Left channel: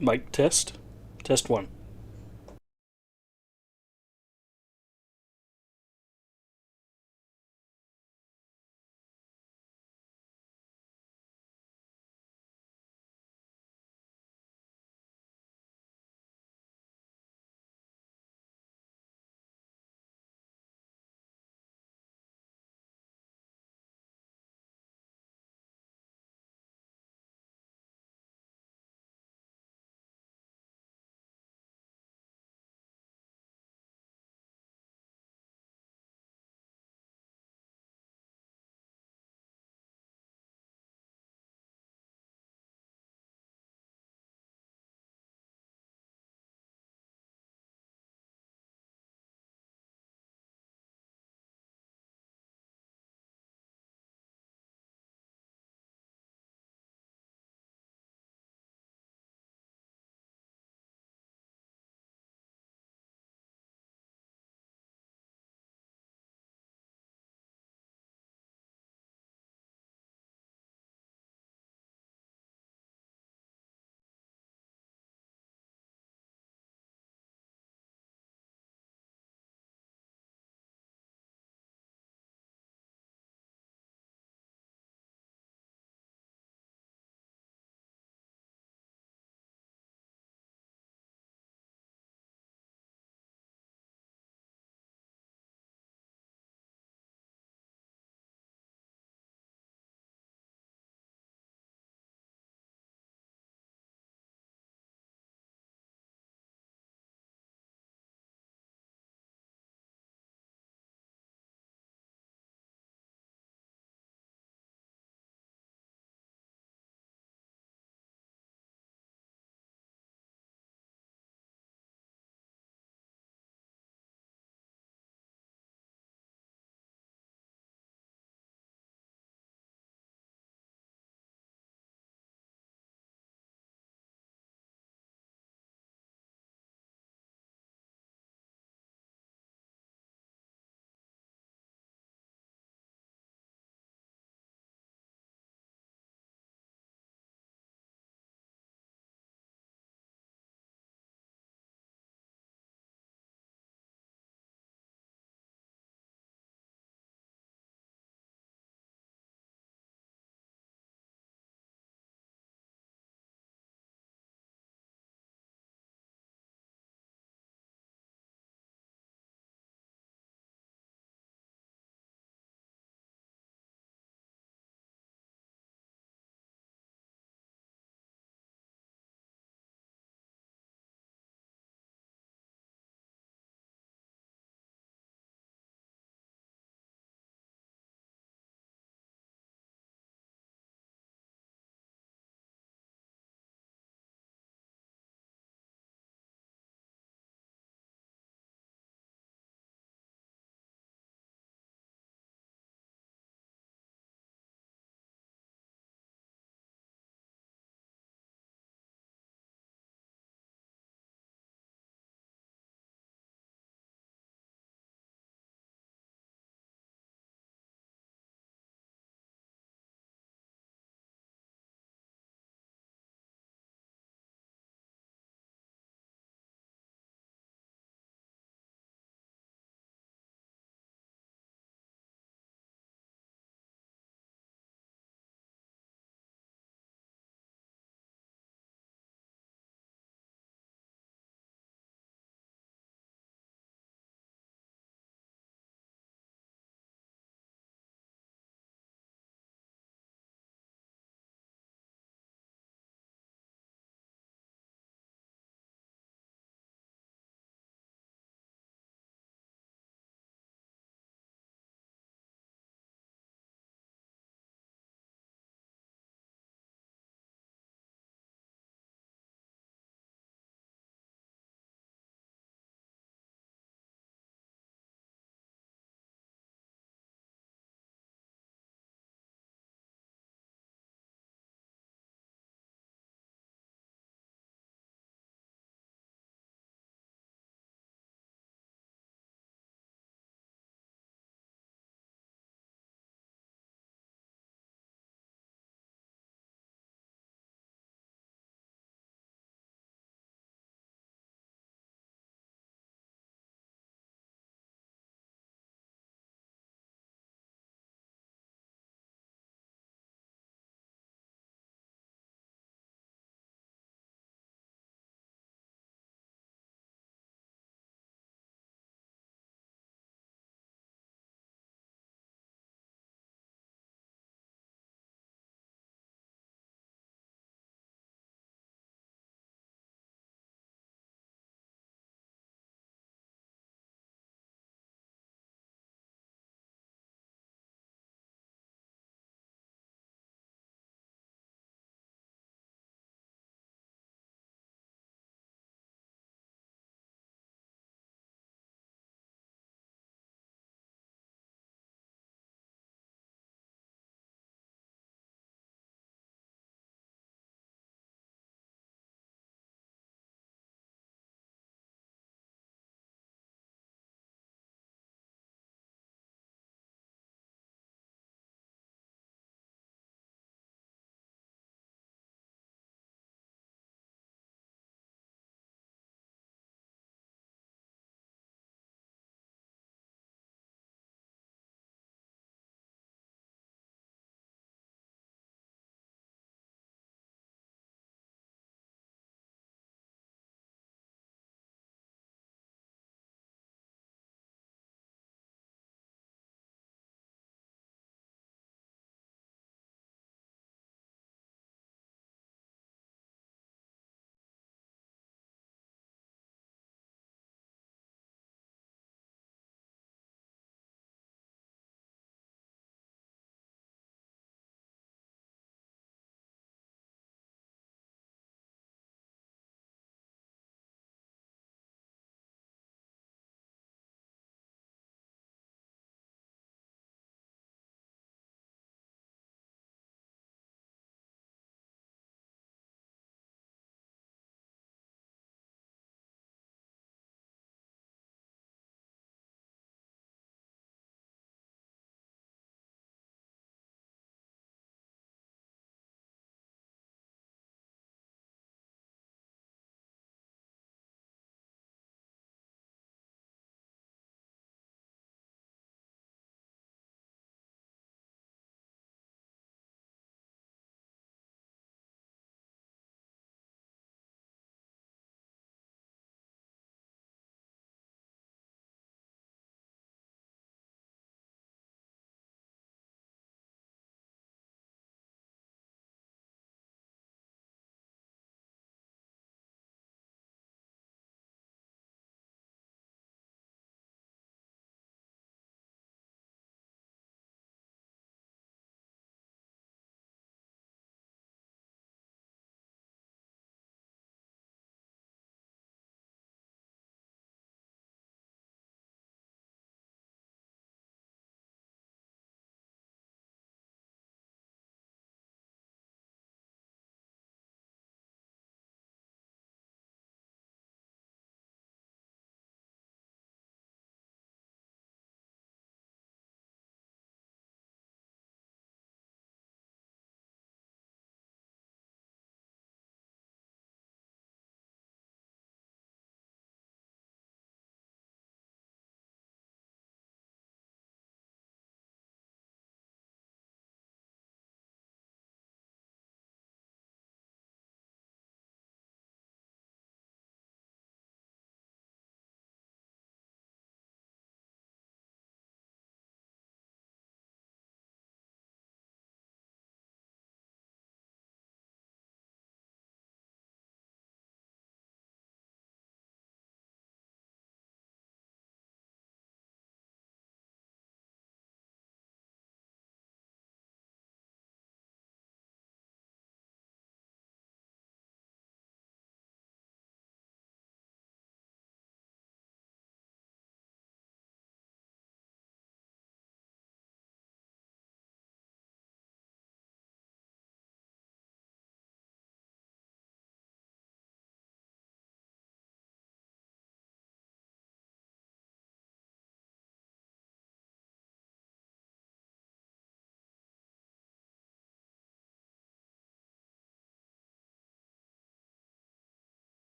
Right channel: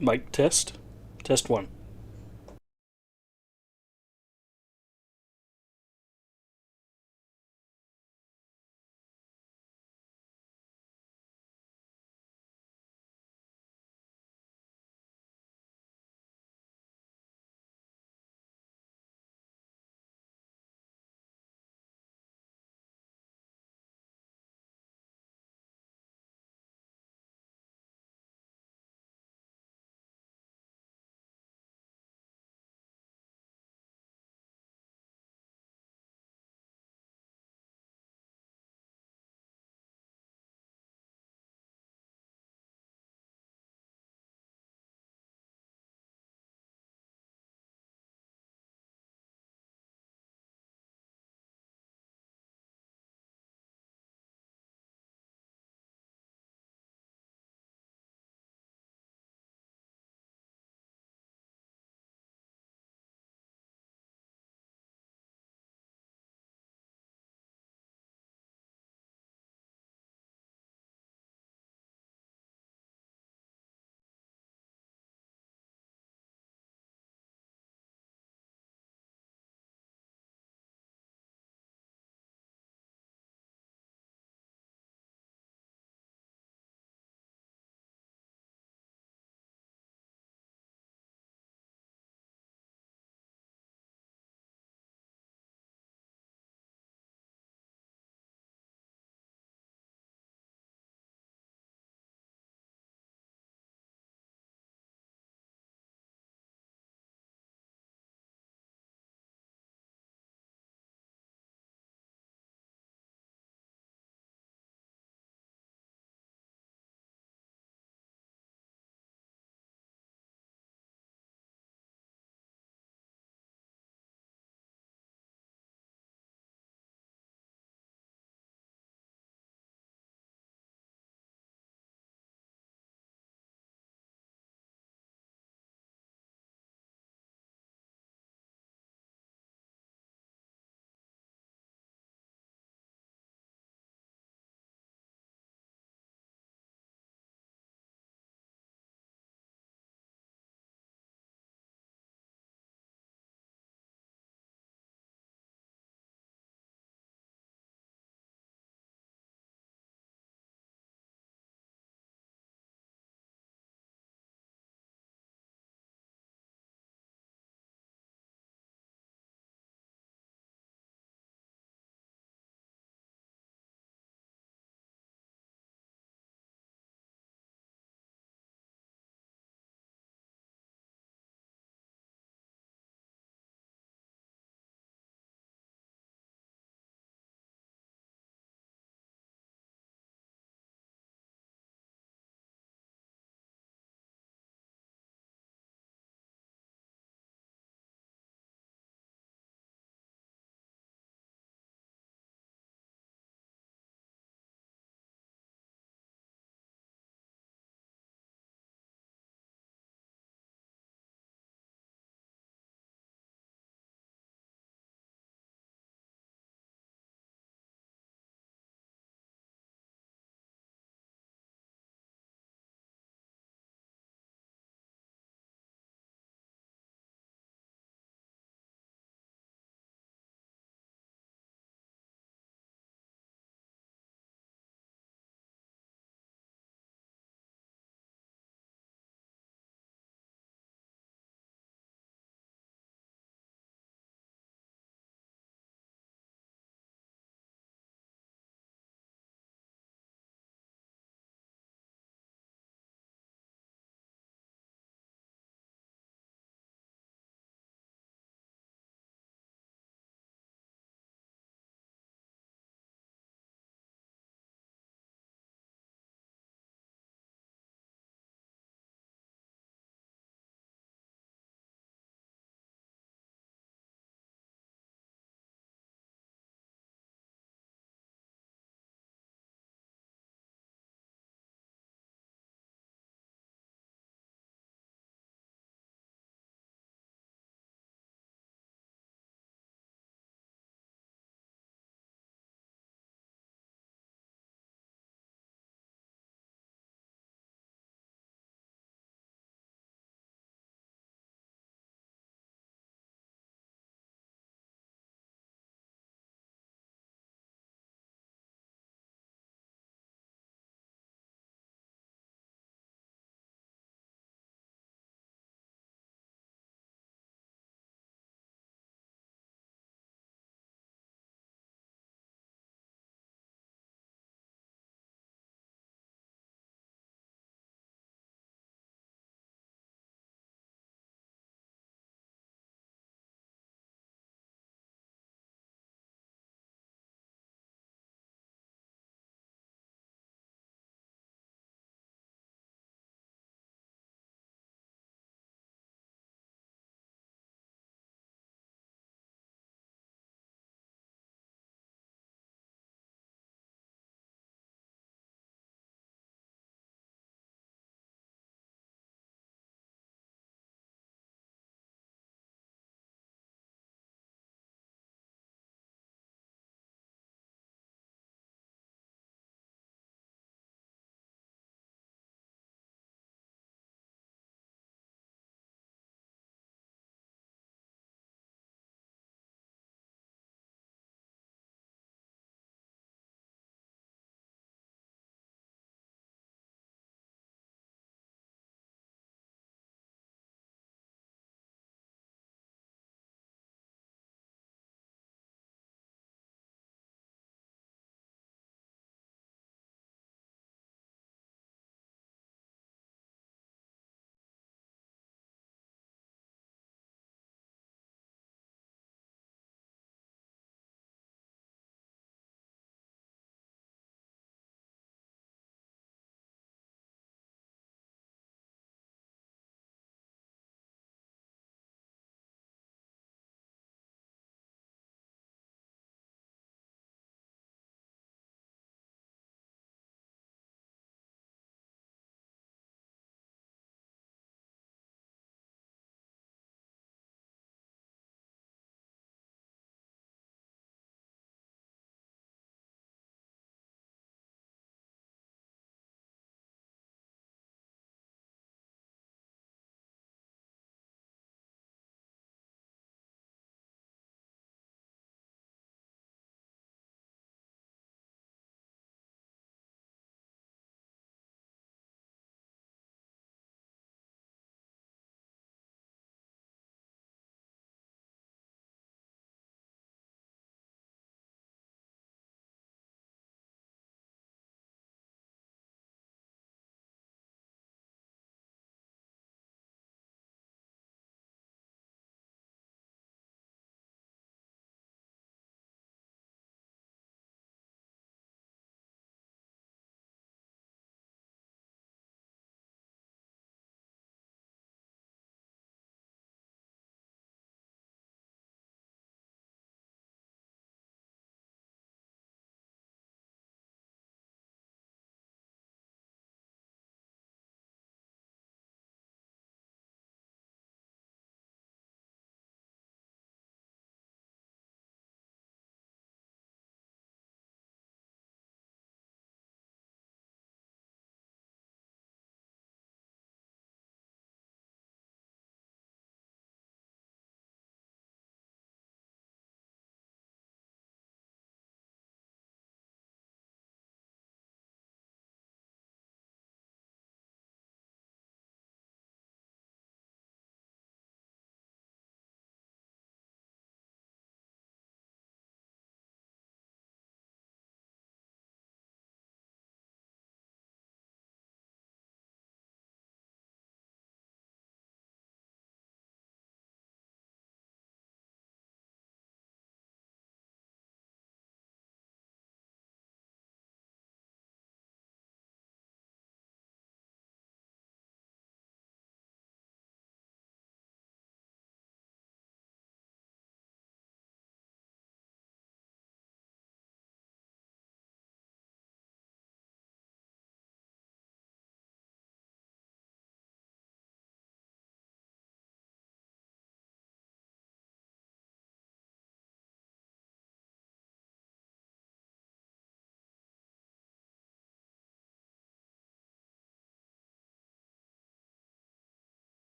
Mic test. Test one.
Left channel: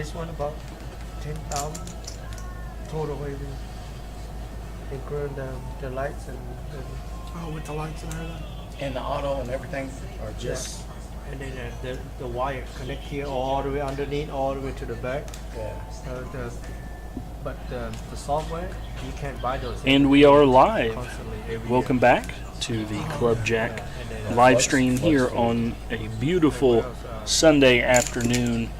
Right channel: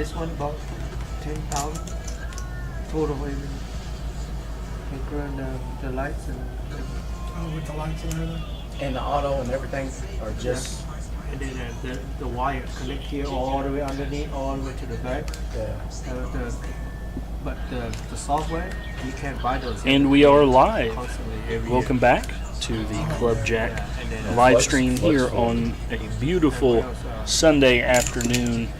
this one about 10,000 total. Including the lights and Oh, with the lights and everything. And the auto and everything, or just and then the wire connect here all the way underneath, all the way to the back. yeah. But the software, you can't buy those. And we are live. Constantly. Welcome back to the Club Jack live stream here on a beautiful Sunday afternoon.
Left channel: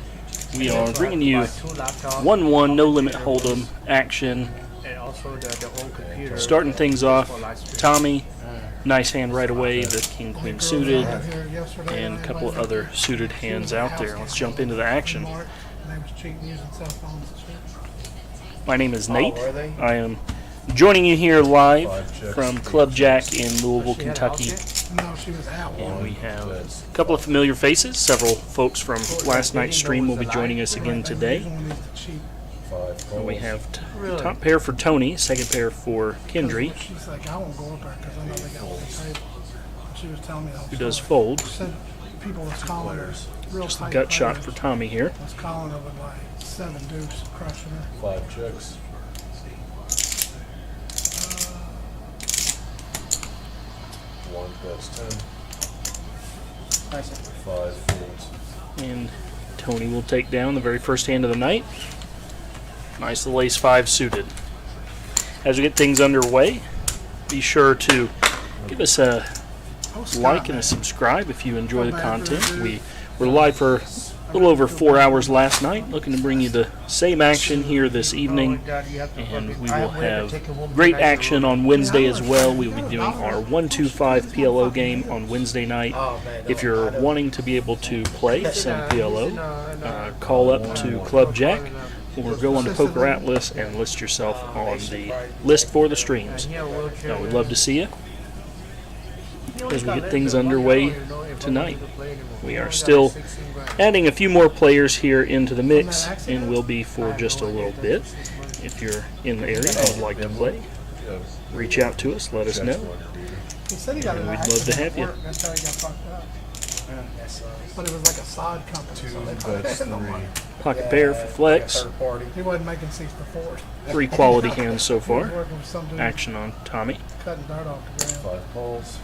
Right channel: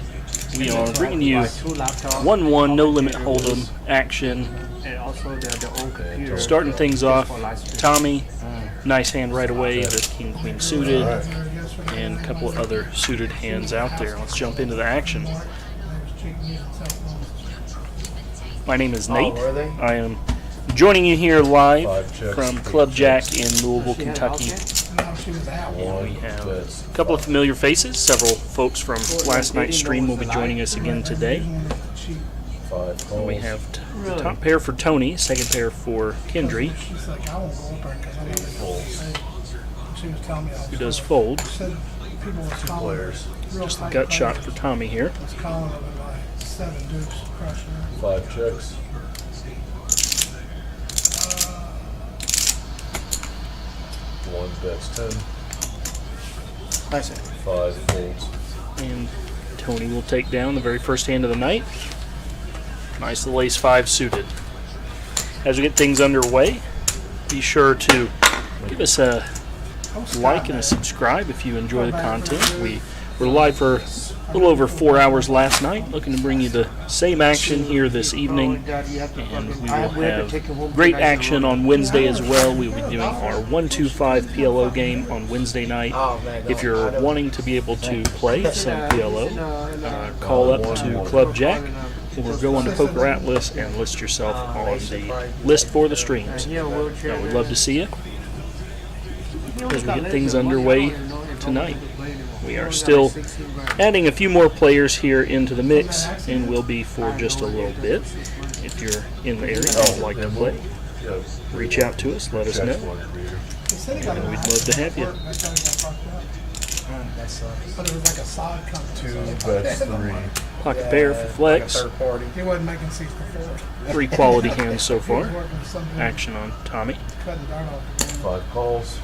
We are bringing you 1-1 no limit hold'em action. And also the old computer. Starting things off, Tommy, nice hand right away, the king queen suited, and a couple of other suited hands out there. Let's jump into the action. They was cheating using cell phones. My name is Nate. Oh, were they? I am joining you here live from Club Jack in Louisville, Kentucky. No, she was out. And we have a couple of familiar faces. Several folks from last night's stream will be joining us again today. And we have the top pair for Tony, second pair for Kendry, She's like, I won't go up there because I know they got paid. She was telling me who does fold. said people was calling her real Just a tight gut shot pressure. for Tommy here. Was calling her with like 7 deuce crushing her. 5 checks. One bets 10. Nice. 5 folds. And Tony will take down the very first hand of the night. Nice little ace 5 suited. As we get things underway, be sure to give us a like and a subscribe if you enjoy the content. We were live for a little over 4 hours last night, looking to bring you the same action here this evening, and we will have great action on Wednesday as well. We will be doing our 1-2-5 PLO game on Wednesday night. If you're wanting to be able to play some PLO, call up to Club Jack or go onto Poker Atlas and list yourself on the list for the streams. We'd love to see you as we get things underway tonight. We are still adding a few more players here into the mix, and will be for just a little bit. If you're in the area and would like to play, Yeah, reach out to us, let us checks know, one, dude. He said he got and an we'd ass love to have you. That's how he got fucked up. That sucks. But it was like a side company. 2 bets 3. Pocket pair for flex. Third party. He wasn't making 64. 3 quality hands so He was far. working with some dude Action on Tommy, cutting dirt off the ground. 5 calls.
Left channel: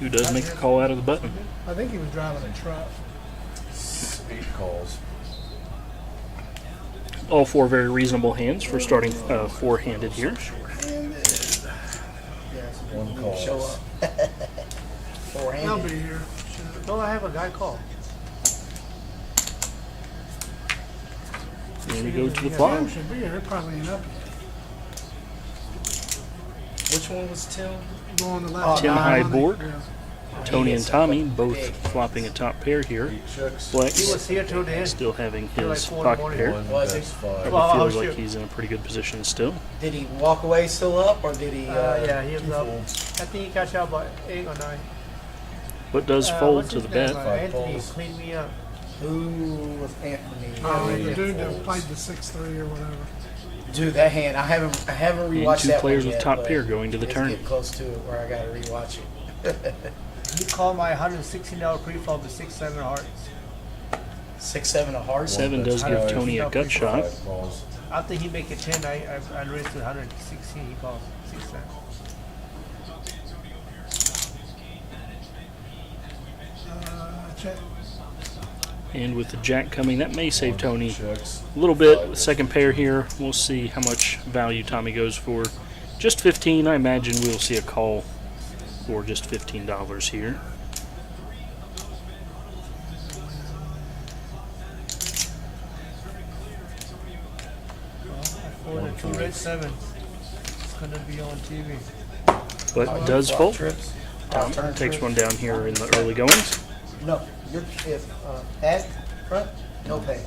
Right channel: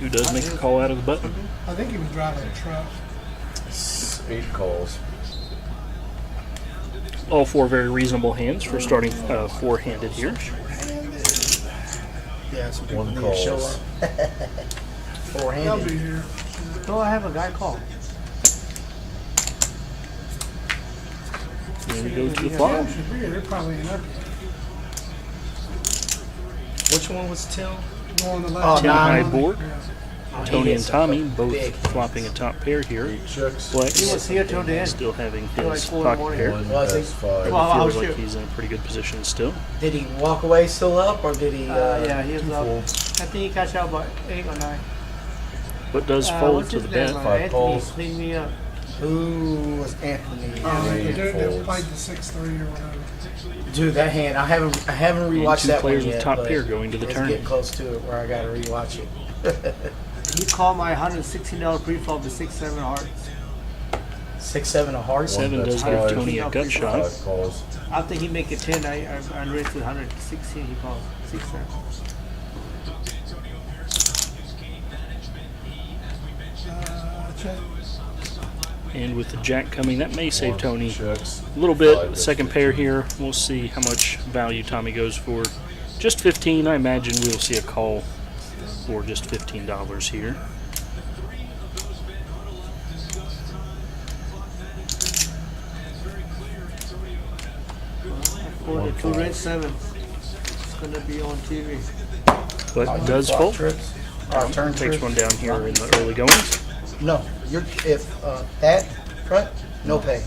who does make a call out of the button. I think he was driving a truck. 8 calls. All 4 very reasonable hands for starting 4-handed here. Yeah, some 1 people need to show calls. up. They'll be 4-handed. here. No, I have a guy call. Here we go to the flop. Should be here. They're probably in up Which one was Tim? going to left. 10 high board. Yeah. Tony and Tommy both flopping a top pair here. 8 checks. He Flex was here till the end. still having his pocket pair. 1 Was he? bets 5. Well, I Feels was like here. he's in a pretty good position still. Did he walk away still up, or did he? Yeah, he was 2 up. folds. I think he got out about 8 or 9. But does fold What's to his the name? bet. 5 Anthony calls. cleaned me up. Who was Anthony? The 3 dude that folds. played the 6-3 or whatever. Dude, that hand. I haven't rewatched And 2 that players one with yet, top but pair going to the it's turn. getting close to it where I gotta rewatch it. He called my $160 pre-flop with 6-7 hearts. 6-7 of hearts. 7 does give Five. Tony a gut shot. 5 calls. After he make it 10, I raised to 116. He called 6-7. Check. And with the jack coming, that may save 1 Tony checks. a little bit. The second pair here, we'll see how much value Tommy goes for. Just 15. I imagine we'll see a call for just $15 here. For the 2 red 7. It's going to be on TV. But does Flop fold. trips. Tom Turn takes trips. one down here in the early goings. No, you're if that front, no pay.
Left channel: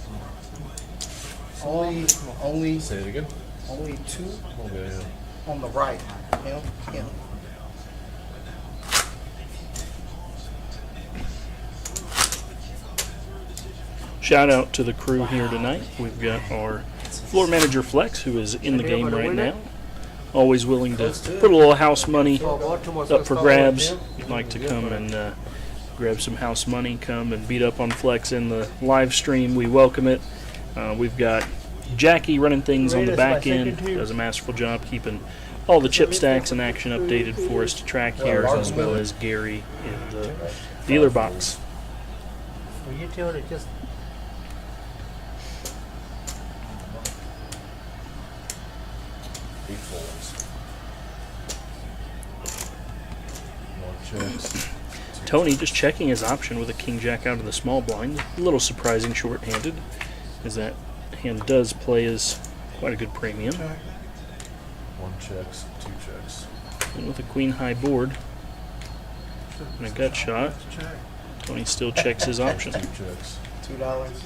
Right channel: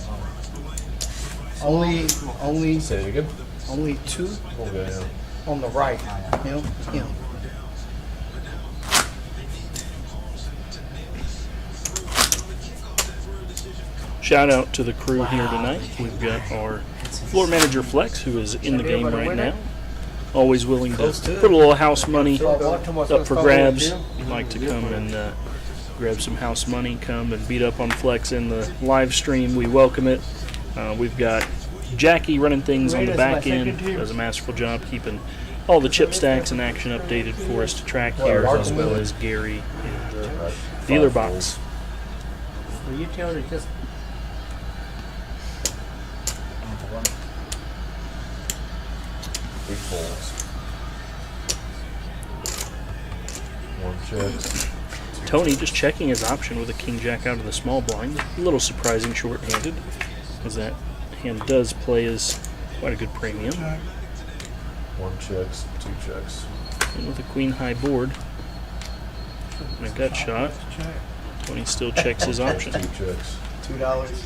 Only Say it again. 2 Okay, yeah. on the right. You know. Shout out to the crew here tonight. We've got our floor manager Flex, who is in the game right now. Always willing to put a little house money up for grabs. If you'd like to come and grab some house money, come and beat up on Flex in the live stream. We welcome it. We've got Jackie running things on the back end, does a masterful job keeping all the chip stacks and action updated for us to track here, as well as Gary in the dealer box. You tell her just 8 folds. 1 check. Tony just checking his option with a king jack out of the small blind. A little surprising short-handed, as that hand does play as quite a good premium. Check. 1 checks, 2 checks. And with a queen high board and a gut shot, Check. Tony still checks his option. 2 checks. $2.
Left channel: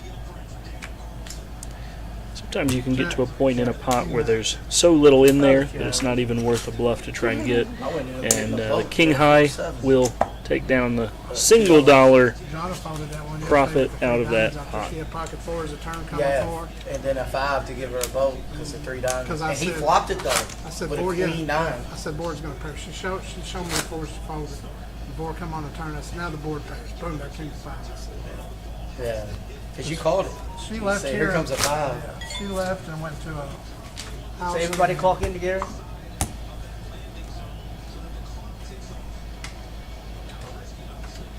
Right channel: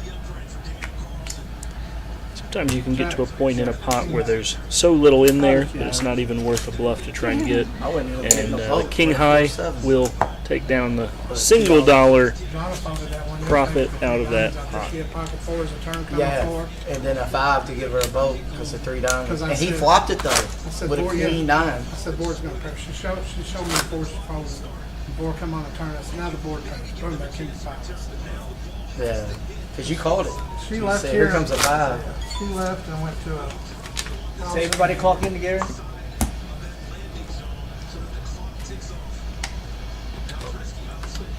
Sometimes you can get to a point in a pot where there's so little in there that it's not even worth a bluff to try and get. And the king high will take down the single dollar Donna followed that one. profit out of that pot. She had pocket fours, a turn coming Yeah, four. and then a 5 to give her a vote because of 3 diamonds. 'Cause I And he said- flopped it though said with a board, yeah. queen 9. I said board's gonna crash. She showed me the fours she folded. The board come on the turn. I said now the board crashed. Boom, that king 5. I said, Yeah, because you called it. She You left said, here. here comes a 5. yeah. She left and went to a house. so everybody clock in together.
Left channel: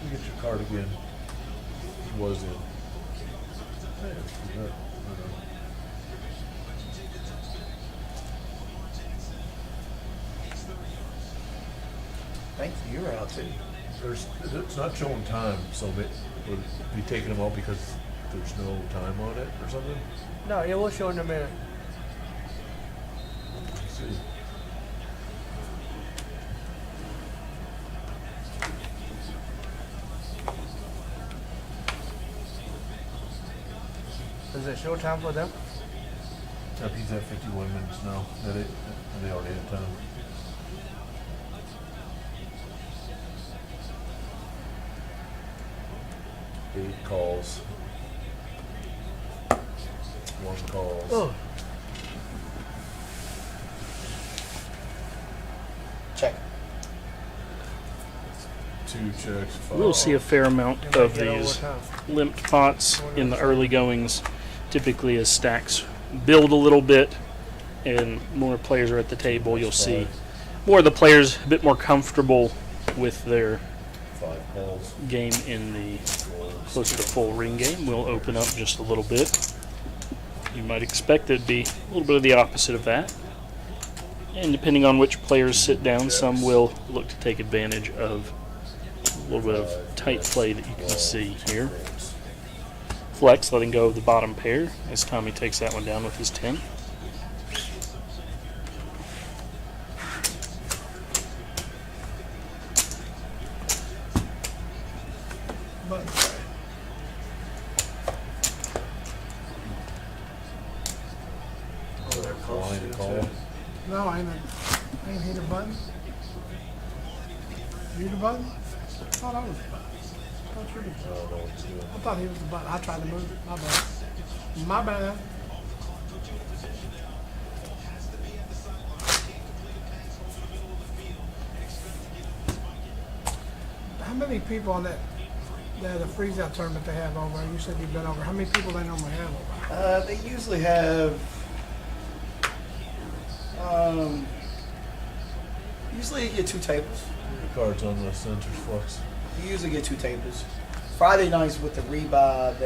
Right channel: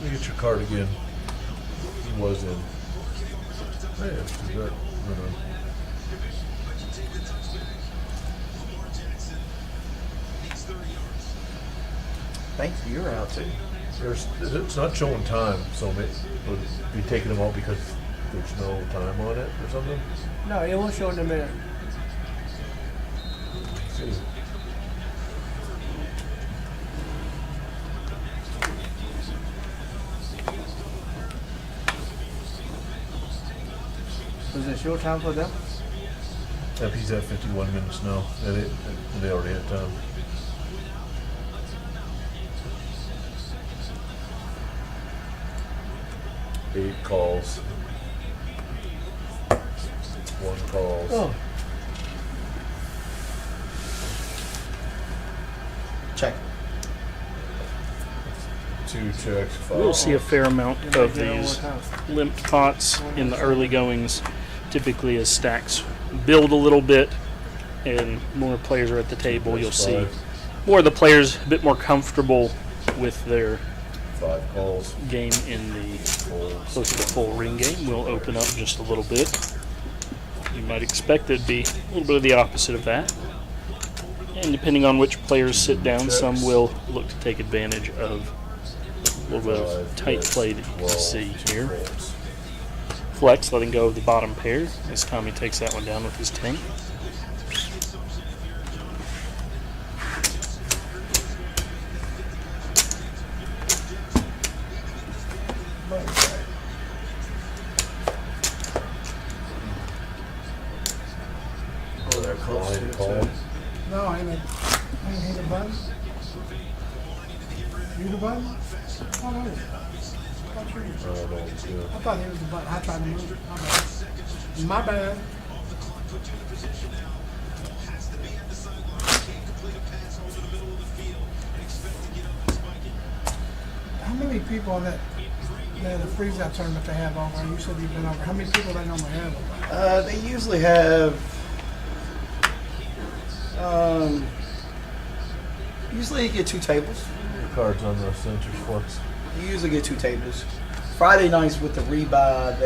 You get your card again. It was in. Yeah, she's right. Thanks, you're out too. It's not showing time, so would be taking them out because there's no time on it or something? No, it will show in a minute. Let's see. Is it show time for them? Yep, he's at 51 minutes now. Yeah, they already had time. Eight calls. 1 calls. Oh, Check. 2 checks. 5 We'll see a fair amount of these limped pots in the early goings, typically as stacks build a little bit and more players are at the table. You'll see more of the players a bit more comfortable with their 5 calls. game in the Folds. closer to full ring game. Will open up just a little bit. You might expect it'd be a little bit of the opposite of that. And depending on which players sit down, some will look to take advantage of a little bit of tight play that you can see here. Folds. Flex letting go of the bottom pair as Tommy takes that one down with his 10. Blind call. No, I ain't hit a button. You the button? Oh, no. I thought you did. I don't know what he's doing. I thought he was the button. I tried to move it. My bad. My bad. How many people on that the freeze out tournament they have over? You said you've been over. How many people they normally have over? They usually have. Usually you get 2 tables. Your card's on the centers, Flex. You usually get 2 tables. Friday nights with the rebuy,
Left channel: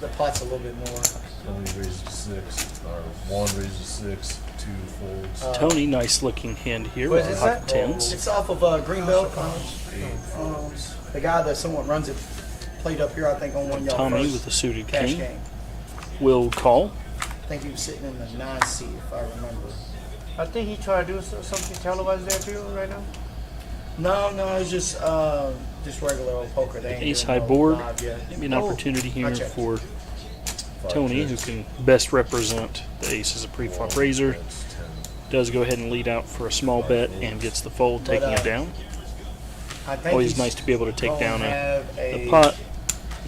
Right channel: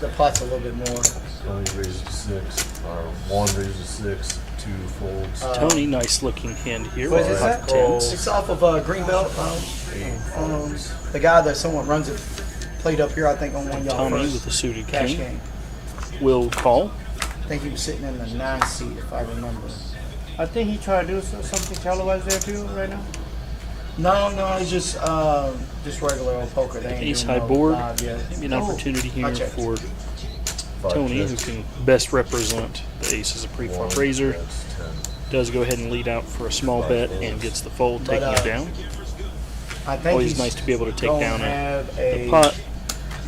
the pot's a little bit more. Tony raises to 6, or 1 raises to 6, 2 folds. Tony, nice looking hand here What with is pocket that? tens. It's off of Greenbelt. 8 folds. The guy that someone runs it played up here, I think, on one of y'all Tommy first with the suited cash king game. will call. I think he was sitting in the 9 seat, if I remember. I think he tried to do something televised there too right now. No, it's just regular old poker. They ain't Ace doing high no board. live yet. Maybe an opportunity here I'll check. for 5 Tony, who checks. can best represent the ace as a pre-flop 1 raiser. checks, 10. Does go ahead and lead out for a small bet and gets the fold, taking it down. I think Always he's nice to be able to take gonna down have the pot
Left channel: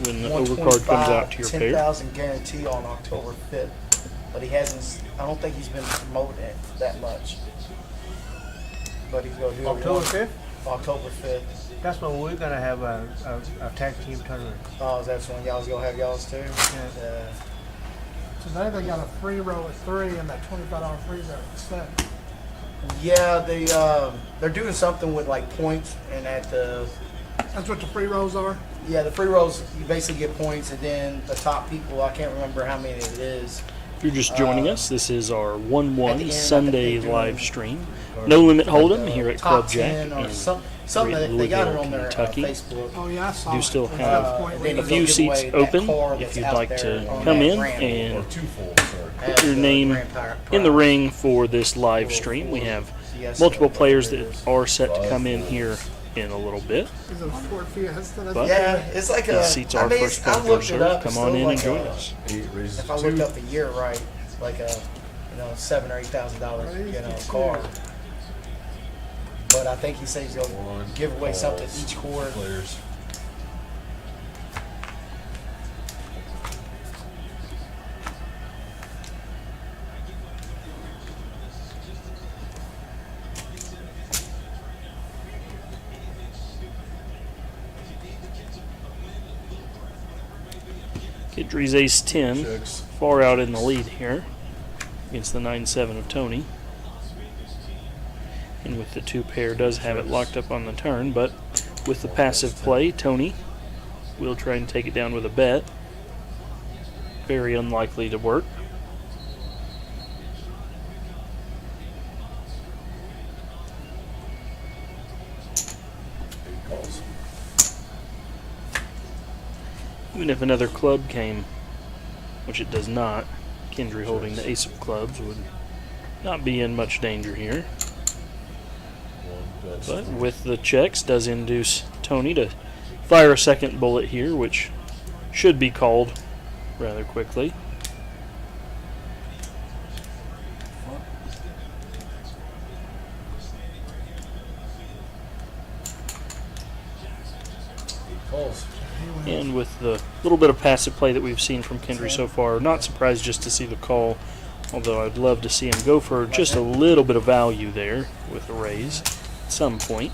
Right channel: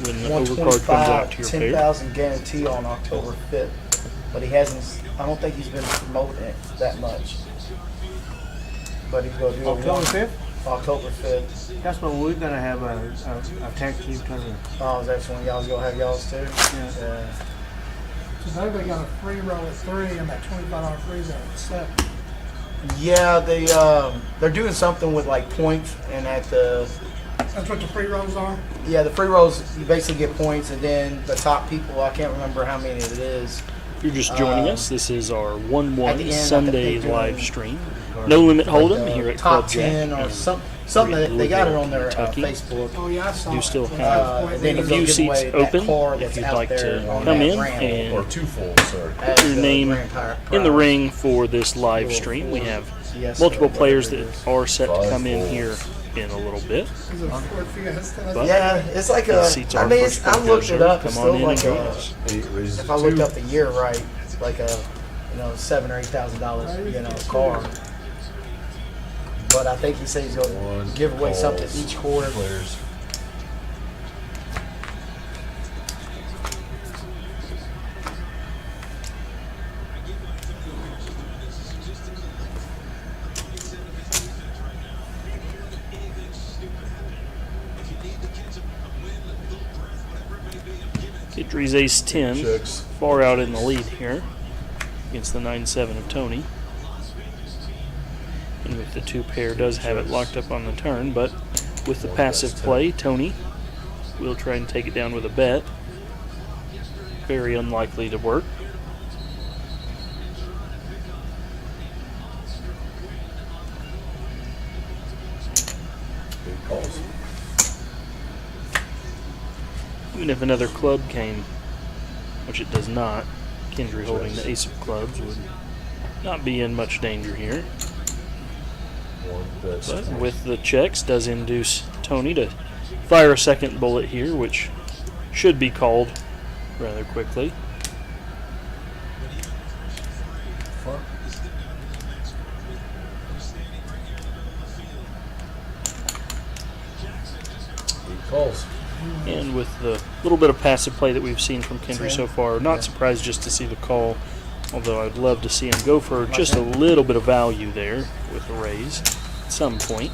when the overcard comes out to your pair. 10,000 guarantee on October 5th, but he hasn't. I don't think he's been promoting it that much. But he's gonna do it October once. 5th. October 5th. That's when we're gonna have a tag team tournament. Oh, that's when y'all's gonna have y'all's too? Yeah. Today they got a free roll at 3 and that $25 freezer at 7. Yeah, they're doing something with like points, and at the That's what the free rolls are? the free rolls you basically get points, and then the top people, I can't remember how many it is. If you're just joining us, this is our At the 1-1 end, Sunday I think they're live doing stream. No Limit Hold'em Like, here at top Club Jack 10 or in something that they got it Louisville, on their Kentucky. Facebook. Oh, yeah, I saw Do it. still have And then a you few give seats away that open car if that's you'd out like there to on come that in ramp. Or and twofold, sorry. As your the name Grand Pri- in the Prize. ring for this live stream. We have Yes, multiple sir. players that are set to come in here in a little bit. Is it a Ford Fiesta? That's- But Yeah, it's like these a. seats I are mean, first I come, looked first it served. up. Come It's on still in and like join a- us. 8 raises If I looked 2. up the year right, it's like a $7,000 or $8,000 car. But I think he said he's gonna One give away something calls, each quarter. Players. Kidry's ace 10, Checks. far out in the lead here against the 9-7 of Tony. And with the 2 pair, does have it locked up on the turn, but with the passive play, Tony will try and take it down with a bet. Very unlikely to work. Eight calls. Even if another club came, which it does not, Kendry holding the ace of clubs would not be in much danger here. One bets. But with the checks, does induce Tony to fire a second bullet here, which should be called rather quickly. Eight calls. And with the little bit of passive play that we've seen from Kendry so far, not surprised just to see the call, although I'd love to see him go for just a little bit of value there with a raise at some point.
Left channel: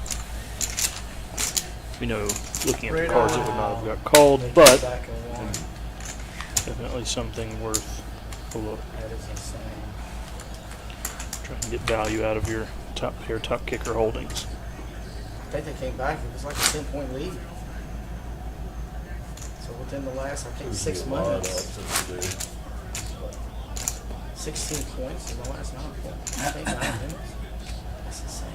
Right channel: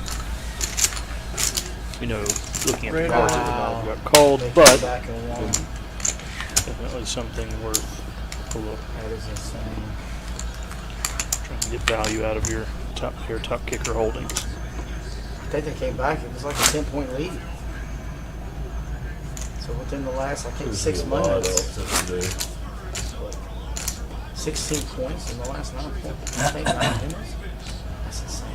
We know, looking at the cards, it would not have got called, They came but back and won. definitely something worth a look. That is insane. Trying to get value out of your top pair, top kicker holdings. I think they came back. It was like a 10-point lead. So within the last, I think, There's 6 a lot of months, upsets today. 16 points in the last 9 points. I think 9 minutes. That's insane.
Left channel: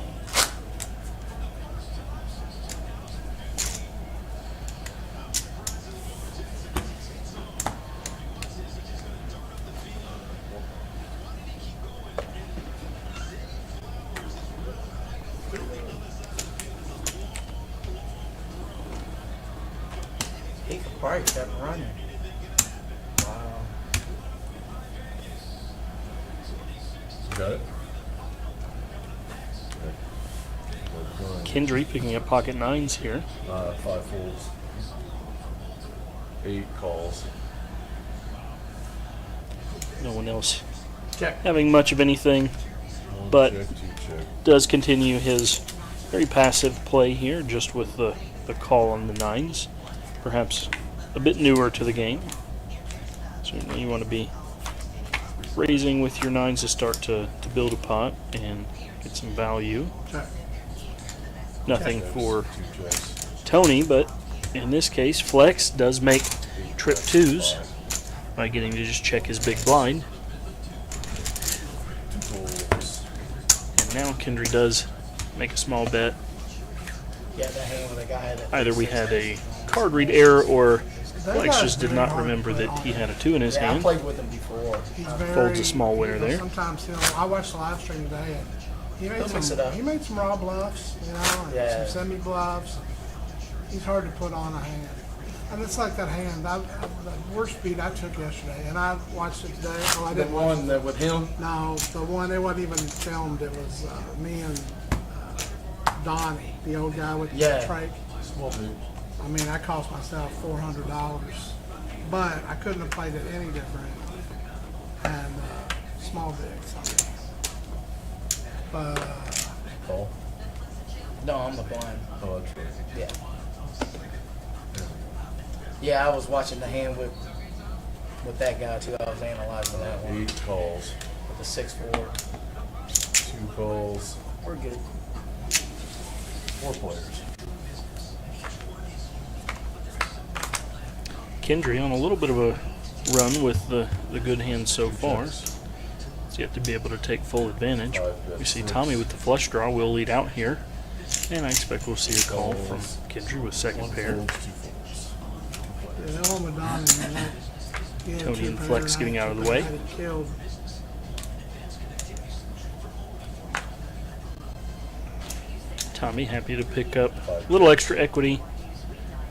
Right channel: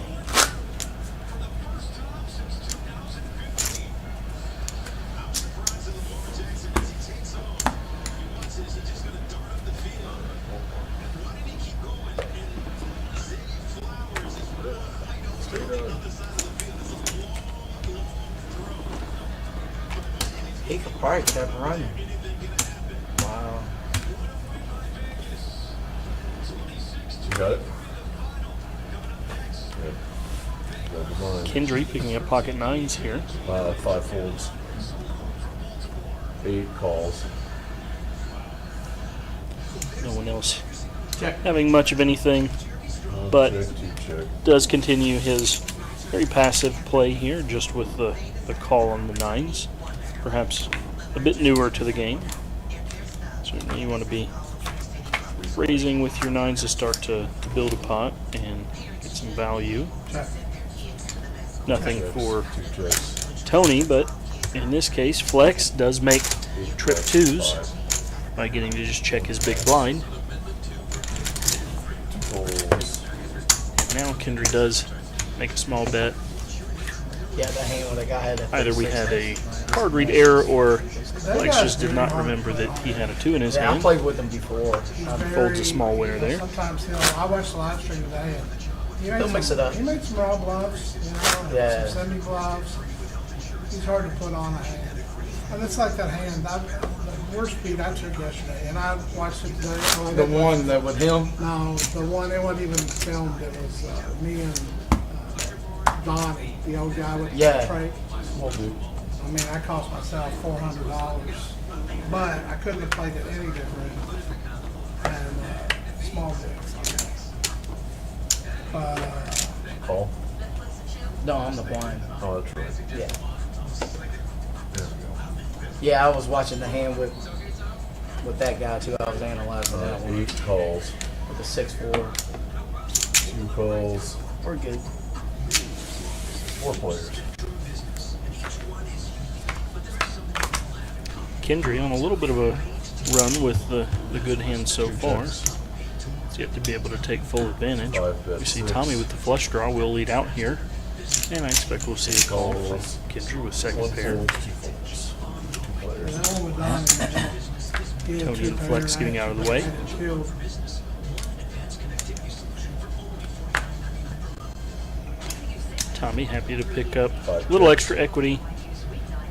He could probably kept running. Wow. You got it? Yep. Got the line. Kendry picking up pocket nines here. 5 folds. 8 calls. No one else Check. having much of anything. One But- check, 2 check. Does continue his very passive play here, just with the call on the nines. Perhaps a bit newer to the game. Certainly you want to be raising with your nines to start to build a pot and get some value. Check. Nothing Checks, for 2 checks. Tony, but in this case, Flex does make 8 trip checks, twos 5 by getting to just check his big blind. folds. And now Kendry does make a small bet. Yeah, that hand where the guy had that. Either we had a card read error or Flex just did not remember that he had a 2 in his Yeah, I hand. played with him before. Folds a small winner you know, there. Sometimes I watched the live stream today and he made He'll mix some, it up. He made some raw bluffs, you know, and Yeah. some semi bluffs. He's hard to put on a hand. And it's like that hand, the worst beat I took yesterday, and I watched it today. Oh, I The didn't one that with him. No, the one, it wasn't even filmed. It was me and Donnie, the old guy with Yeah. the trach. Small boot. I mean, I cost myself $400, but I couldn't have played it any different than small bigs. Call. No, I'm the blind. Oh, that's right. Yeah. Yeah. Yeah, I was watching the hand with that guy too. I was analyzing that one 8 calls, with the 6'4". 2 calls, We're good. 4 players. Kendry on a little bit of a run with the good hand so far. Checks. He's yet to be able to take full advantage. 5 bet We see 6. Tommy with the flush draw will lead out here. And I expect we'll see a call from Calls. Kendry with second 1 pair. fold, 2 folds. 2 players. And on with Donnie. Tony and Flex getting out of the way. Chill. Tommy happy to pick up a little extra equity.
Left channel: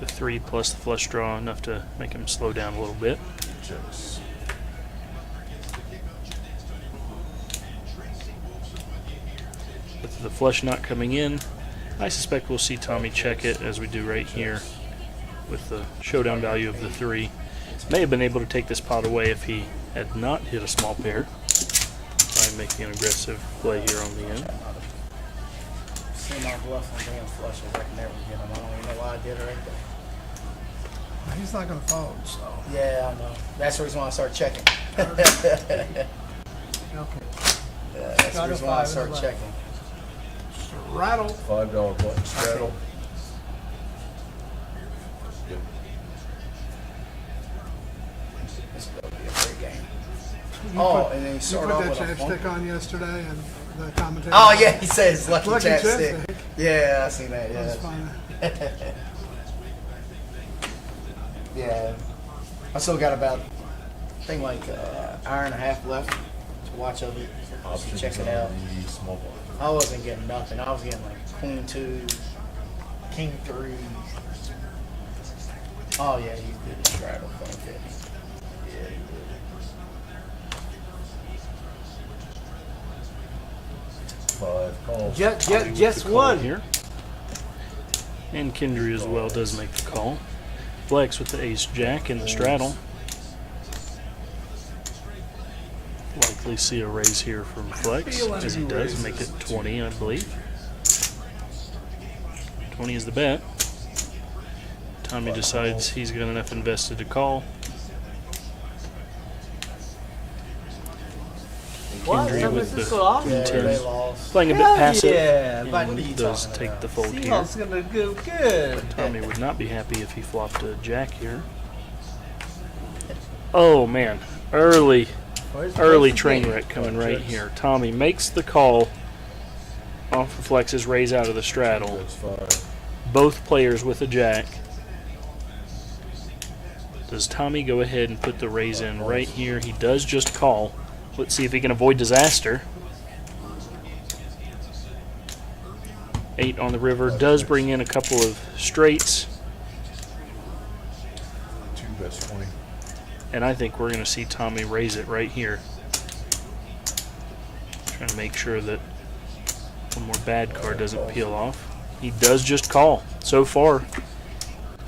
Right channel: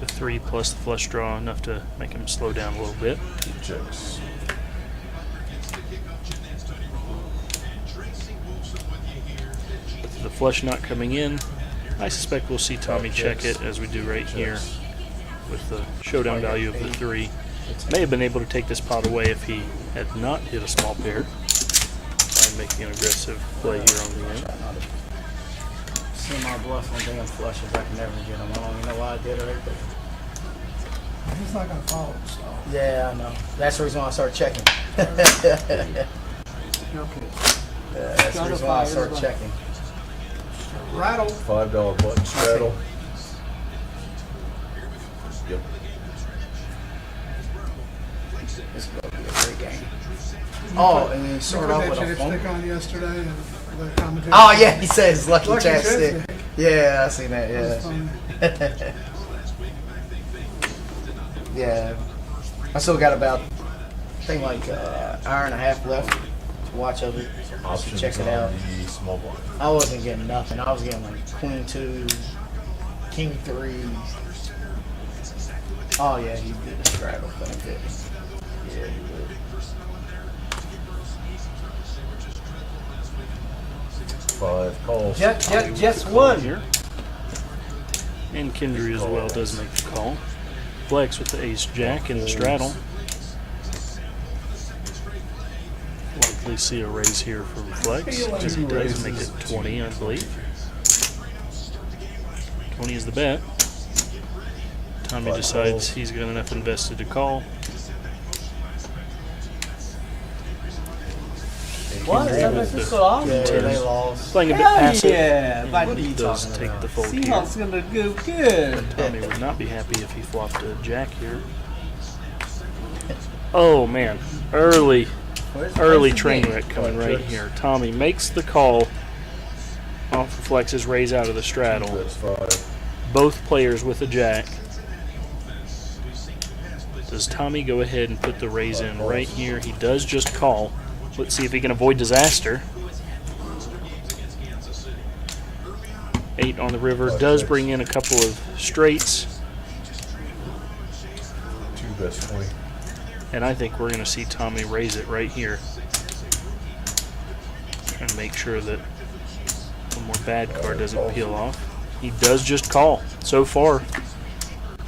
The 3 plus the flush draw, enough to make him slow down a little bit. 2 checks. With the flush not coming in, I suspect we'll see Tommy check it as we do right here with the showdown value of the 3. May have been able to take this pot away if he had not hit a small pair by making an aggressive play here on the end. See my bluff on damn flushes. I can never get them. I don't even know why I did it right there. He's not gonna follow us though. Yeah, I know. That's the reason why I start checking. Okay. That's the reason why I start checking. Rattle. $5 button straddle. Yep. This is going to be a great game. Oh, and then you start Put off that with a phone. chapstick on yesterday and the commentator. Oh, yeah, he says lucky, Lucky chapstick. chapstick. Yeah, I seen that, That's yeah. funny. Yeah. I still got about, I think like hour and a half left to watch of it. Options Check it out. on the small blind. I wasn't getting nothing. I was getting like queen 2, king 3. Oh, yeah, he did the straddle thing, didn't he? Yeah, he did. 5 calls. Tommy with Just the call one. here. And Kendry as well does make the call. Flex with the ace-jack in the straddle. Likely see a raise here from Flex, as he does make it 20, I believe. 20 is the bet. Tommy decides he's got enough invested to call. Kendry with the Yeah, 10. they lost. Playing a bit passive, Yeah, and buddy. does take the fold here. Seahawks gonna do good. Tommy would not be happy if he flopped a jack here. Oh man, early train wreck coming right here. Tommy makes the call off of Flex's raise out of the straddle. That's 5. Both players with a jack. Does Tommy go ahead and put the raise in right here? He does just call. Let's see if he can avoid disaster. 8 on the river does bring in a couple of straights. 2 bets 20. And I think we're going to see Tommy raise it right here. Trying to make sure that one more bad card doesn't peel off. He does just call. So far,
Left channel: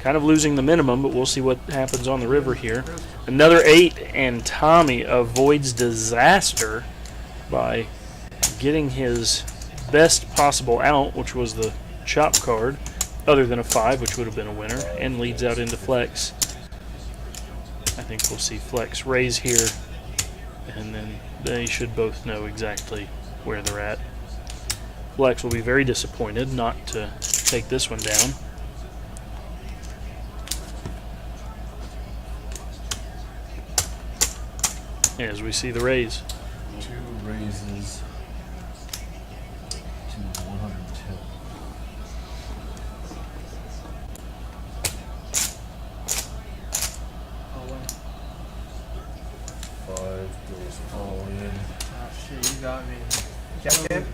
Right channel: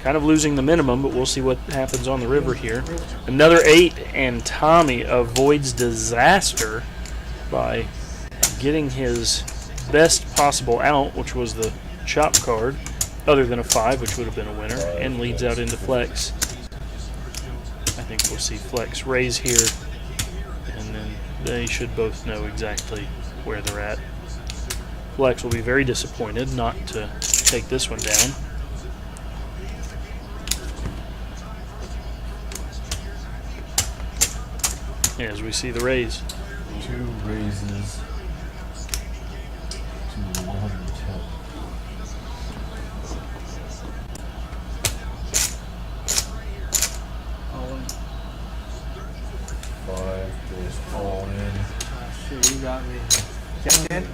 kind of losing the minimum, but we'll see what happens on the river here. Another 8, and Tommy avoids disaster by getting his best possible out, which was the chop card, other than a 5, which would have been a winner, and leads out into Flex. I think we'll see Flex raise here, and then they should both know exactly where they're at. Flex will be very disappointed not to take this one down. As we see the raise. 2 raises to 110. All in. 5 goes all in. Shit, you got me. Jack 10.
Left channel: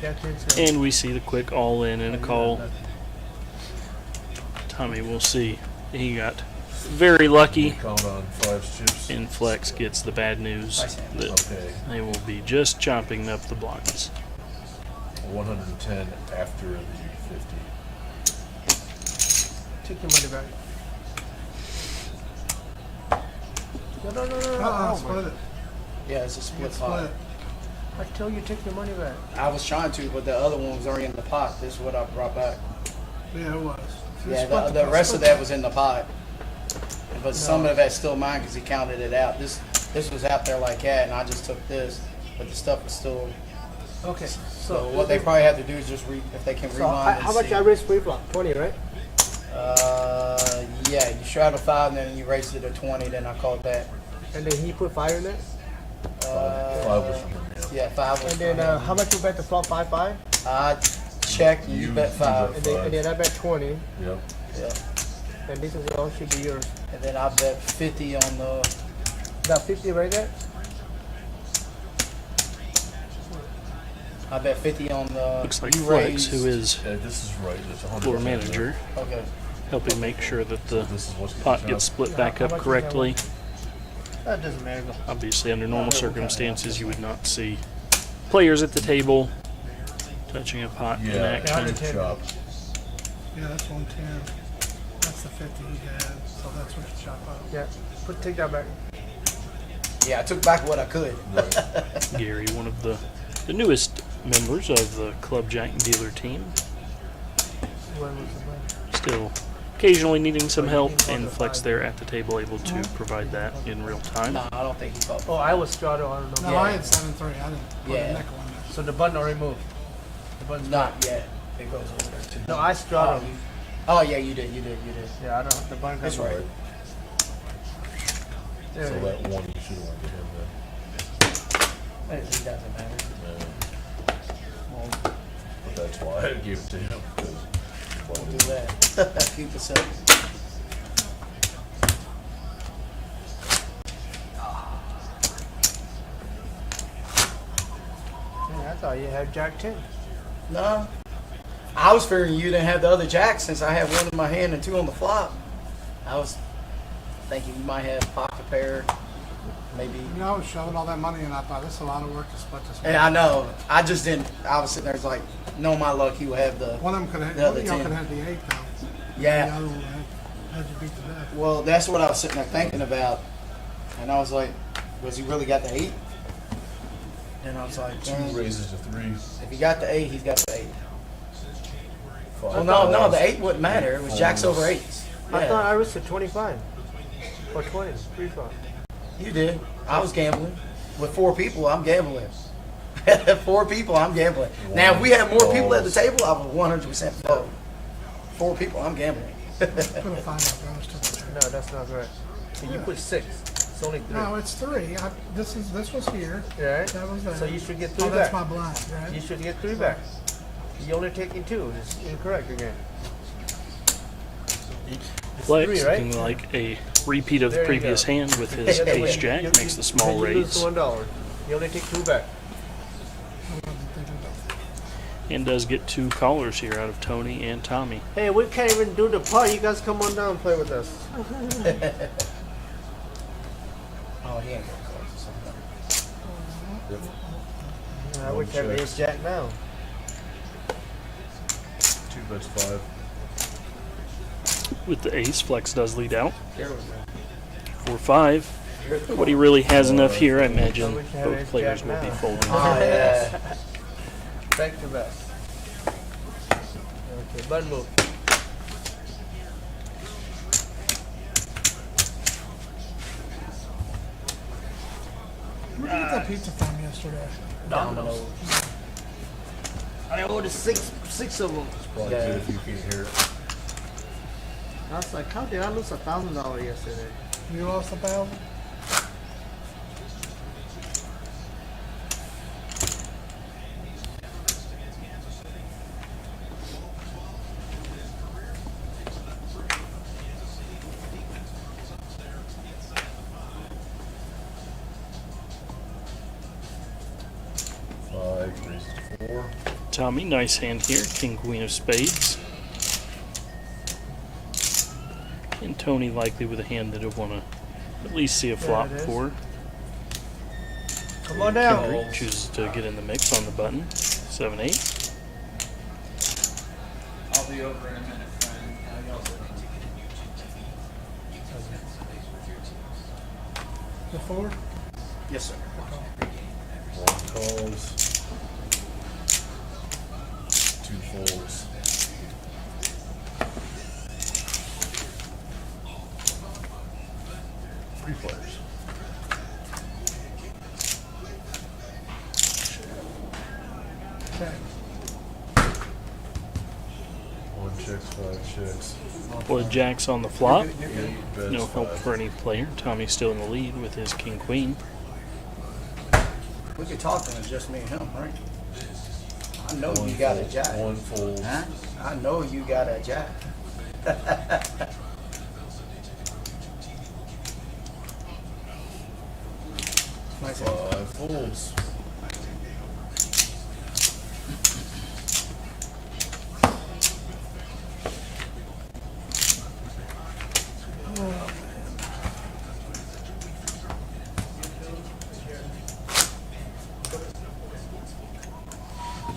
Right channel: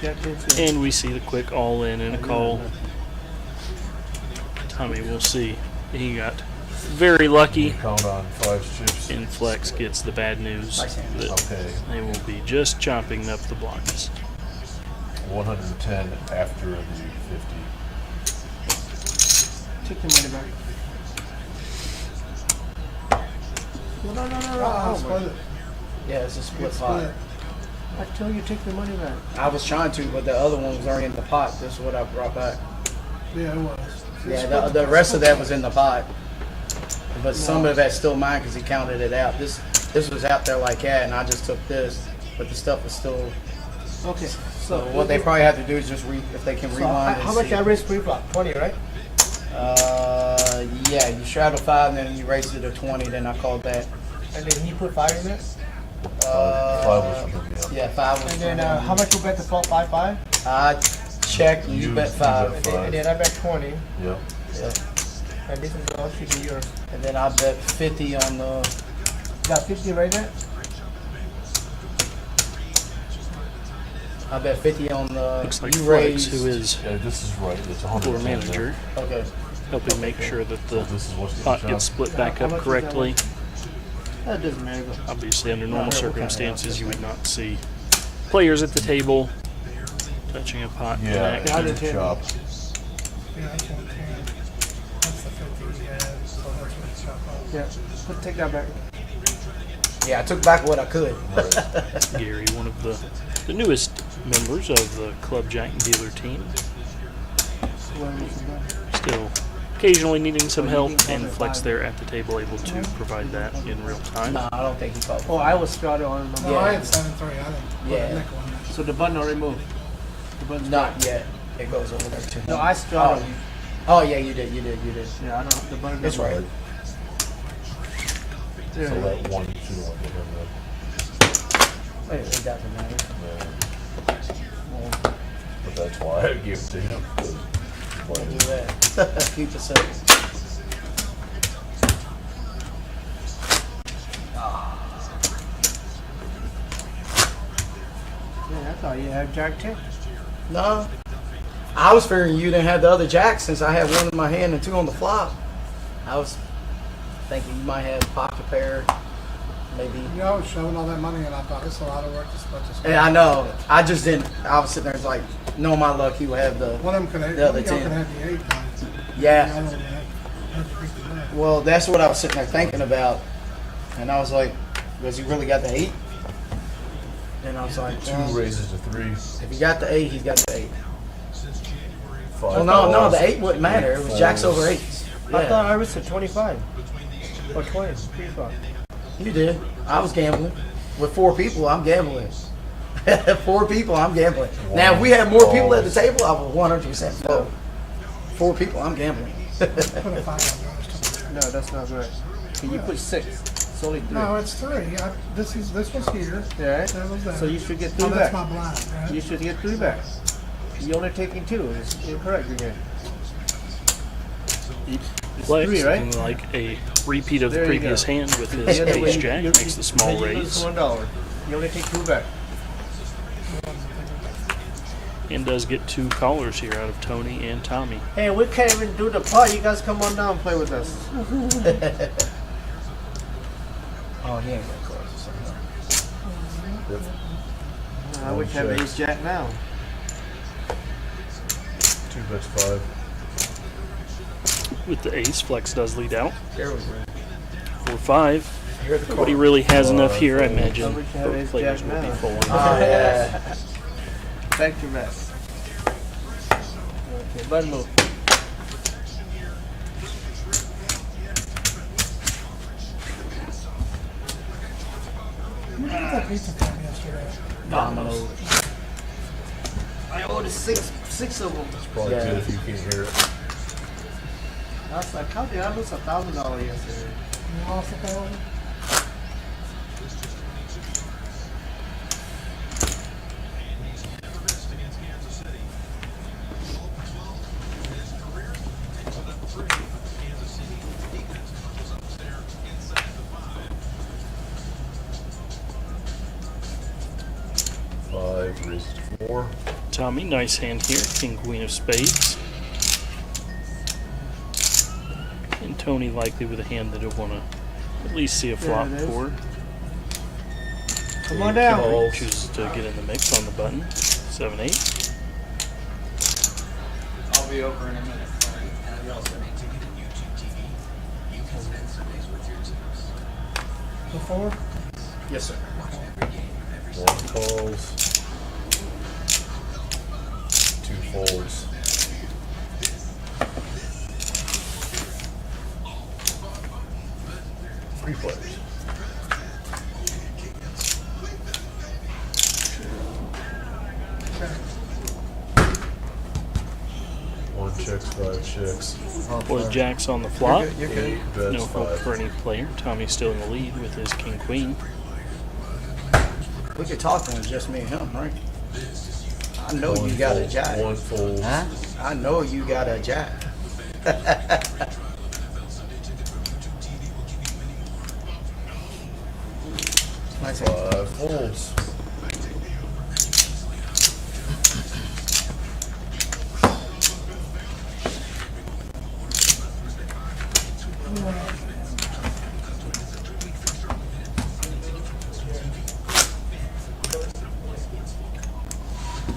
Jack 10. And we see the quick all in and a call. Tommy, we'll see. He got very lucky, Count on 5 chips. and Flex gets the bad news that Okay. they will be just chopping up the blinds. 110 after the 50. Take your money back. No. Split it. Yeah, it's a split Split. pot. I told you take your money back. I was trying to, but the other one was already in the pot. This is what I brought back. Yeah, it was. Yeah, the rest of that was in the pot. But some of that's still mine because he counted it out. This was out there like that, and I just took this. But the stuff is still. Okay. So what they probably have to do is just if they can So rewind. how and much see. average pre-flop? 20, right? Yeah, you straddle 5 and then you raised it to 20. Then I called that. And then he put 5 in there? Five was from him, yeah. Yeah, 5 was. And then for him. how much you bet the flop? 5-5? I checked. And you bet 5. And then I bet 20. Yeah. Yeah. And this is all should be yours. And then I bet 50 on the. Got 50 right there? I bet 50 on the. Looks like you Flex, raised- who is Yeah, this is right. It's 100%. floor manager, Okay. helping make sure that the This is what's pot gets split back up correctly. That doesn't matter. Obviously, under normal circumstances, you would not see players at the table touching a pot in Yeah, action. chop. Yeah, that's 110. That's the 50 he had, so that's what he chopped up. Yeah. Take that back. Yeah, I took back what I could. Right. Gary, one of the newest members of the Club Jack dealer team, still occasionally needing some help, and Flex there at the table able to provide that in real time. No, I don't think he called. Oh, I was started on No, number. I had 7-3. I didn't. Yeah. So the button already moved. The button's Not yet. It goes over there too. No, I started. Oh yeah, you did. Yeah, I don't. The button. That's doesn't right. work. So that one should have went to him It doesn't matter. then. We'll, But that's why I gave it to him. 'cause we'll do that. Keep it simple. Yeah, I thought you had Jack 10. No, I was figuring you didn't have the other jacks since I had one in my hand and 2 on the flop. I was thinking you might have pocket pair, maybe. You know, I was shoving all that money, and I thought, this is a lot of work to split this. And I know. I just didn't. I was sitting there it's like, no, my luck. He will have the. One of them could have, The other one of y'all 10. could have the 8 done. The Yeah. other one had to beat the back. Well, that's what I was sitting there thinking about, and I was like, was he really got the 8? And I was like, Two raises to 3. if he got the 8, he's got the 8. Five. Well, no, the 8 wouldn't matter. It was jacks over 8s. I thought Yeah, I was at 25. Or 20. Pre-flop. you did. I was gambling. With 4 people, I'm gambling. 4 people, I'm gambling. Now, if we had more people at the table, I would 100% fold. 4 people, I'm gambling. Put a 5 on yours. No, that's not right. Can you put 6? It's only 3. No, it's 3. This was here. Yeah. That was there. So you should get 3 Oh, that's back. my blind, right? You should get 3 back. You're only taking 2. It's incorrect again. It's Flex, 3, right? looking like a repeat of the There you previous go. hand with his The other way. ace jack, makes the small Then you lose raise, $1. You only take 2 back. and does get 2 callers here out of Tony and Tommy. Hey, we can't even do the pot. You guys come on down and play with us. Oh, he ain't got close or something. Yep. I wish I had ace jack now. 2 bets 5. With the ace, Flex does lead out. There we go. 4-5. Here the Nobody really has enough here. I imagine both players will be folding. Oh, yeah. Back to rest. Okay, button move. Where did you get that pizza from yesterday? Dominoes. I ordered six of them. It's probably Yeah. good if you can't hear it. I was like, how did I lose $1,000 yesterday? You lost 1,000? Five raises to 4. Tommy, nice hand here. King, queen of spades. And Tony likely with a hand that he'll want to at least see a flop it is. for. Come on And down. Kendrick chooses to get in the mix on the button. 7-8. I'll be over in a minute, friend. Before? Yes, sir. One calls. Two folds. Three players. One checks, five checks. Boy, Jack's on the flop. You're good. Eight bets, No help five. for any player. Tommy's still in the lead with his king queen. We could talk when it's just me and him, right? I know One you got a fold, jack. One fold. Huh? I know you got a jack. Nice hand. Five folds.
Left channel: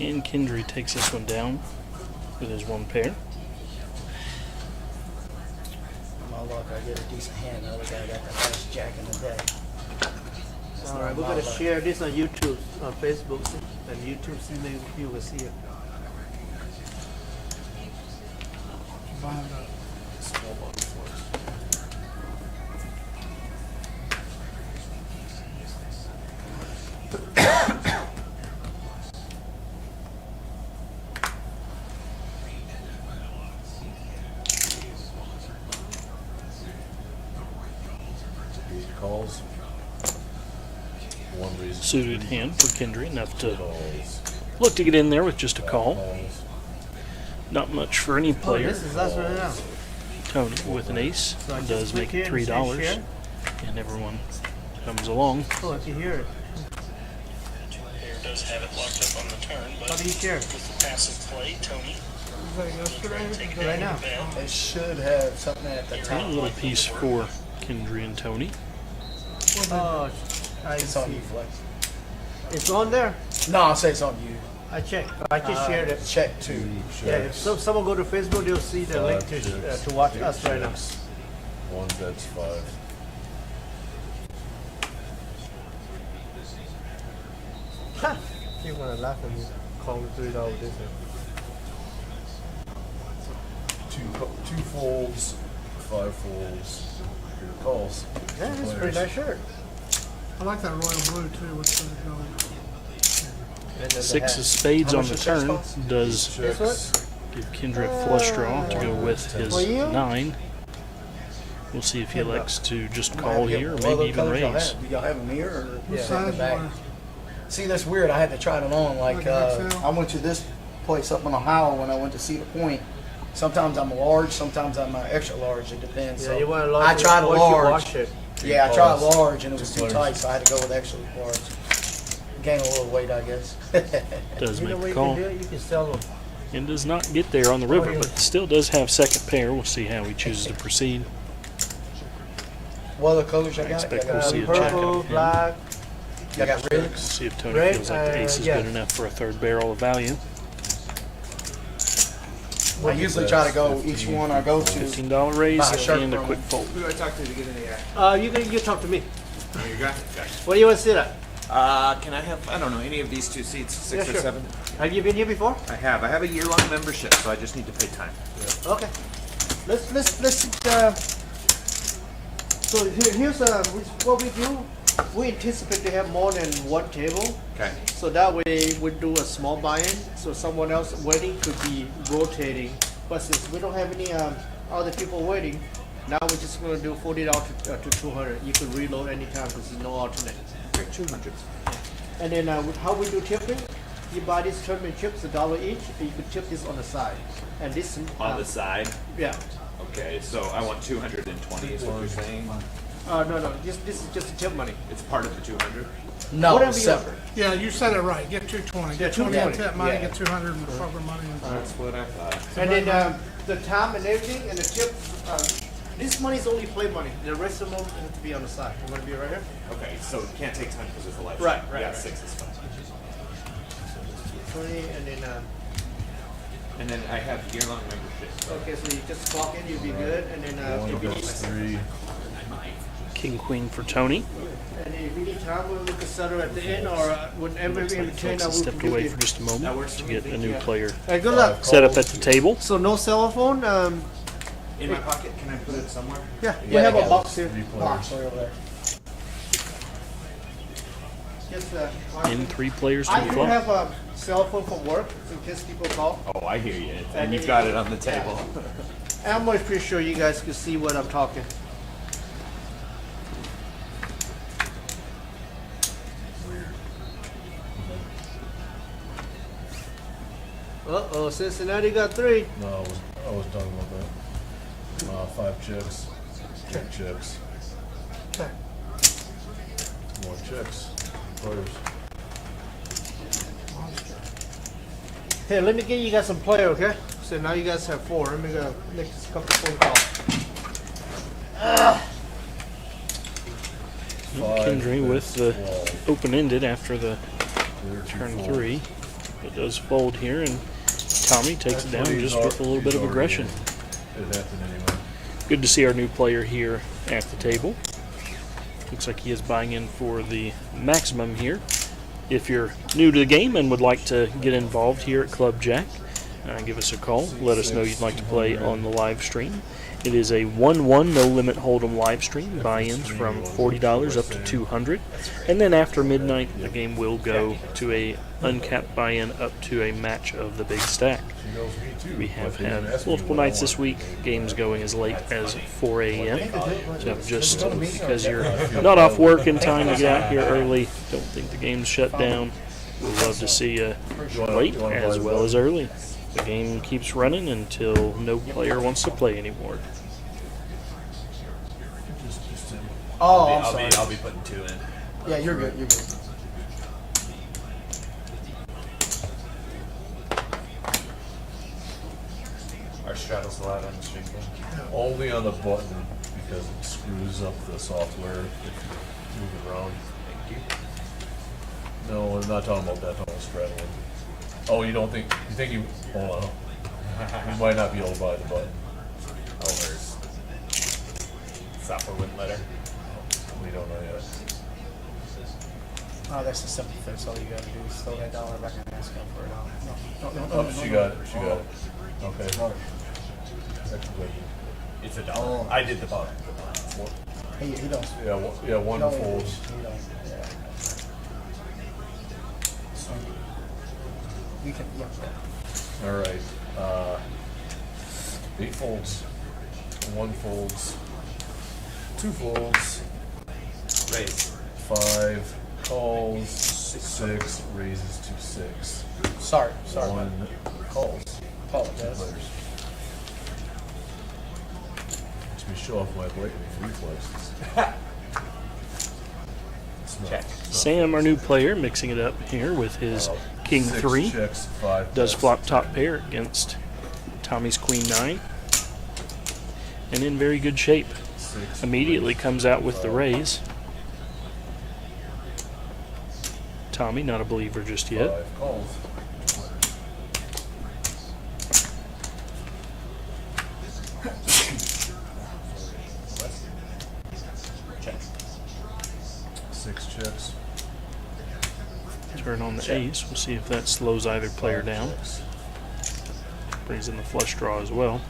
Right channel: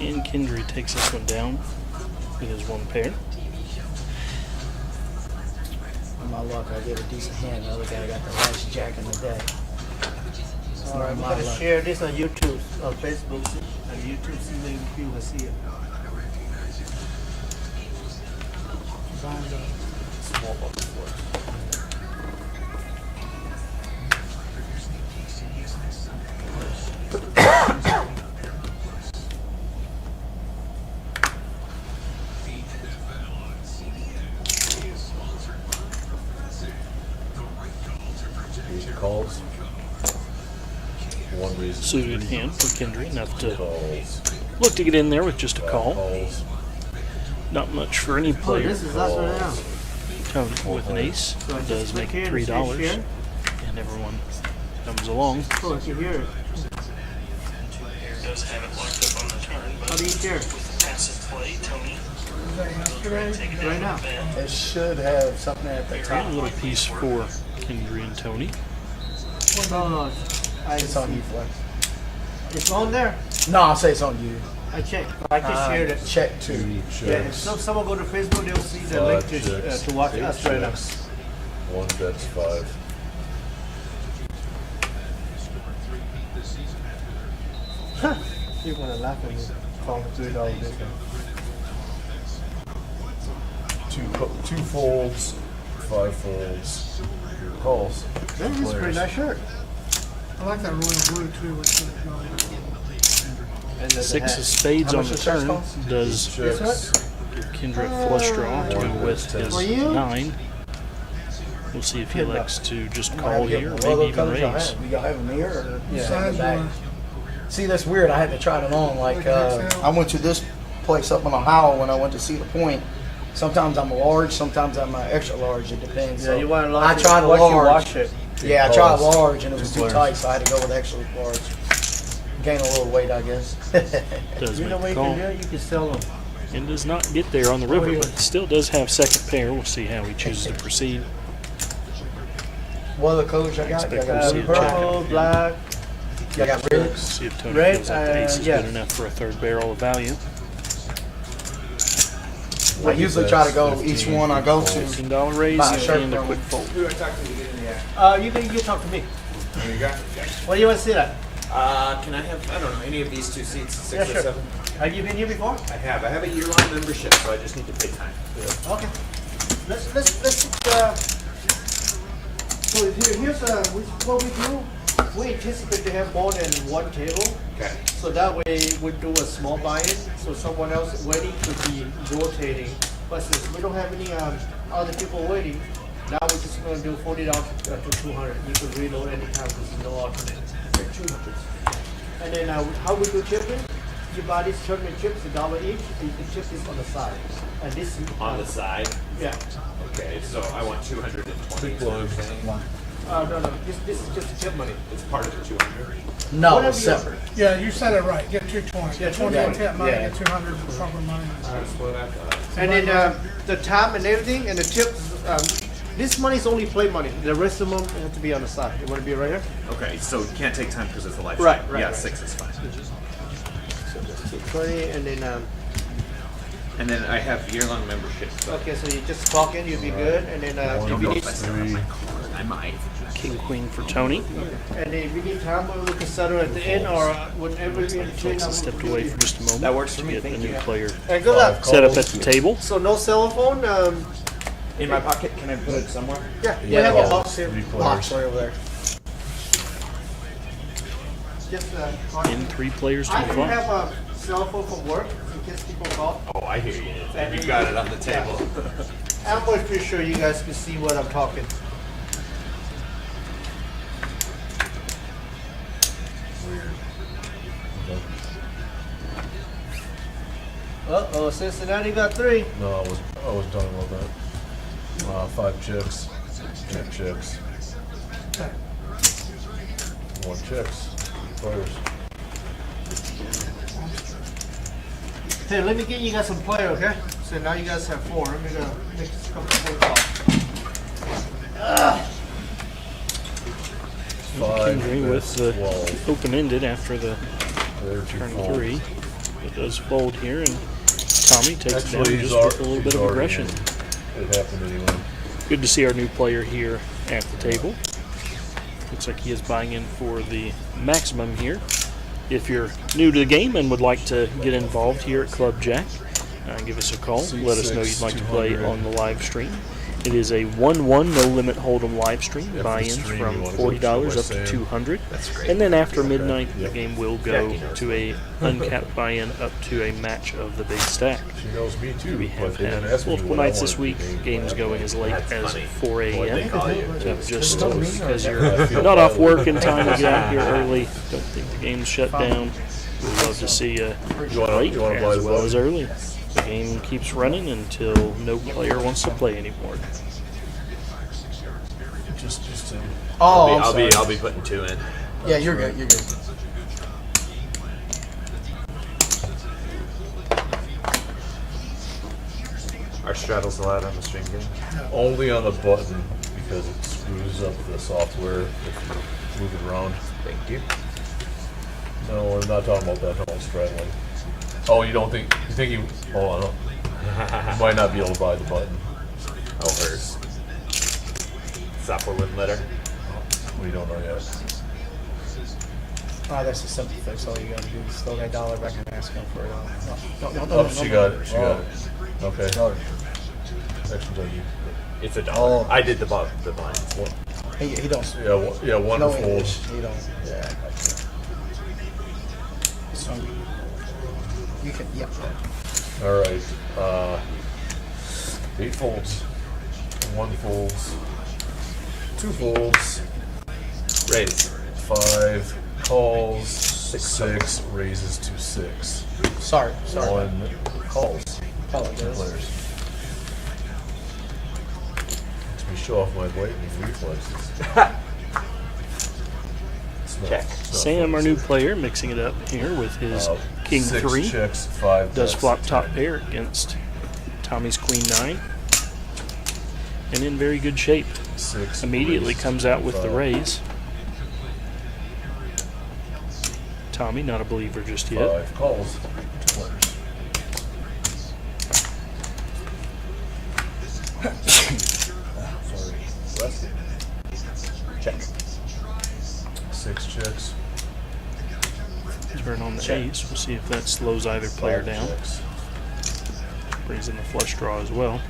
And Kendry takes this one down with his one pair. On my luck, I get a decent hand. The other guy got the last jack in the day. It's not We're my gonna luck. share this on YouTube, on Facebook, and YouTube, see if you will see it. Small button flush. Eight calls. One reason. Suited hand for Kendry, enough to Calls. look to get in there with just a call. Calls. Not much for any player. This is us right now. Tony with an ace does make it $3, and everyone comes along. Oh, you hear it. Does have it locked up on the turn, How do you share? passive play, Tony. Right now. It should have something at the A top. little piece for Kendry and Tony. No, It's on you, Flex. It's on there. No, I'll say it's on you. I checked. I just shared it. Check two. Two Yeah, if checks. someone go to Facebook, they'll see the link Five to checks. watch Eight us right now. checks. One bets five. You're gonna laugh at me. Call me $3 difference. Two folds. Five folds. Your calls. That Two is a pretty players. nice shirt. I like that royal blue too. Which is, And then the Six hat. of spades How on much the does that turn cost? does Checks. give Kendry a flush draw to go with his For you? 9. We'll see if he elects to just I'm call happy. here or What maybe other even colors y'all raise. have? Do y'all have a mirror or Yeah. something size back? one. See, that's weird. I had to try them on. Like, We can tell. I went to this place up in Ohio when I went to Cedar Point. Sometimes I'm a large, sometimes I'm an extra large. It depends. Yeah, So you want to I tried a watch large. Watch it. Yeah, I tried Pause. large and it was Two too players. tight, so I had to go with extra large. Gain a little weight, I guess. Does You know make what the you call. can do? You can sell them. And does not get there on the river, but still does have second pair. We'll see how he chooses to proceed. What other colors y'all got? expect Y'all we'll got see a blue, check purple? out Purple, of him. black. Y'all got We'll reds? see if Tony Red, feels like the ace is yeah. good enough for a third barrel of value. I usually try to go each one I go to. $15 raise Buy a shirt and a from quick him. fold. You talk to me. Where you want to sit at? Can I have, I don't know, any of these two seats, Yeah, six or sure. seven? Have you been here before? I have a year-long membership, so I just need to pay time. Okay. Let's so here's what we do. We anticipate to have more than one table. Okay. So that way we do a small buy-in, so someone else waiting could be rotating. But since we don't have any other people waiting, now we're just going to do $40 to 200. You can reload anytime. There's no alternate. 200. And then how we do chipping? You buy these tournament chips $1 each, and you can chip this on the side. And this On the side? yeah. Okay, so I want 220 is what you're saying? No. This is just chip money. It's part of the 200? No, Whatever it's you- separate. Yeah, you said it right. Get 220. Yeah, Get 220 220. tip money. Yeah. Get 200 in corporate money. That's what I thought. And then the time and everything and the chips. This money is only play money. The rest of them have to be on the side. You want to be right here? Okay, so it can't take time because it's a live Right, stream. right, Yeah, right. 6 is fine. 20 and then And then I have year-long memberships. But Okay, so you just clock in, you'll be good, and then One, if you need, three. I might. King Queen for Tony. and then if you need time, we can settle at the end or whenever Looks we like can. Texas stepped away for just a moment That works to for me, get a thank new you. player Hey, good luck. set up at the table. So no cell phone. In my pocket, can I put it somewhere? Yeah, we Yeah, have yeah. a box here. Three Box players. right over there. Just In 3 players to I the do flop. have a cell phone for work in case people call. Oh, I hear you. And you've got it on the table. I'm always pretty sure you guys can see what I'm talking. Weird. Okay. Uh-oh, Cincinnati got 3. No, I wasn't talking about that. 5 chicks. 8 chicks. 1 chicks. 3 players. Hey, let me get you guys some player, okay? So now you guys have 4. Let me make a couple phone calls. Kendry with the 12. open-ended after the There, 2 turn folds. 3. It does fold here, and Tommy takes it down Actually, just he's with a little bit of already- aggression. It happened anyway. Good to see our new player here at the table. Looks like he is buying in for the maximum here. If you're new to the game and would like to get involved here at Club Jack, give us a call. Let us know you'd like to play on the live stream. It is a 1-1 no limit hold'em live stream. Buy-ins from $40 up to $200, and then after midnight the game will go to a uncapped buy-in up to a match of the big stack. She knows me too. We have but they didn't had ask me multiple what I nights this wanted week, to do. games going as late as 4 a.m. So just because I you're feel not off bad. work in time to get out here early, don't think the game's shut down. We'd love to see you late you wanna play as the well button? as early. The game keeps running until no player wants to play anymore. Just to, Oh, I'm sorry. I'll be putting 2 in. Yeah, you're good. You're good. Are straddles allowed on the string game? only on the button because it screws up the software if you move it around. Thank you. No, I'm not talking about that. I'm talking about straddling. Oh, you don't think? You think you? Hold on. You might not be able to buy the button. Oh, hers. Software wouldn't let her. We don't know yet. Oh, that's the simple fix. All you gotta do is throw that dollar back and ask him for it. No, Oh, she got it. She got it. Okay. Oh. Section W. It's $1. Oh. I did the blind. He don't. Yeah, yeah, No wonderful. English. He don't. So, you can. Yep. All right. 8 folds. 1 folds. 2 folds. Raise. 5 calls. 6 raises to 6. Sorry. 1 calls. Apologize. Players. Makes me show off my lightning reflexes. Smell. Check. Sam, our new player, mixing it up here with his King 6 3. checks, 5 Does bets. flop top pair against Tommy's Queen 9. And in very good shape. 6 Immediately raises comes to out with the 5. raise. Tommy, not a believer just yet. 5 calls. 2 players. Check. 6 checks. Turn on the ace. We'll see if that slows either player 5 down. checks. Brings in the flush draw as well.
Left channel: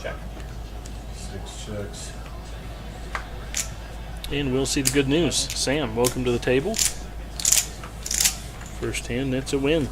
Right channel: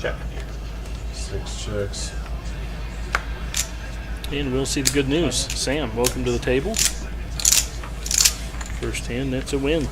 Check. 6 checks. And we'll see the good news. Sam, welcome to the table. First hand, that's a win.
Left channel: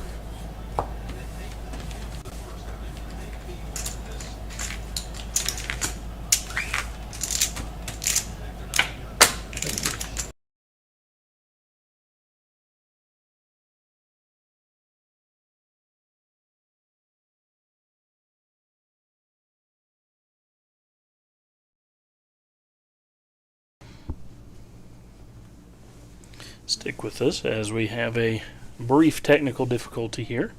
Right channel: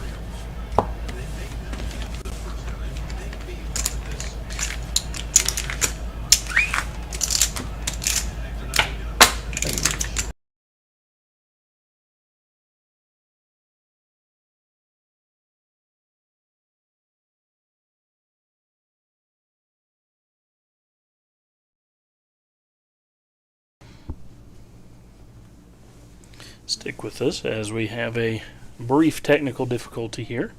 Stick with us as we have a brief technical difficulty here.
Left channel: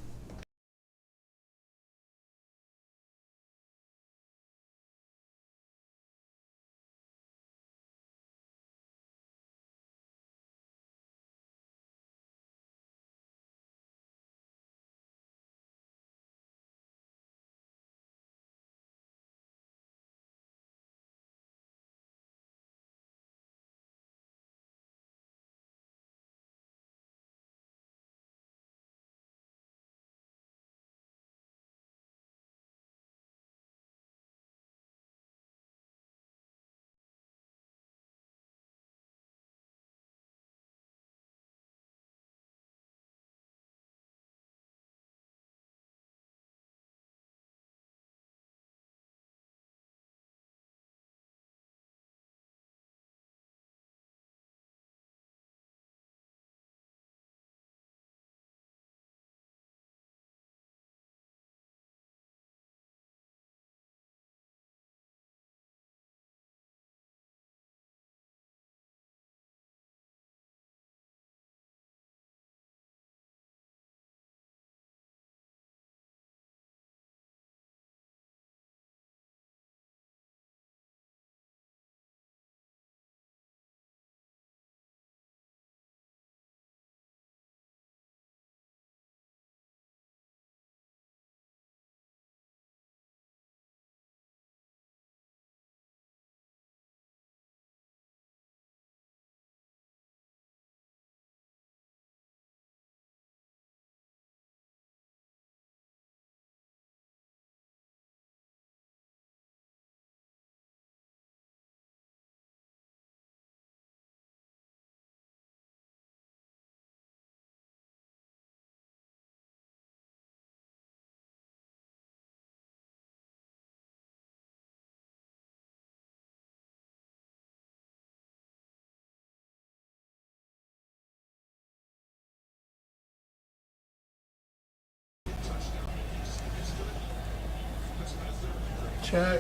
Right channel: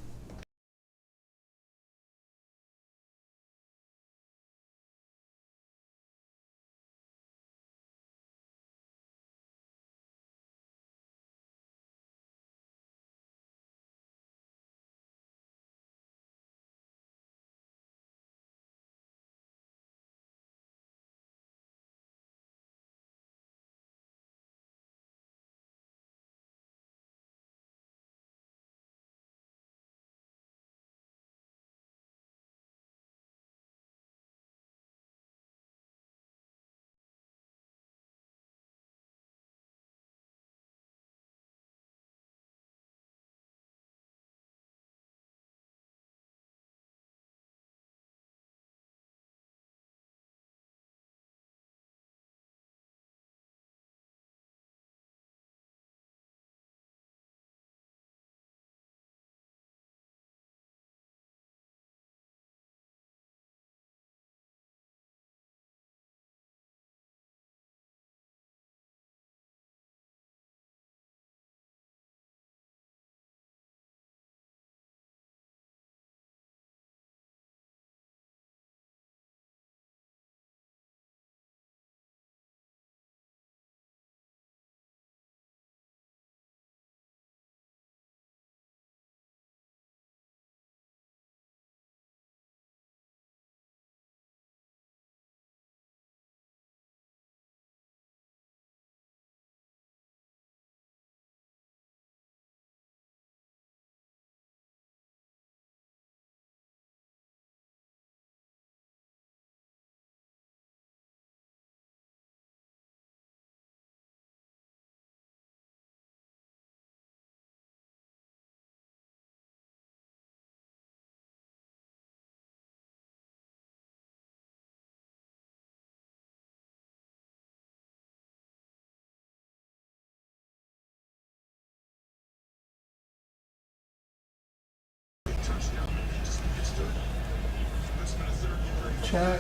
Check.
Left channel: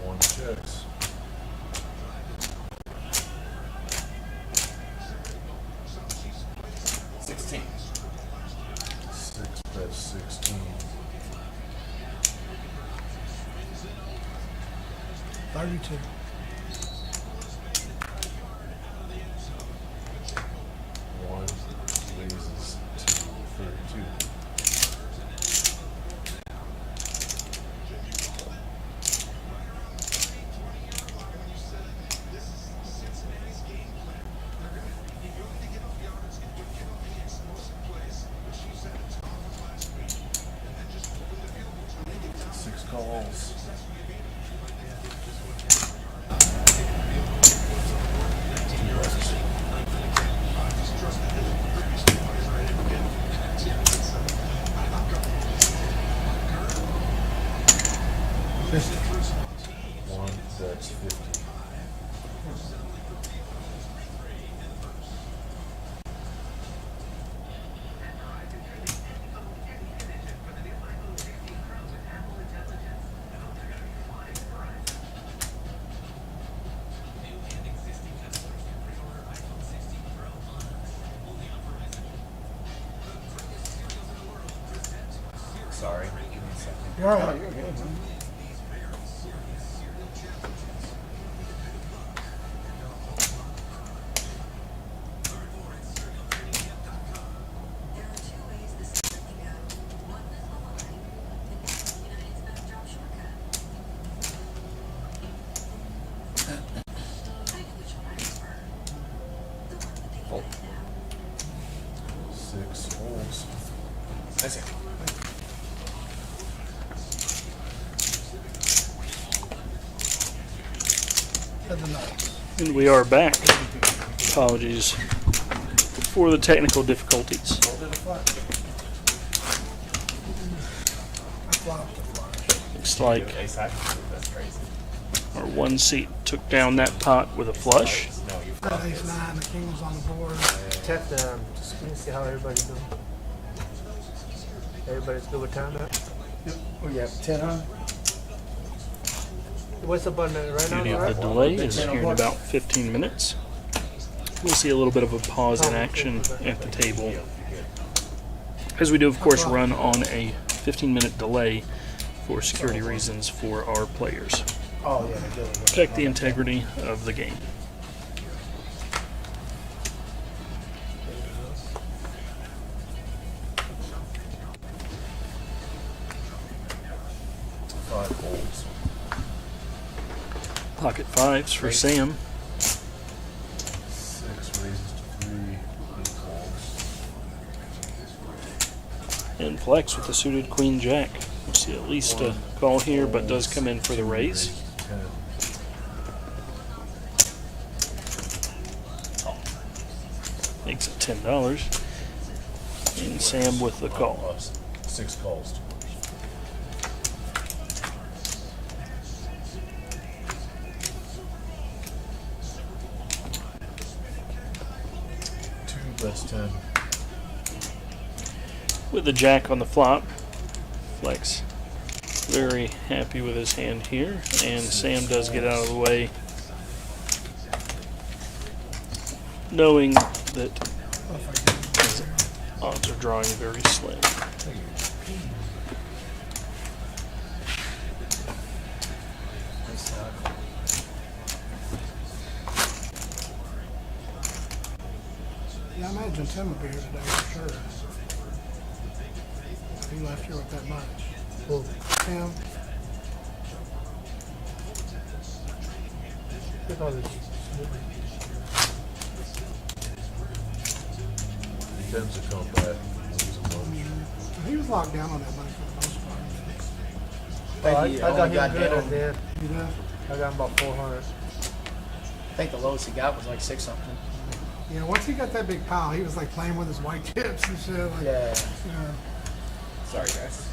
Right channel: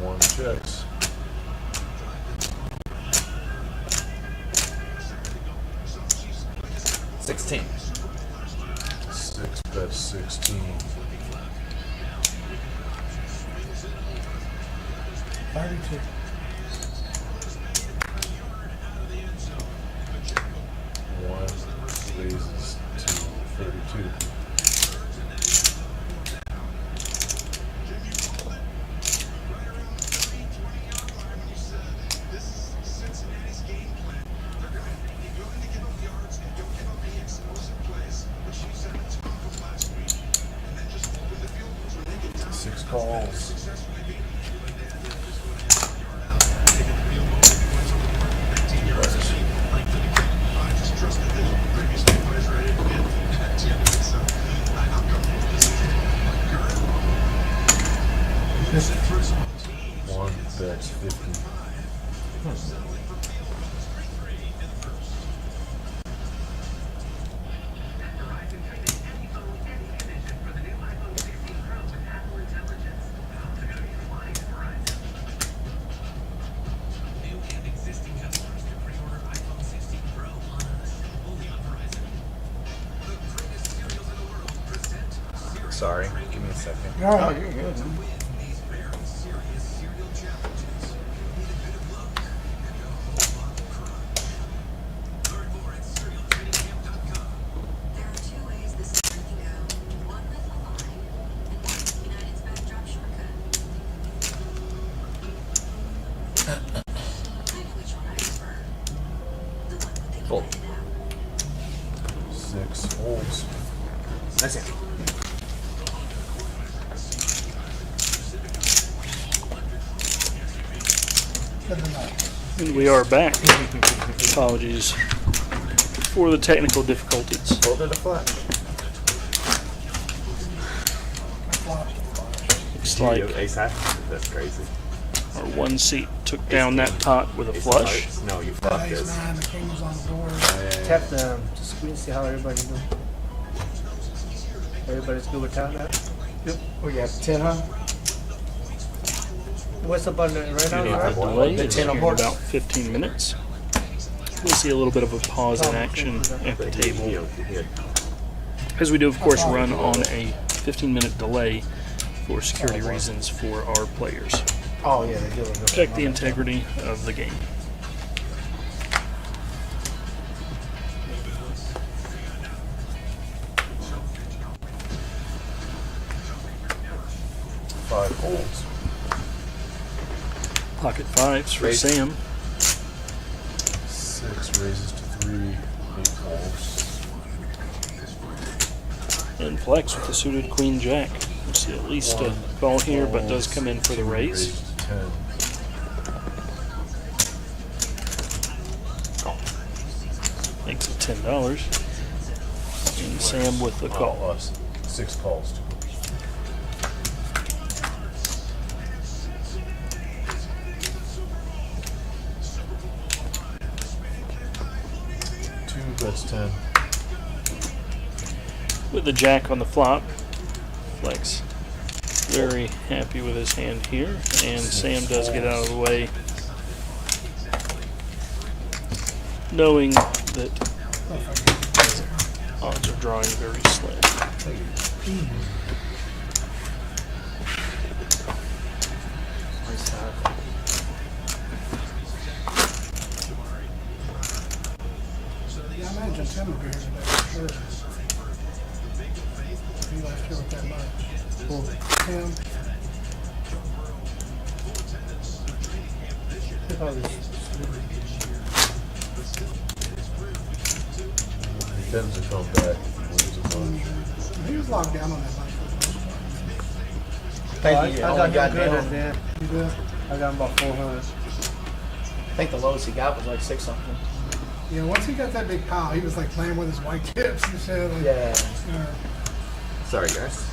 One checks. 16. 6 bets 16. 32. One raises to 32. Six calls. Two butters. One bets 50. Sorry, give me a second. You're all right. You're good. There are two ways this is working out. One with a line, and one with United's backdrop shortcut. I know which one I prefer. The one with the Cool. United app. 6 holds. Okay. And we are back. Apologies for the technical difficulties. Hold it a flat. Looks like Ace high. That's crazy. our one seat took down that pot with a Ace flush. hearts? No, you fucked Ace this. 9, the king was on the board. Tap the screen, see how everybody's doing. Everybody's good with time now? We got 10, huh? What's up on the right now? Beauty of the Ryan? delay is Ten on here in board. about 15 minutes. We'll see a little bit of a pause in action at the table, as we do, of course, run on a 15-minute delay for security reasons for our players. Oh, yeah, they do. Protect the integrity of the game. Five holds. Pocket fives for Raise. Sam. 6 raises to 3. 8 holds. And flex with the suited queen jack. We'll see at least a call here, but does come in for the raise. Raises to 10. Makes it $10. And Sam with the call. 6 calls. Two bets 10. With the jack on the flop, flex very happy with his hand here, and Sam does get out of the way, knowing that his odds are drawing very slim. Yeah, I imagine Tim will be here today for sure. He left here with that much. Tim, He tends to come back if he wins a bunch. he was locked down on that night for the most part. I think he only got down. Yeah. I got about 400. I think the lowest he got was like 6 something. Yeah, once he got that big pile, he was like playing with his white tips and shit. Like, Yeah. you know, Sorry, guys.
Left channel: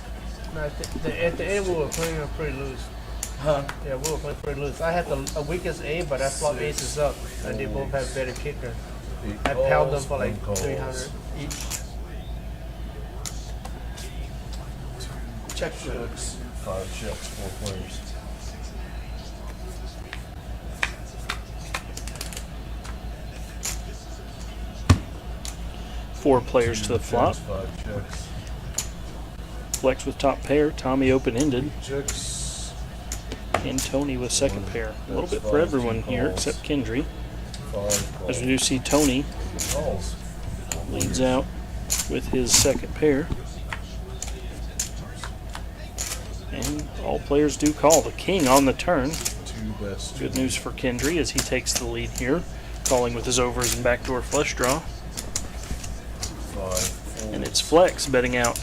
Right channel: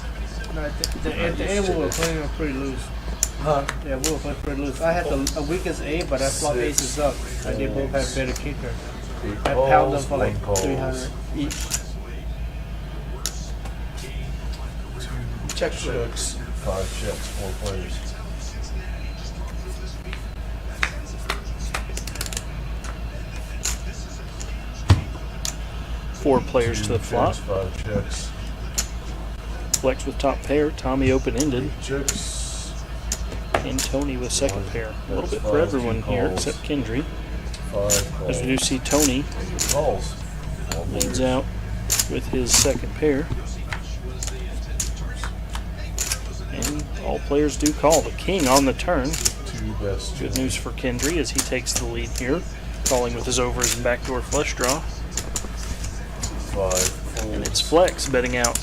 No, at the end we were playing pretty loose. Huh? Yeah, we were playing pretty loose. I had the weakest A, but I flopped aces up. And they both had better kicker. 8 I pounded calls, for 1 like calls. 300 each. 2 Check checks, 5 checks, 4 players. 4 players to the flop. 5 checks. Flex with top pair. Tommy open-ended. Checks. And Tony with second pair. A little bit That's for 5, everyone 2 here calls. except Kendry. 5 calls. As we do see Tony Calls. leads out with his second pair. And all players do call. The king on the turn. 2 bets. Good news for Kendry as he takes the lead here. Calling with his overs and backdoor flush draw. 5 folds. And it's Flex betting out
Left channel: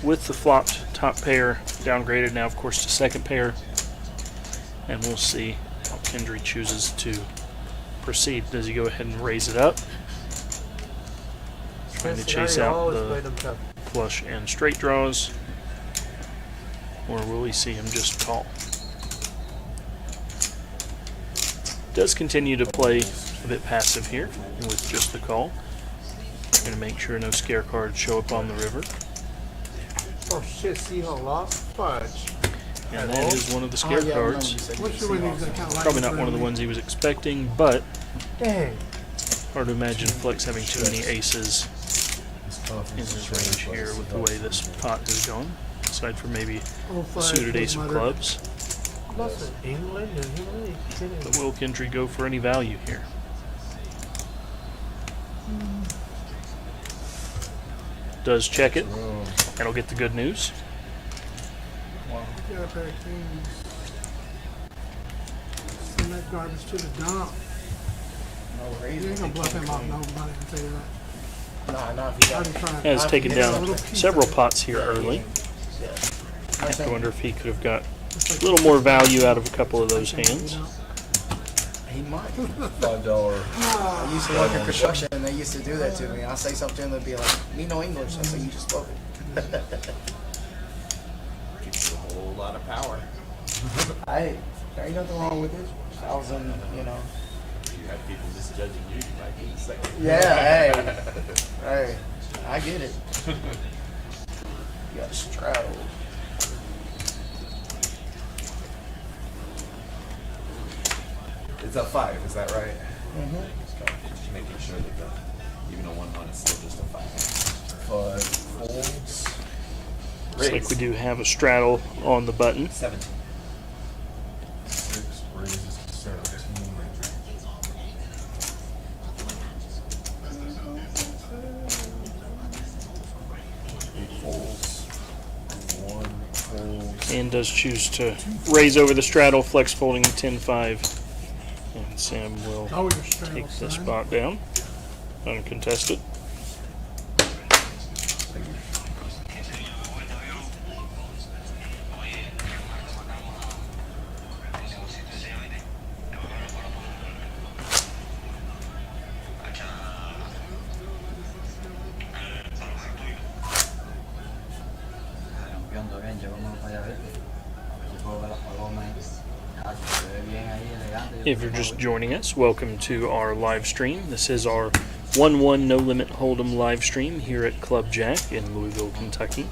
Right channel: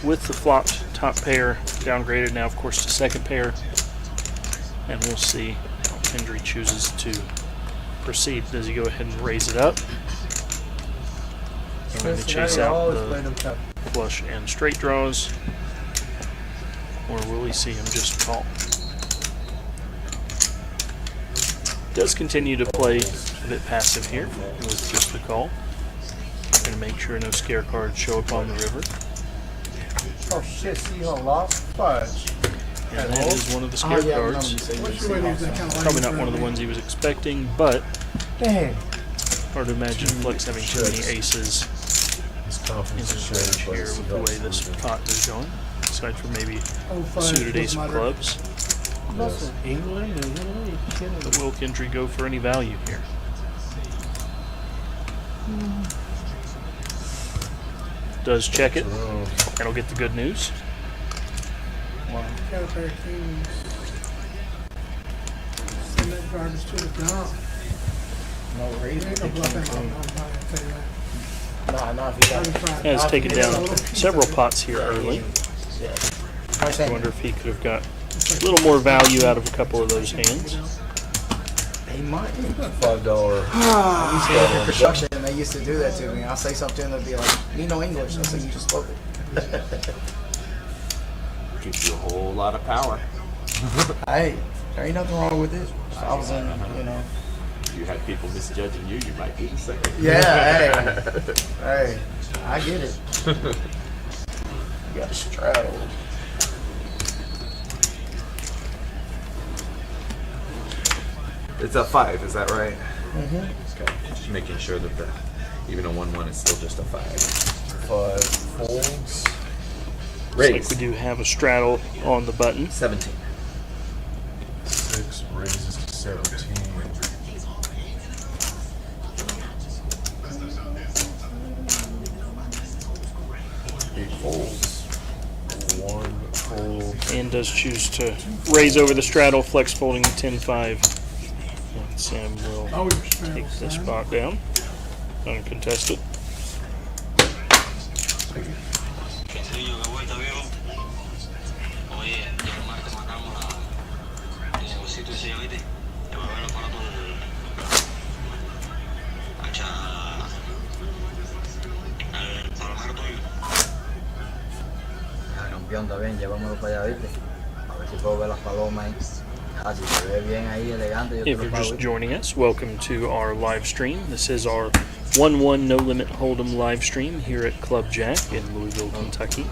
with the flopped top pair. Downgraded now, of course, to second pair. And we'll see how Kendry chooses to proceed. Does he go ahead and raise it up? Trying to chase out the flush and straight draws. Or will we see him just call? Does continue to play a bit passive here with just the call. Going to make sure no scare cards show up on the river. Oh shit, Seahawks lost? Fudge. And that is one of the Oh, scare yeah, I remember cards. you saying What's you your way Seahawks to fan. kind of Probably not one of the ones he was expecting, but Dang. hard to imagine Flex having too many aces His in confidence his is range showing, here but with the way it's this not pot has gone. Aside from maybe Oh, a five, suited ace of mother. clubs. Lost in England? Are you really kidding? But will Kendry go for any value here? Does check it. around. That'll get the good news. Got their kings. Send that garbage to the dump. No raise You with ain't the gonna bluff king him off, queen. no, I'll tell you that. Nah, if he got Has taken down several pots here early. Yeah. I have to wonder if he could have got a little more value out of a couple of those hands. He might. $5. I used to work in construction and they used to do that to me. I'll say something and they'll be like, "Me no English." I say, "You just spoke it." Gives you a whole lot of power. Hey, there ain't nothing wrong with it. If I was in, If you had people misjudging you, you might do the same. Yeah, hey, I get it. You got straddled. It's a 5, is that right? Mm-hmm. Okay. Just making sure that even a 1-1 is still just a 5. 5 folds. Looks like we do have a straddle on the button. 17. 6 raises to 17. 8 folds. 1 fold. And does choose to raise over the straddle, Flex folding 10-5. And Sam will Oh, you're straddled, take this son. spot down, uncontested. Campeón, está bien, llévamelo para allá, ¿viste? A ver si puedo ver las palomas ahí. Ah, si se ve bien ahí, elegante. yo te If lo you're pago, just ¿viste? joining us, welcome to our live stream. This is our 1-1 No Limit Hold'em live stream here at Club Jack in Louisville, Kentucky.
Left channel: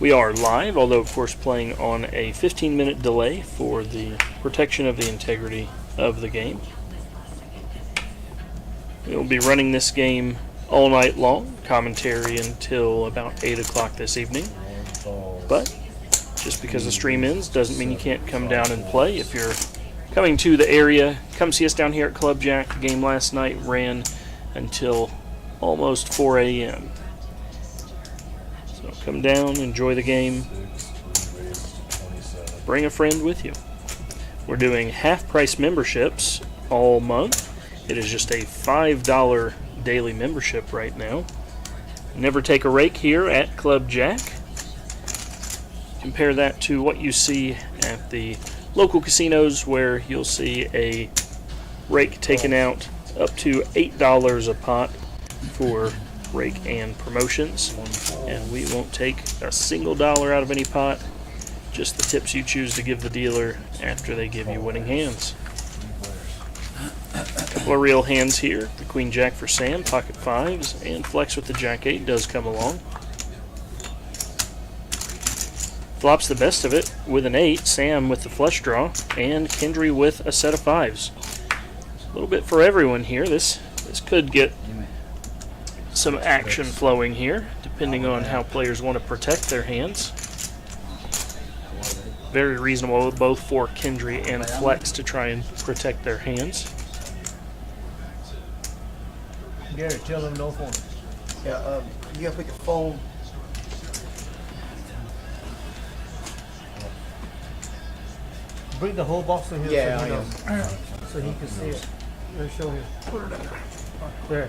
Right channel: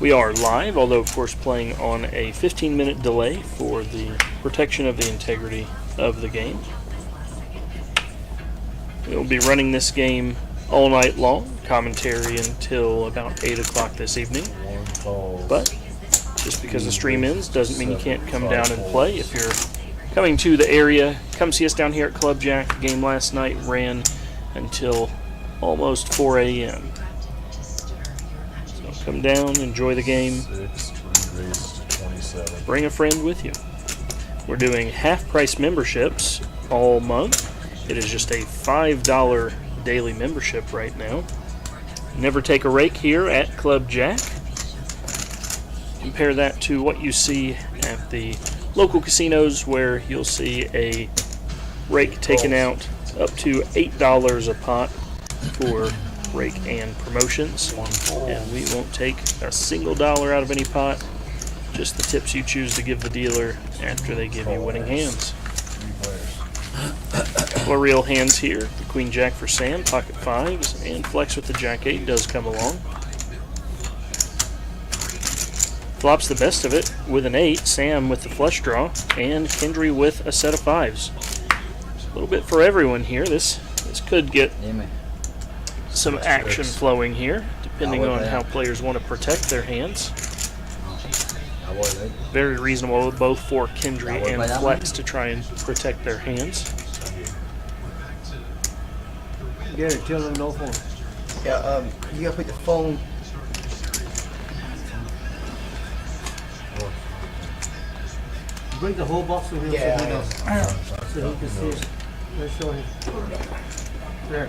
We are live, although of course playing on a 15-minute delay for the protection of the integrity of the game. We'll be running this game all night long, commentary until about 8 o'clock this evening. 1 falls. But just because the stream ends doesn't mean you can't come down and play. If you're coming to the area, come see us down here at Club Jack. The game last night ran until almost 4 a.m. So come down, enjoy the game, 6 raises to 27. bring a friend with you. We're doing half-price memberships all month. It is just a $5 daily membership right now. Never take a rake here at Club Jack. Compare that to what you see at the local casinos where you'll see a rake taken out up to $8 a pot for rake and promotions. 1 fold. And we won't take a single dollar out of any pot, just the tips you choose to give the dealer after they give you winning hands. 3 players. Couple of real hands here. The Queen Jack for Sam, pocket fives, and Flex with the Jack 8 does come along. Flops the best of it with an 8, Sam with the flush draw, and Kendry with a set of fives. A little bit for everyone here. This could get Dime. some action flowing here, depending on how players want to protect their hands. Very reasonable both for Kendry and Flex to try and protect their hands. Get it, tell them no phone. Yeah, you gotta put the phone. Bring the whole box to him Yeah, so he I knows. So you can see it. I'll show you. There.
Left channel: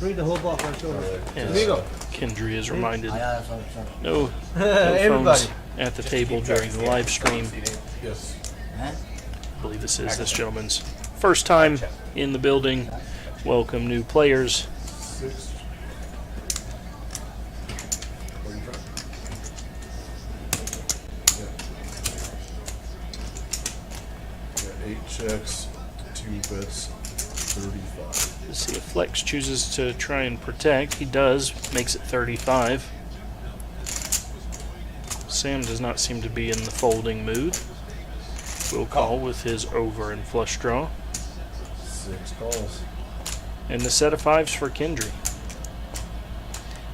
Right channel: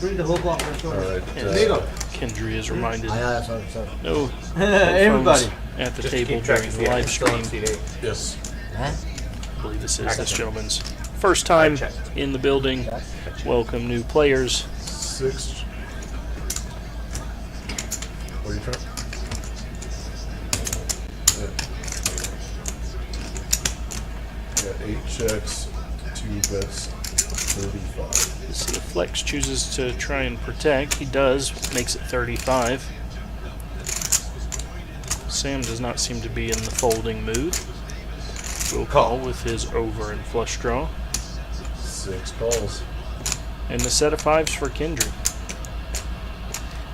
Bring the whole box, I'll show you. Alright. As Kendry is reminded, Sorry. no phones at the table during the live stream. Yes. Huh? I believe this is this gentleman's first time in the building. Welcome new players. 6. What are you trying? Yeah. 8 checks, 2 bets, 35. Let's see if Flex chooses to try and protect. He does, makes it 35. Sam does not seem to be in the folding mood. Will call with his over and flush draw. 6 calls. And the set of 5s for Kendry.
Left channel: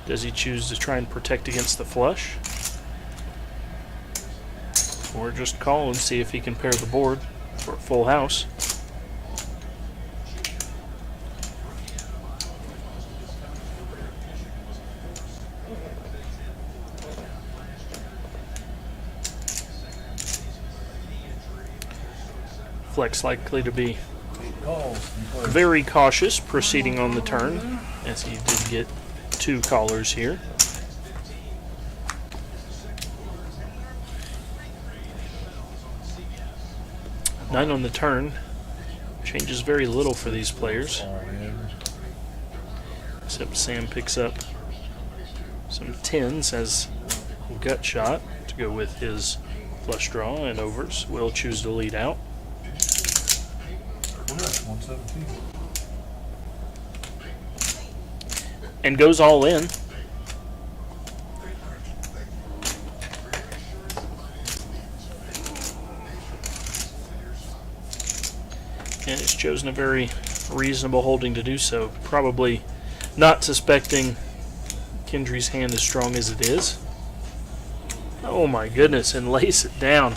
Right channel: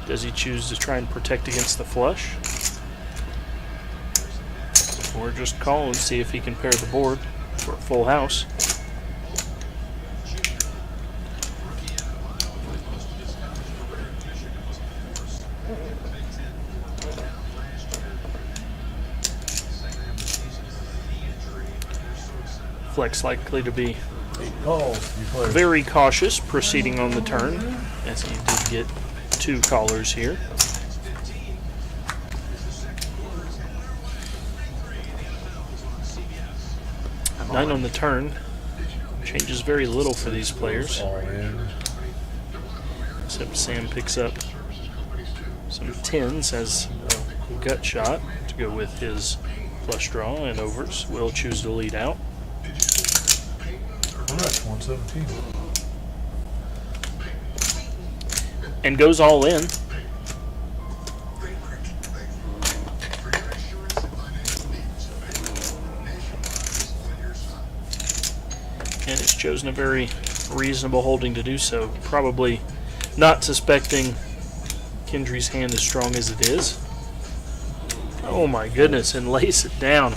Does he choose to try and protect against the flush? Or just call and see if he can pair the board for a full house? Flex likely to be 8 calls. You play. very cautious proceeding on the turn, as he did get 2 callers here. Nine on the turn changes very little for these players, All in. except Sam picks up some 10s as a gut shot to go with his flush draw and overs. Will choose to lead out. 117. And goes all in. And has chosen a very reasonable holding to do so. Probably not suspecting Kendry's hand as strong as it is. Oh my goodness, and lays it down.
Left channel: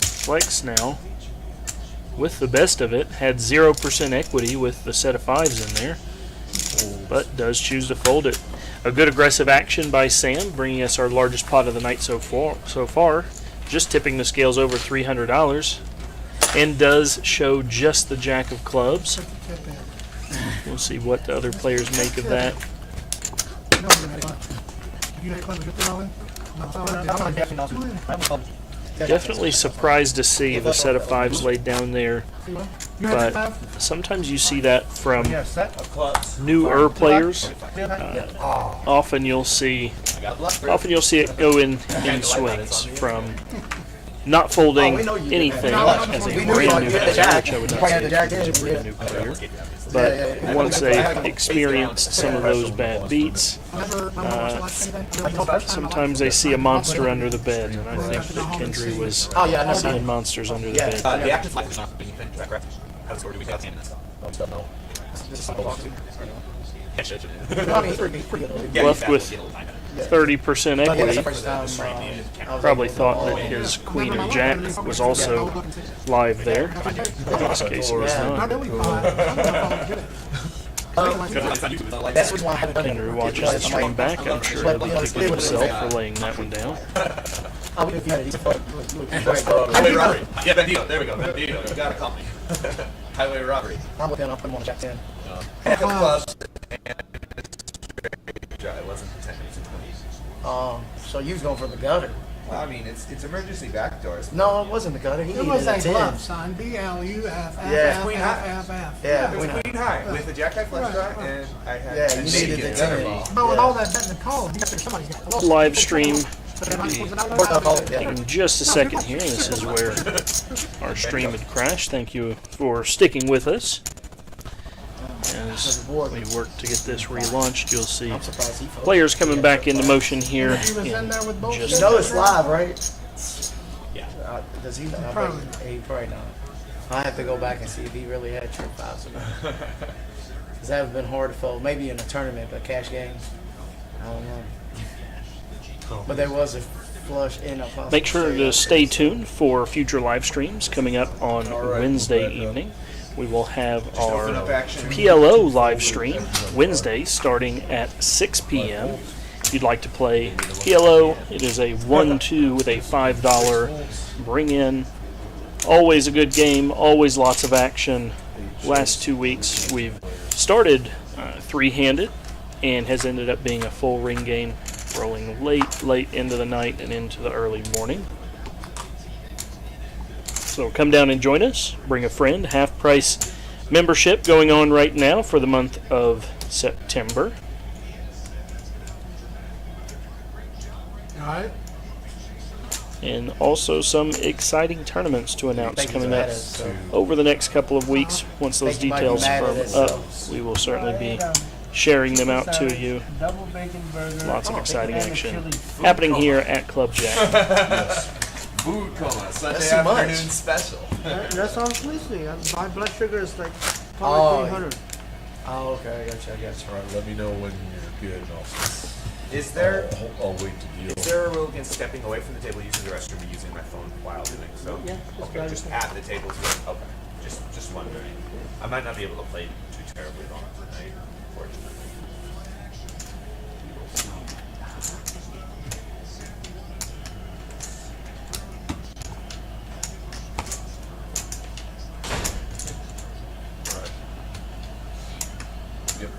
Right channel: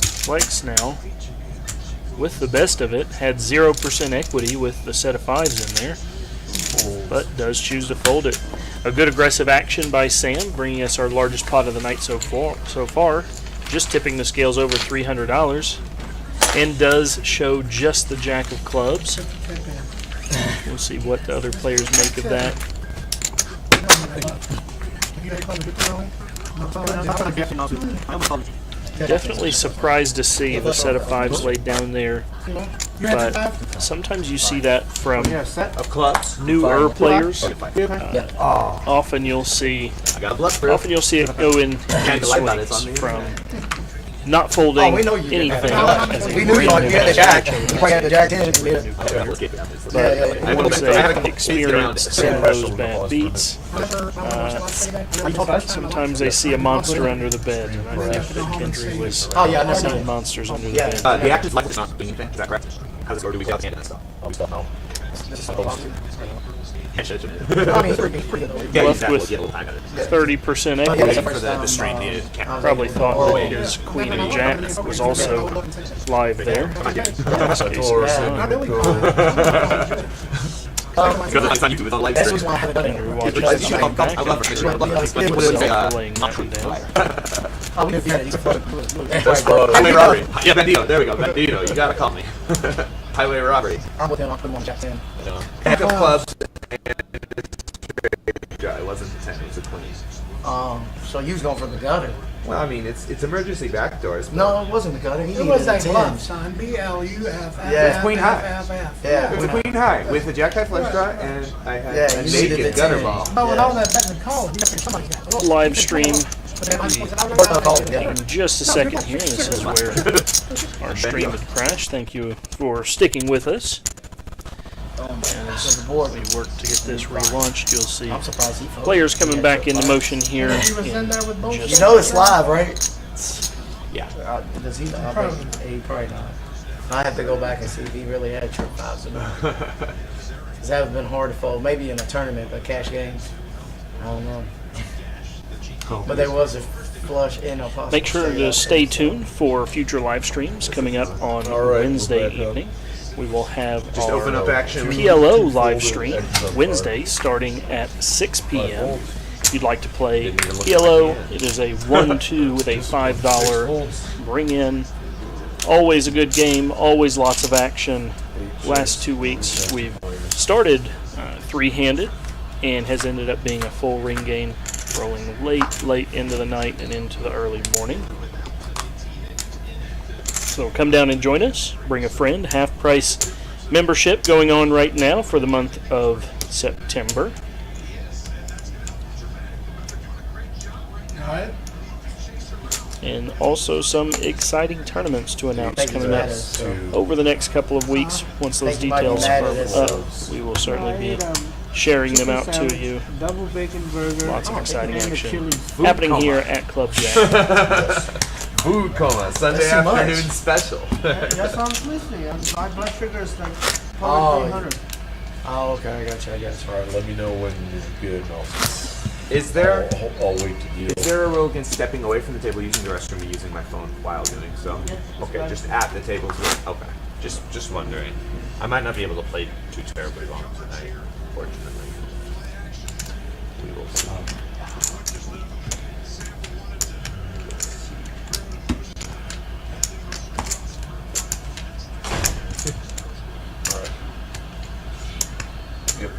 Flex now, with the best of it, had 0% equity with the set of 5s in there, but does choose to fold it. A good aggressive action by Sam, bringing us our largest pot of the night so far, just tipping the scales over $300, and does show just the jack of clubs. We'll see what the other players make of that. Definitely surprised to see the set of 5s laid down there, but sometimes you see that from Set of clubs. newer players. Often you'll see it go in swings from not folding anything as a We knew you brand were new getting the player, jack. which I would You not probably had say the jack is a in. brand new player. But once they've experienced some of those bad beats, sometimes they see a monster under the bed, and I think that Kendry was seeing monsters under the bed. The actors like this not being anything. Is that correct? How does it go? Do we count the hand and stuff? No. Left with 30% equity. The strain needed. Probably thought that his queen and jack was also live there. In this case, it was not. Because it's on YouTube, it's on live stream. Kendry watches the stream back. I'm sure he'll be kicking himself for laying that one down. Highway robbery. Yeah, Bandito. There we go. Bandito. You gotta call me. Highway robbery. I'm looking off the one jack in. Jack of clubs. It wasn't a 10, it was a 20. So you was going for the gutter. Well, I mean, it's emergency backdoors. No, it wasn't the gutter. He It was needed a a 10. bluff, son. BLUF. Yeah. Queen high. Yeah, It's a queen high with a jack high flush draw, and I had Yeah, a you shake needed and the gutter 10. ball. Oh, with all that betting call, you got to somebody got Live stream Yeah. in just a second here. This is where our stream had crashed. Thank you for sticking with us. As we work to get this relaunched, you'll see I'm surprised he folded. players coming back into motion here He was in in there with both. just You know it's live, right? Yeah. Does he? I Probably bet he probably not. I have to go back and see if he really had trip fives or not. Because that would have been hard to fold. Maybe in a tournament, but cash games, I don't know. But there was a flush in a possible. Make sure to stay tuned for future live streams coming up on All right, Wednesday we'll back up. evening. We will have Just open up our action. PLO live stream Wednesday starting at 6 p.m. If you'd like to play PLO, it is a 1-2 with a $5 bring in. Always a good game, always lots of action. Last 2 weeks we've started three-handed and has ended up being a full ring game, rolling late into the night and into the early morning. So come down and join us. Bring a friend. Half price membership going on right now for the month of September. Go ahead. And also some exciting tournaments to announce Thank you coming for up that, so. over the next couple of weeks. Once those Thank you, Michael. details Mad at firm us, up, so. we will certainly be sharing them out to you. Double bacon burger. Lots of exciting and a action chili. happening here at Club Jack. Food coma, Sunday That's too much. afternoon special. That's all I'm listening. My blood sugar is like Oh, 300. Oh, okay, I got you. All right, let me know when you're good, and Is there I'll wait to deal. is there a rule against stepping away from the table using the restroom and using my phone while doing so? Okay, just at the tables. Okay, just wondering. I might not be able to play too terribly long tonight, unfortunately. We will see. All right. Yep.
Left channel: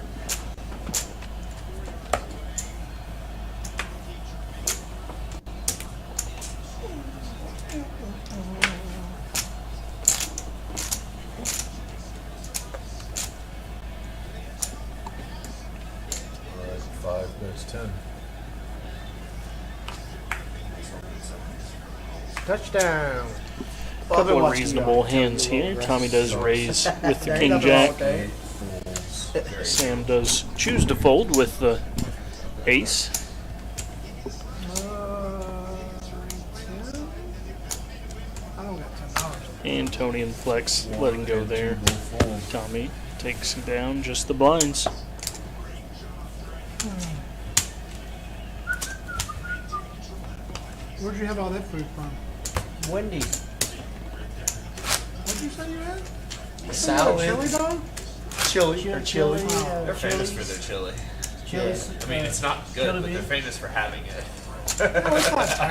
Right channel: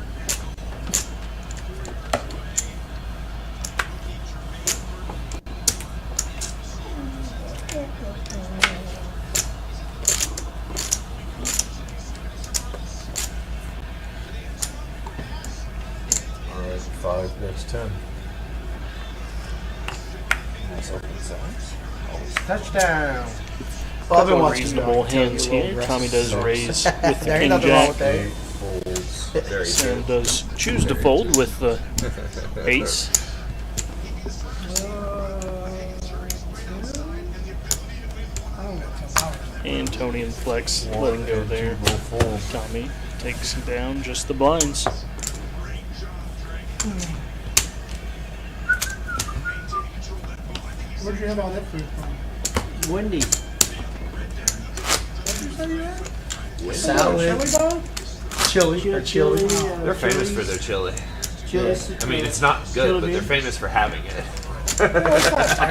All right, 5 bets 10. Touchdown. Well, I've been Couple of watching reasonable you, hands Tony, here. roll Tommy does around. raise with the There ain't King nothing wrong Jack. with that. 8 folds. Very Sam does choose to fold with the ace. I don't got $10. And Tony and Flex letting go there. Go fold. Tommy takes down just the blinds. Where'd you have all that food from? Wendy's. What'd you say you had? Salad, Chili dog? chili. They're famous for their chili. Yeah. I mean, it's not good, Chili but they're bean. famous for having it. A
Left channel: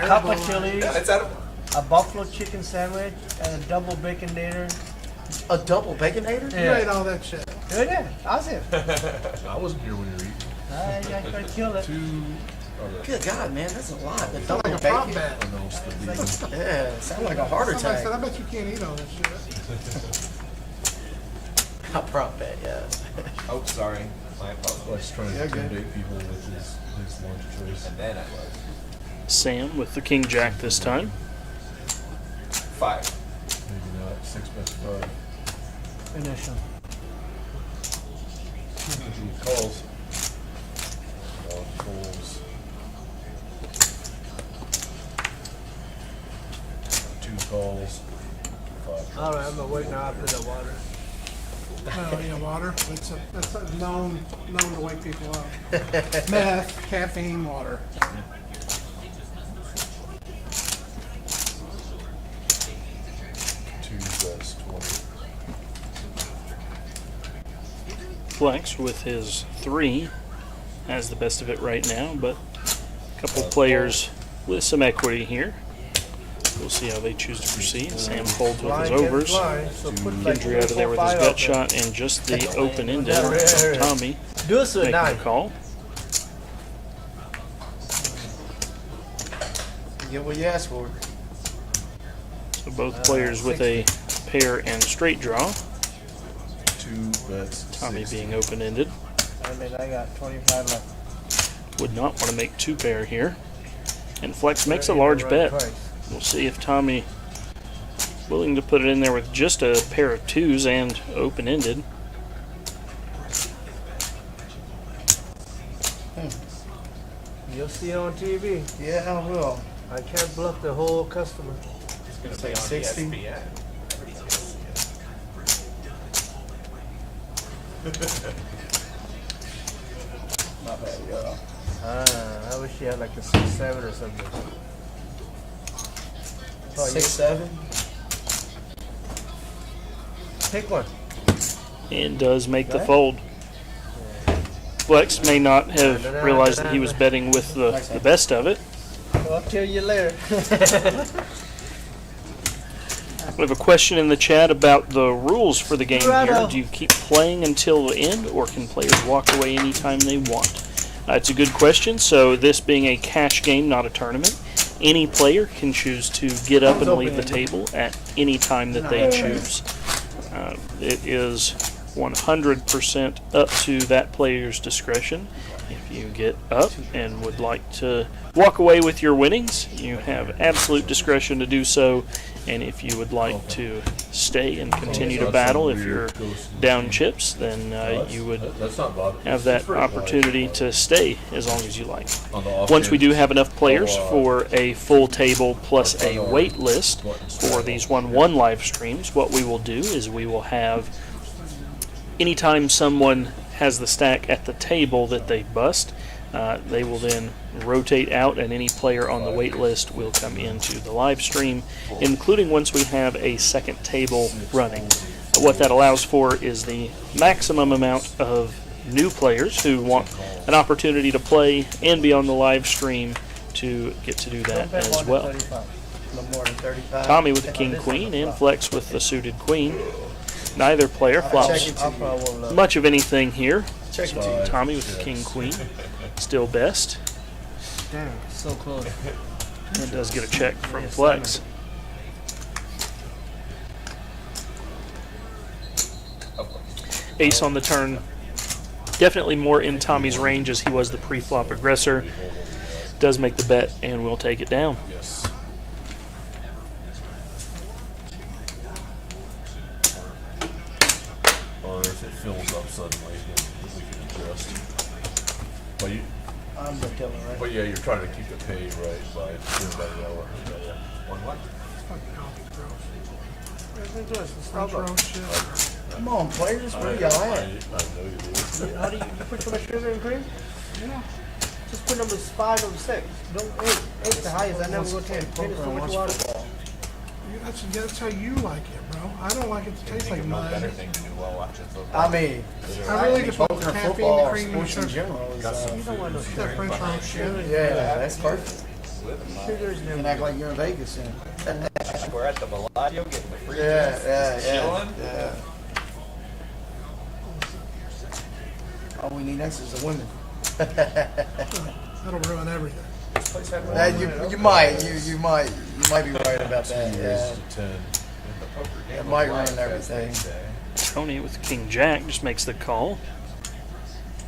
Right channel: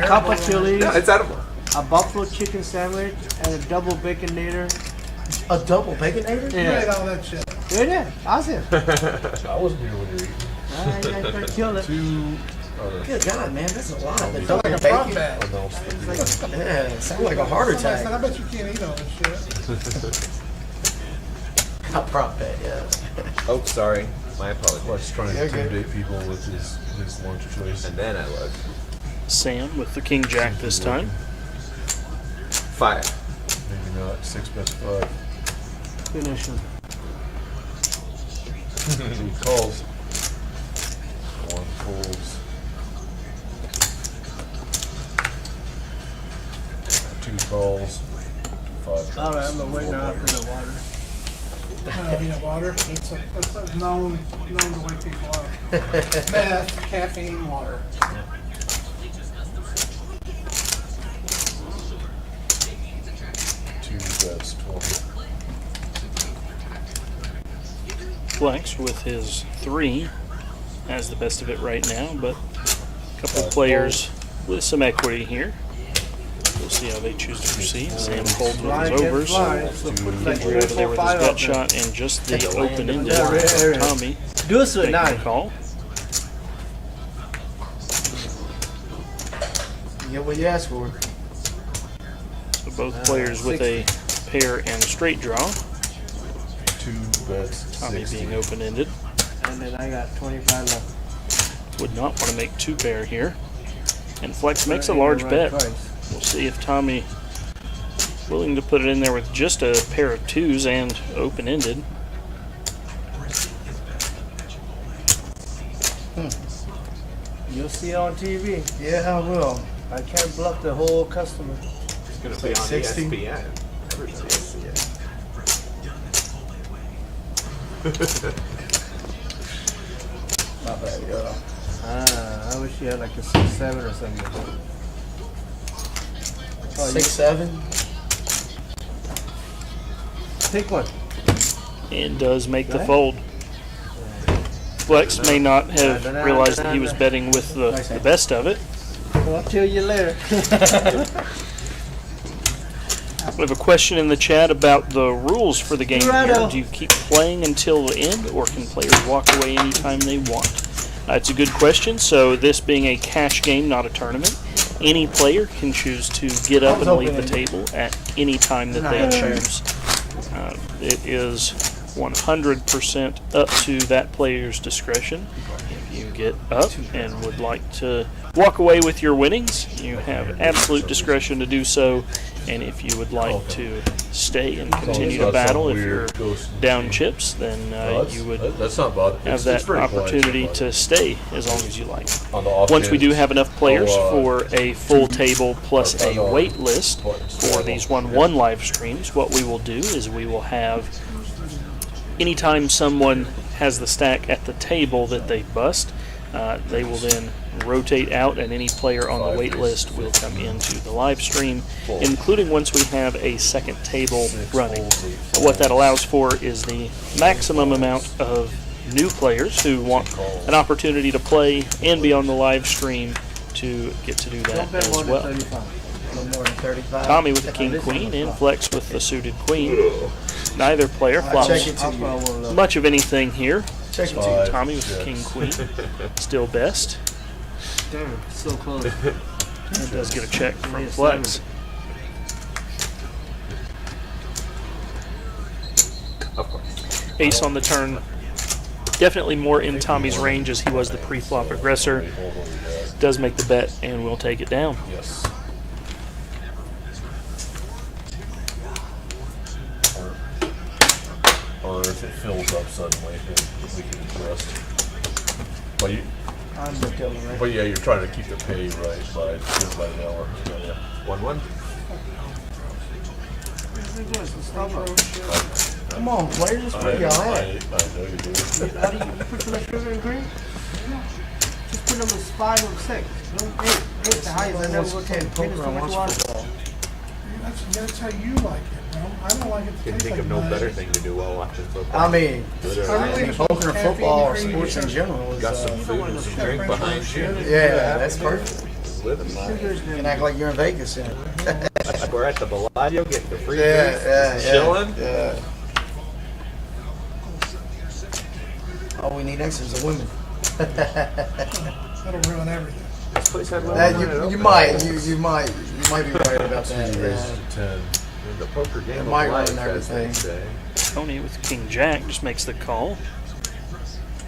cup of chili, No, it's edible. a buffalo chicken sandwich, and a double baconator. A double baconator? You ate all that shit. Did it? Awesome. I wasn't here when you were eating. I killed it. 2 Good God, man, that's a lot. The Like double a prop bacon. bet. announced the deal. Yeah, sound like a heart I said, I attack. bet you can't eat all this shit. I prop that, yeah. Oh, sorry. My apologies. Let's try and Yeah, good. intimidate people with his lunch choice. And then I looked. Sam with the King Jack this time. Fire. Maybe not. 6 bets 5. Finish him. 2 calls. 1 folds. 2 calls. 5. All right, I'm gonna wait now for the water. Yeah, water. That's a known to wake people up. Meth, caffeine, water. 2 bets 20. Flex with his 3 has the best of it right now, but a couple players with some equity here. We'll see how they choose to proceed. Sam folds with his overs. Kendry out of there with his gut shot and just the open-ended from Tommy Goose or making not? the call. You get what you asked for. So both players with a pair and straight draw. 2 bets Tommy 60. being open-ended. And then I got 25 left. Would not want to make 2 pair here. And Flex makes a large bet. We'll see if Tommy willing to put it in there with just a pair of 2s and open-ended. You'll see it on TV. Yeah, I will. I can't bluff the whole customer. gonna It's be like on 60. ESPN. Everybody will see it. My bad, yo. I wish you had like a 6-7 or something. 6'7". Take one. And does make the fold. Flex may not have realized that he was betting with the best of it. Well, I'll tell you later. We have a question in the chat about the rules for the game here. Righto. Do you keep playing until the end, or can players walk away anytime they want? It's a good question. So this being a cash game, not a tournament, any player can choose to get up and leave the table at any time that they choose. It is 100% up to that player's discretion. If you get up and would like to walk away with your winnings, you have absolute discretion to do so. And if you would like to stay and continue to battle, if you're down chips, then you would That's not bad. have It's that pretty quiet, opportunity but to stay as long as you like. on the off Once we days, do have enough players I'll, for a full table plus a wait list for these 1-1 live streams, what we will do is we will have, anytime someone has the stack at the table that they bust, they will then rotate out, and any player on the wait list will come into the live stream, including once we have a second table running. What that allows for is the maximum amount of new players who want an opportunity to play and be on the live stream to get to do that as well. A little more than 35. Tommy with the king queen and Flex with the suited queen. Neither player Check flops it to you. much of anything here. Check it to you. Tommy with the king queen, still best. Damn, so close. And does get a check from Flex. Ace on the turn. Definitely more in Tommy's range as he was the pre-flop aggressor. Does make the bet and will take it down. Yes. Or if it fills up suddenly, then we can adjust. But you, I'm the killer, right? but yeah, you're trying to keep the pay right by doing by an hour. Yeah. 1-1. Come on, players. Where y'all I at? know you do. How do you put some sugar and cream? Just put them as 5 or 6. Ain't the highest I never Wants to looked play at. poker and watch football. That's how you like it, bro. I don't like it to Can taste think like of no mine. better thing to do while watching football. I mean, really just want poker and caffeine, football or cream, and sports in sugar. general is, Got some food and some drink behind you. yeah, that's perfect. Living life. You can act like you're in Vegas, yeah. We're at the Bellagio getting the free Yeah, drinks, yeah, yeah. chilling. Yeah. All we need next is the women. That'll ruin everything. This place had more That, money than you it might be right about Two that. raises Yeah. to 10. In the poker game. It might of life, ruin as they everything. say. Tony with King Jack just makes the call.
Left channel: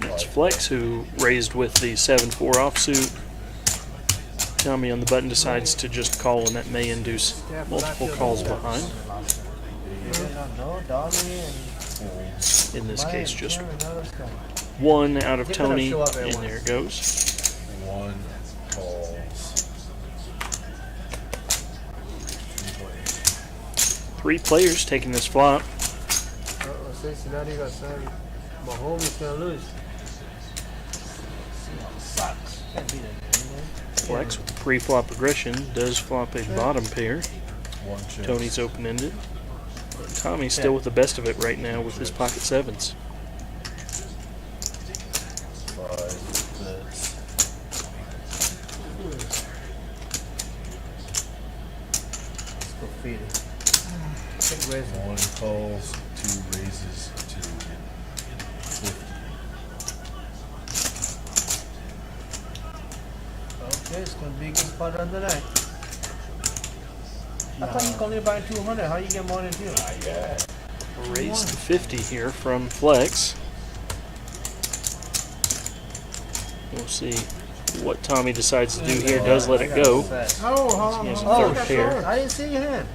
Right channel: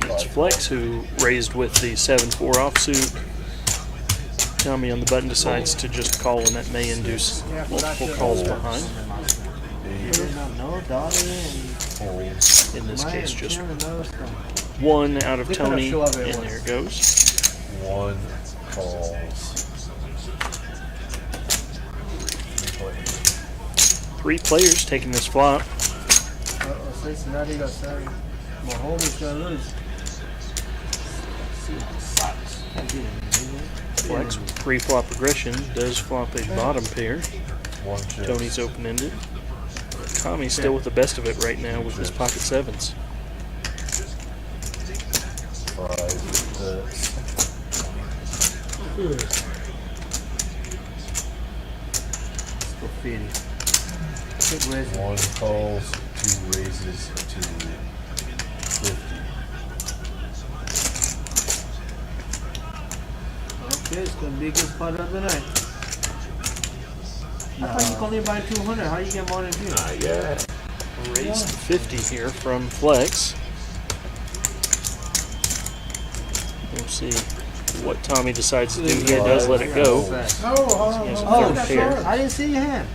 It's Flex who raised with the 7-4 offsuit. Tommy on the button decides to just call, and that may induce multiple calls behind. Folds. In this case, just one out of Tony, and there it goes. 1 calls. 3 players. 3 players taking this flop. Cincinnati got 7. Mahomes got loose. Flex with pre-flop aggression does flop a bottom pair. 1 chip. Tony's open-ended. Tommy's still with the best of it right now with his pocket 7s. 5 bets. Go feed it. Big raise. 1 calls, 2 raises to 50. Okay, it's gonna be a good spot of the night. I thought you only buy 200. How do you get more than 2? Not yet. Raise to 50 here from Flex. We'll see what Tommy decides to do here. Does let it go. Oh, He has a oh, third pair. I didn't see your hand.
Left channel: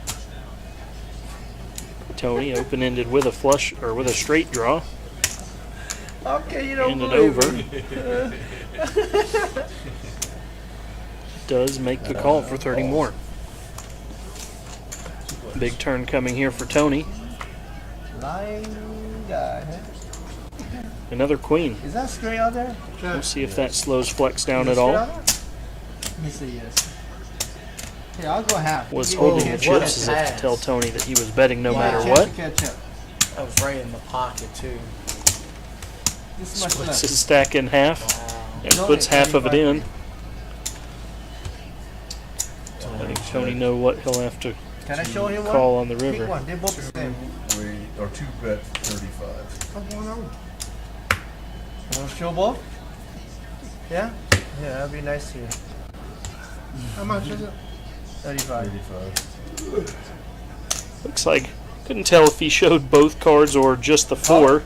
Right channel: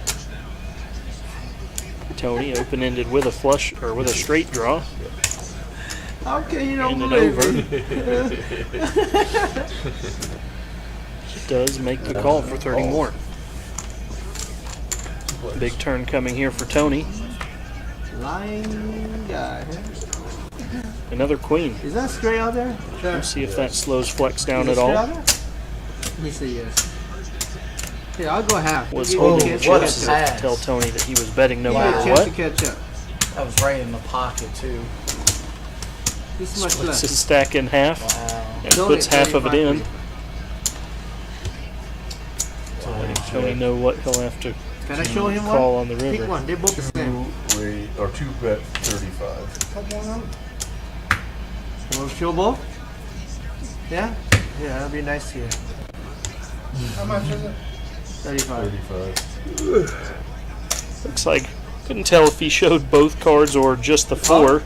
Tony open-ended with a flush or with a straight draw Okay, you know and an over. Does make the call for 30 more. Big turn coming here for Tony. Lion guy. Another queen. Is that straight out there? We'll see if that slows Flex down Is at it all. straight out there? Let me see, yes. Yeah, I'll go half. Was Give holding me it what a chips as if to pass. tell Tony that he was betting no a matter chance what. to catch up. That was right in the pocket too. This much Splits left. his stack in half Wow. and It's puts only half of it 35. in. Letting Tony know what he'll have to Can I show him call one? on the Pick river. one. They're both the same. Two bet 35. Come on over. You want to show both? Yeah? Yeah, that'd be nice here. How much is it? 35. 35. Looks like couldn't tell if he showed both cards or just the four.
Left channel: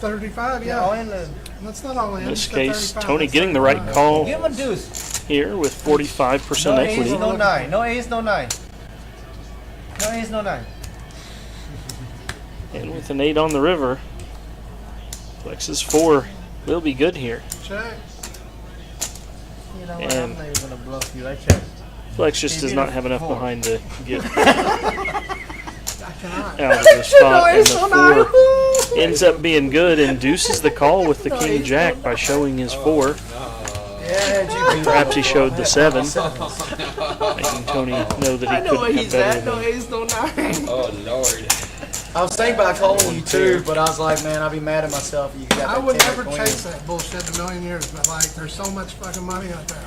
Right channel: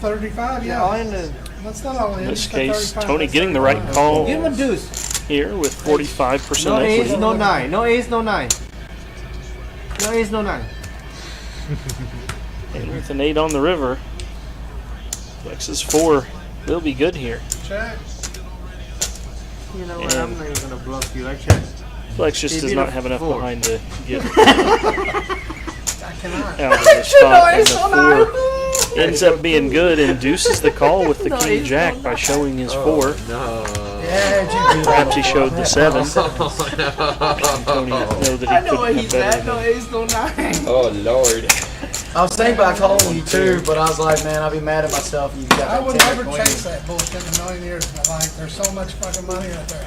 35, Yeah, all yeah. in the. That's not all in. In this It's case, 35. Tony getting the right call Give him a deuce. here with 45% No equity. ace, no nine. No ace, no nine. No ace, no nine. And with an 8 on the river, Flex's 4 will be good here. Check. You know what? And- I'm not even gonna bluff you. I check. Flex just He does beat not it have enough for 4. behind to get I cannot. out of this spot, and the 4 ends up being good and deuces the call with the King Jack by showing his 4. No. Yeah, GP. Perhaps he showed the 7, making Tony know that he couldn't have better No than ace, no nine. Oh Lord. I was thinking about calling you too, but I was like, man, I'd be mad at myself if you got I that would 10 never queen. chase that bullshit in a million years, but like, there's so much fucking money out there.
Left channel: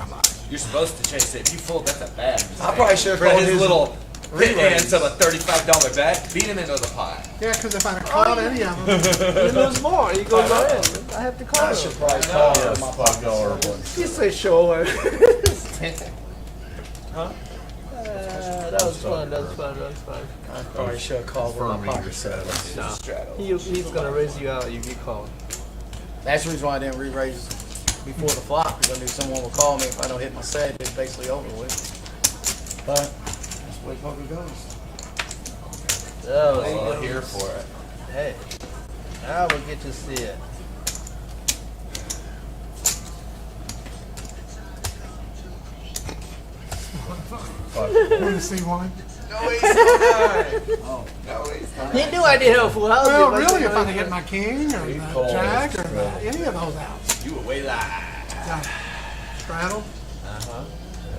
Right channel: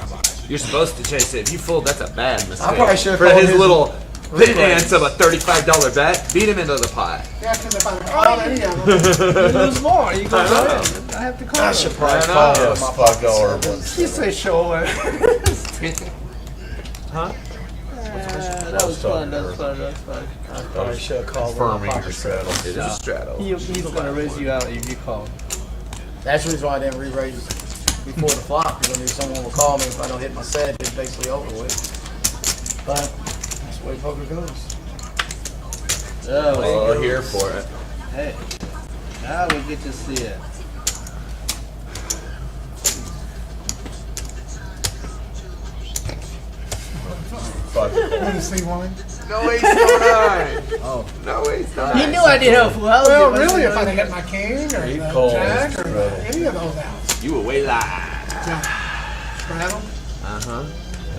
You're supposed to chase it. If you fold, that's a bad mistake. I probably should've For called his his little relays. chance of a $35 bet, beat him into the pot. Yeah, because if I called any of them, You lose more. You go down. I have to call I him. should probably I know. call Yes, him. $5 one. He said show her. Huh? That was fun. That was fun. That was fun. I probably should have called one of Firming my your pocket straddle. sevens. It is a straddle. He's gonna raise you out if you call. That's the reason why I didn't re-raise before the flop, because I knew someone would call me if I don't hit my set. It's basically over with. But that's the way poker goes. Oh, Well, here for it. hey. Now we get to see it. you see one. No ace, no nine. Oh. No ace, no He nine. knew I did have full house. Well, because really, he if I'd knows- have hit my king or He the calls jack or straddle. any of those outs. You were way live. Straddle. Uh-huh.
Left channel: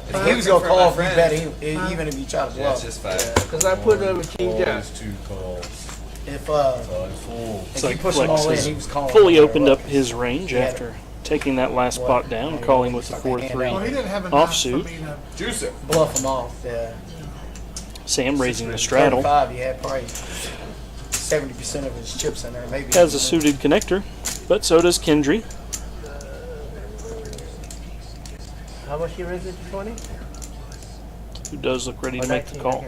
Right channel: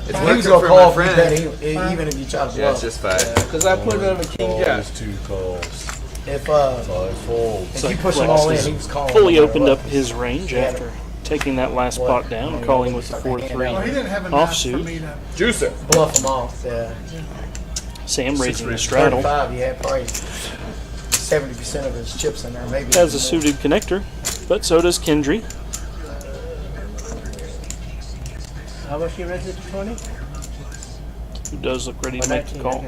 It's He working was gonna for call my if you friend. bet even if you try to Yeah, it's bluff. just fine. Because I put it on a king jack. Calls, 2 calls. If 5 folds. if like you push Flex them all in, has he was calling. fully no matter opened what. up his range Yeah. after taking that last What? pot down, When he calling really with the started to hand 4-3. Well, he out. didn't have enough Offsuit. for me to. Juicer. Bluff them off. Yeah. Sam raising the straddle. 35, he had probably 70% of his chips in there. Maybe Has a even suited connector, but so does Kendry. How much you raise it to 20? Who does look ready to make the call.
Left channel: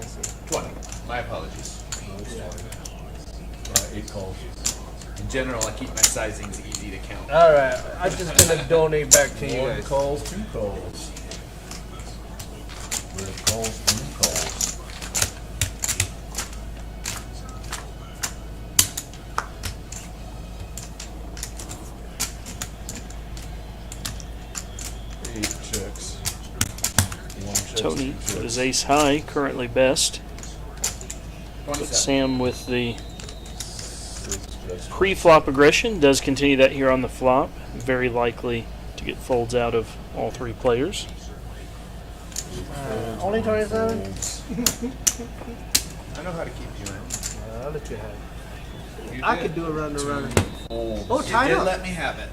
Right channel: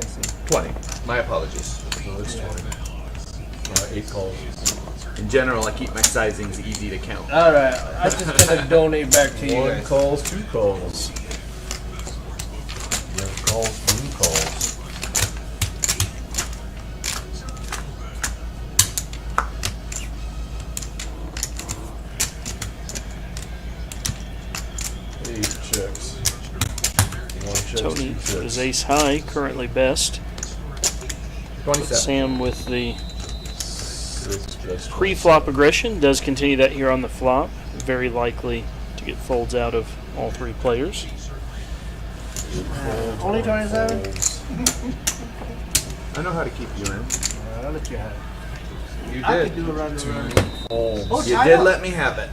20. My apologies. No, it's 20. 8 calls. In general, I keep my sizings easy to count. Alright, I'm just gonna donate back to you 1 guys. calls, 2 calls. Yeah, calls, 3 calls. Eight checks. 1 checks, Tony 2 with checks. his ace high, currently best. But 27. Sam with the 6 checks. pre-flop aggression does continue that here on the flop. Very likely to get folds out of all 3 players. 8 folds, Only 1 27? folds. I know how to keep you in. I'll let you have it. You I did. could do a round and round. Folds. Oh, You tied did up. let me have it.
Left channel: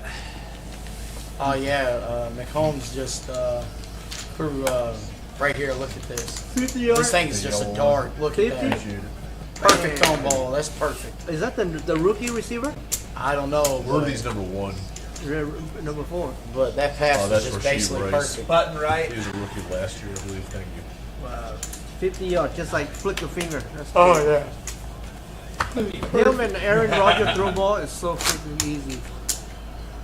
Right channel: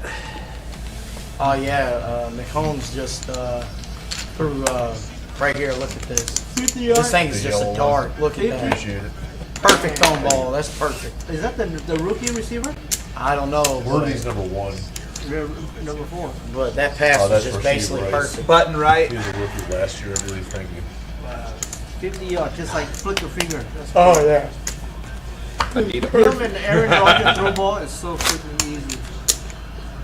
Oh yeah, McCombs just threw right here. Look at this. 50 This thing is The just a yellow dart. Look at that. Appreciate it. Perfect tone ball. That's perfect. Is that the rookie receiver? I don't know, Worthy's number 1. Number 4. but that pass Oh, was that's just Rasheed basically Rice. perfect. Button right. He was a rookie last year, I believe. Thank you. Wow. 50 yards, just like flick the finger. That's Oh yeah. Him and Aaron Rodgers throw ball is so freaking easy.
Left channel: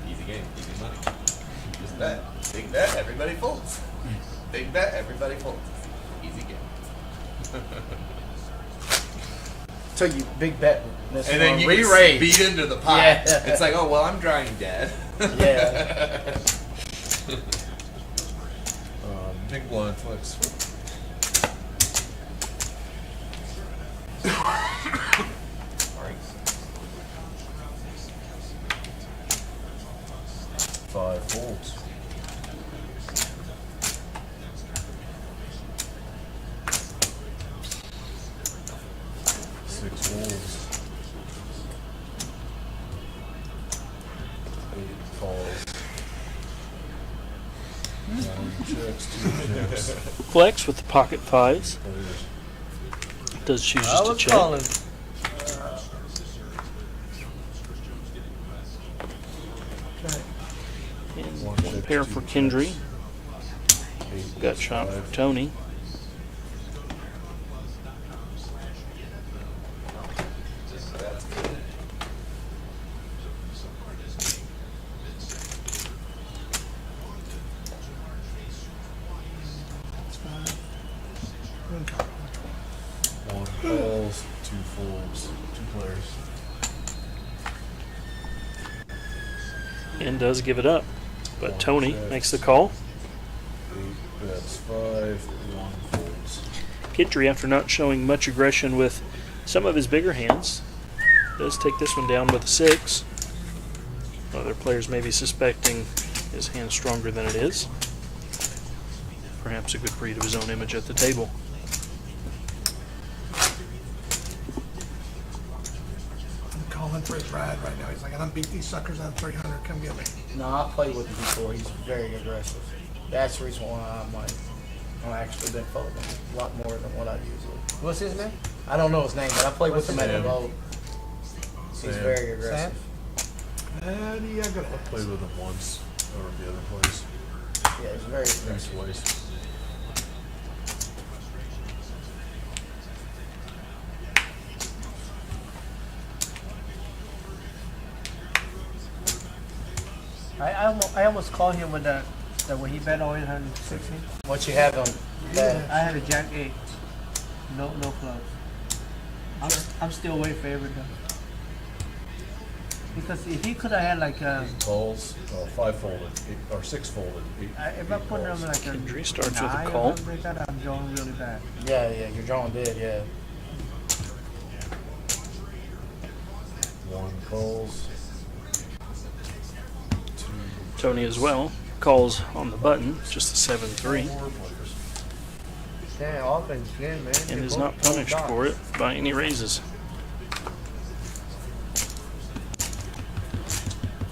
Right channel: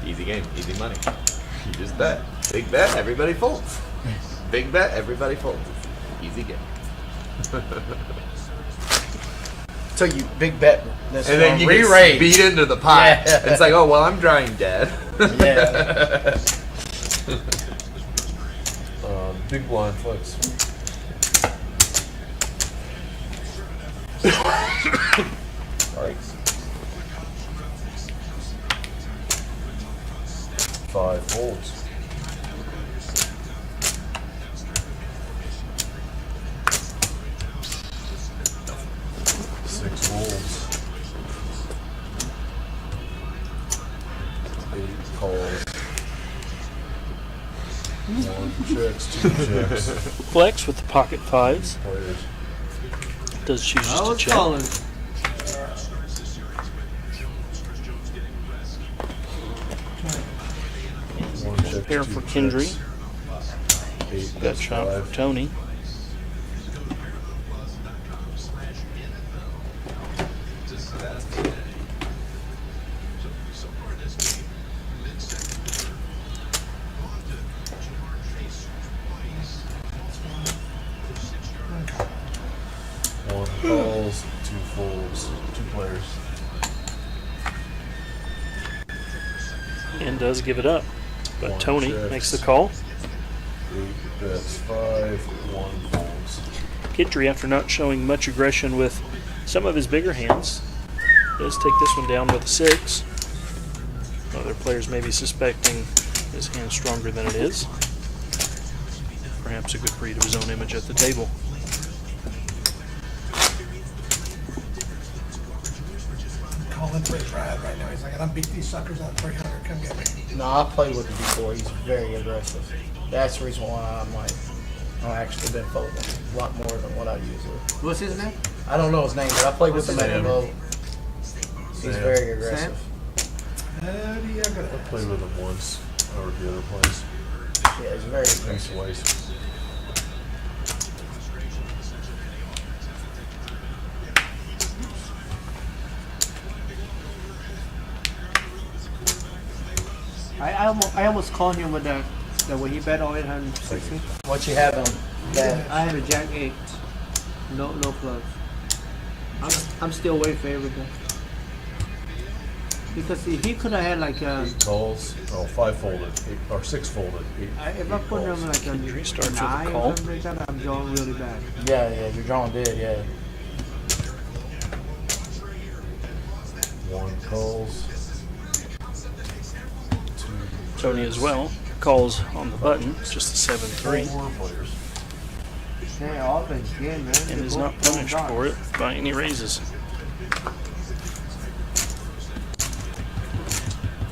Easy game, easy money. You just bet. Big bet, everybody folds. Big bet, everybody folds. Easy game. So you big bet. That's And then one. you Re-raise. get beat into the pot. Yeah. It's like, oh, well, I'm drawing dead. Yeah. Big blind flex. Alright. 5 folds. 6 folds. 8 calls. 1 checks, 2 checks. Flex with the pocket fives. Players. Does choose just to check. And One one check, pair 2 for Kendry. checks. 8 Got bets, shot 5. for Tony. One calls, 2 folds, 2 players. And does give it up. But One Tony checks. makes the call. 8 bets, 5, 1 folds. Kendry, after not showing much aggression with some of his bigger hands, does take this one down with a 6. Other players may be suspecting his hand stronger than it is. Perhaps a good read of his own image at the table. Calling for Brad right now. He's like, I'm beat these suckers at 300. Come get me. No, I played with him before. He's very aggressive. That's the reason why I've actually been folding a lot more than what I usually. What's his name? I don't know his name, but I played with him at the Sam. boat. He's Sam. very aggressive. And you got good I at played with him once over at the other place. Yeah, he's very aggressive. Nice waist. I almost called him with that when he bet all 860. What you have on that? I had a Jack 8. No clubs. I'm still way favorite though. Because if he could have had like 8 calls, 5 folded, 8, or 6 folded, 8, if I 8 put him calls. like a Kendry starts with a 9 or call. something like that, I'm drawing really bad. Yeah, your drawing did, yeah. 1 calls. 2 Tony as well calls on the button, just a 7-3, 4 players. Yeah, offense good, man. and is not punished for it by any raises.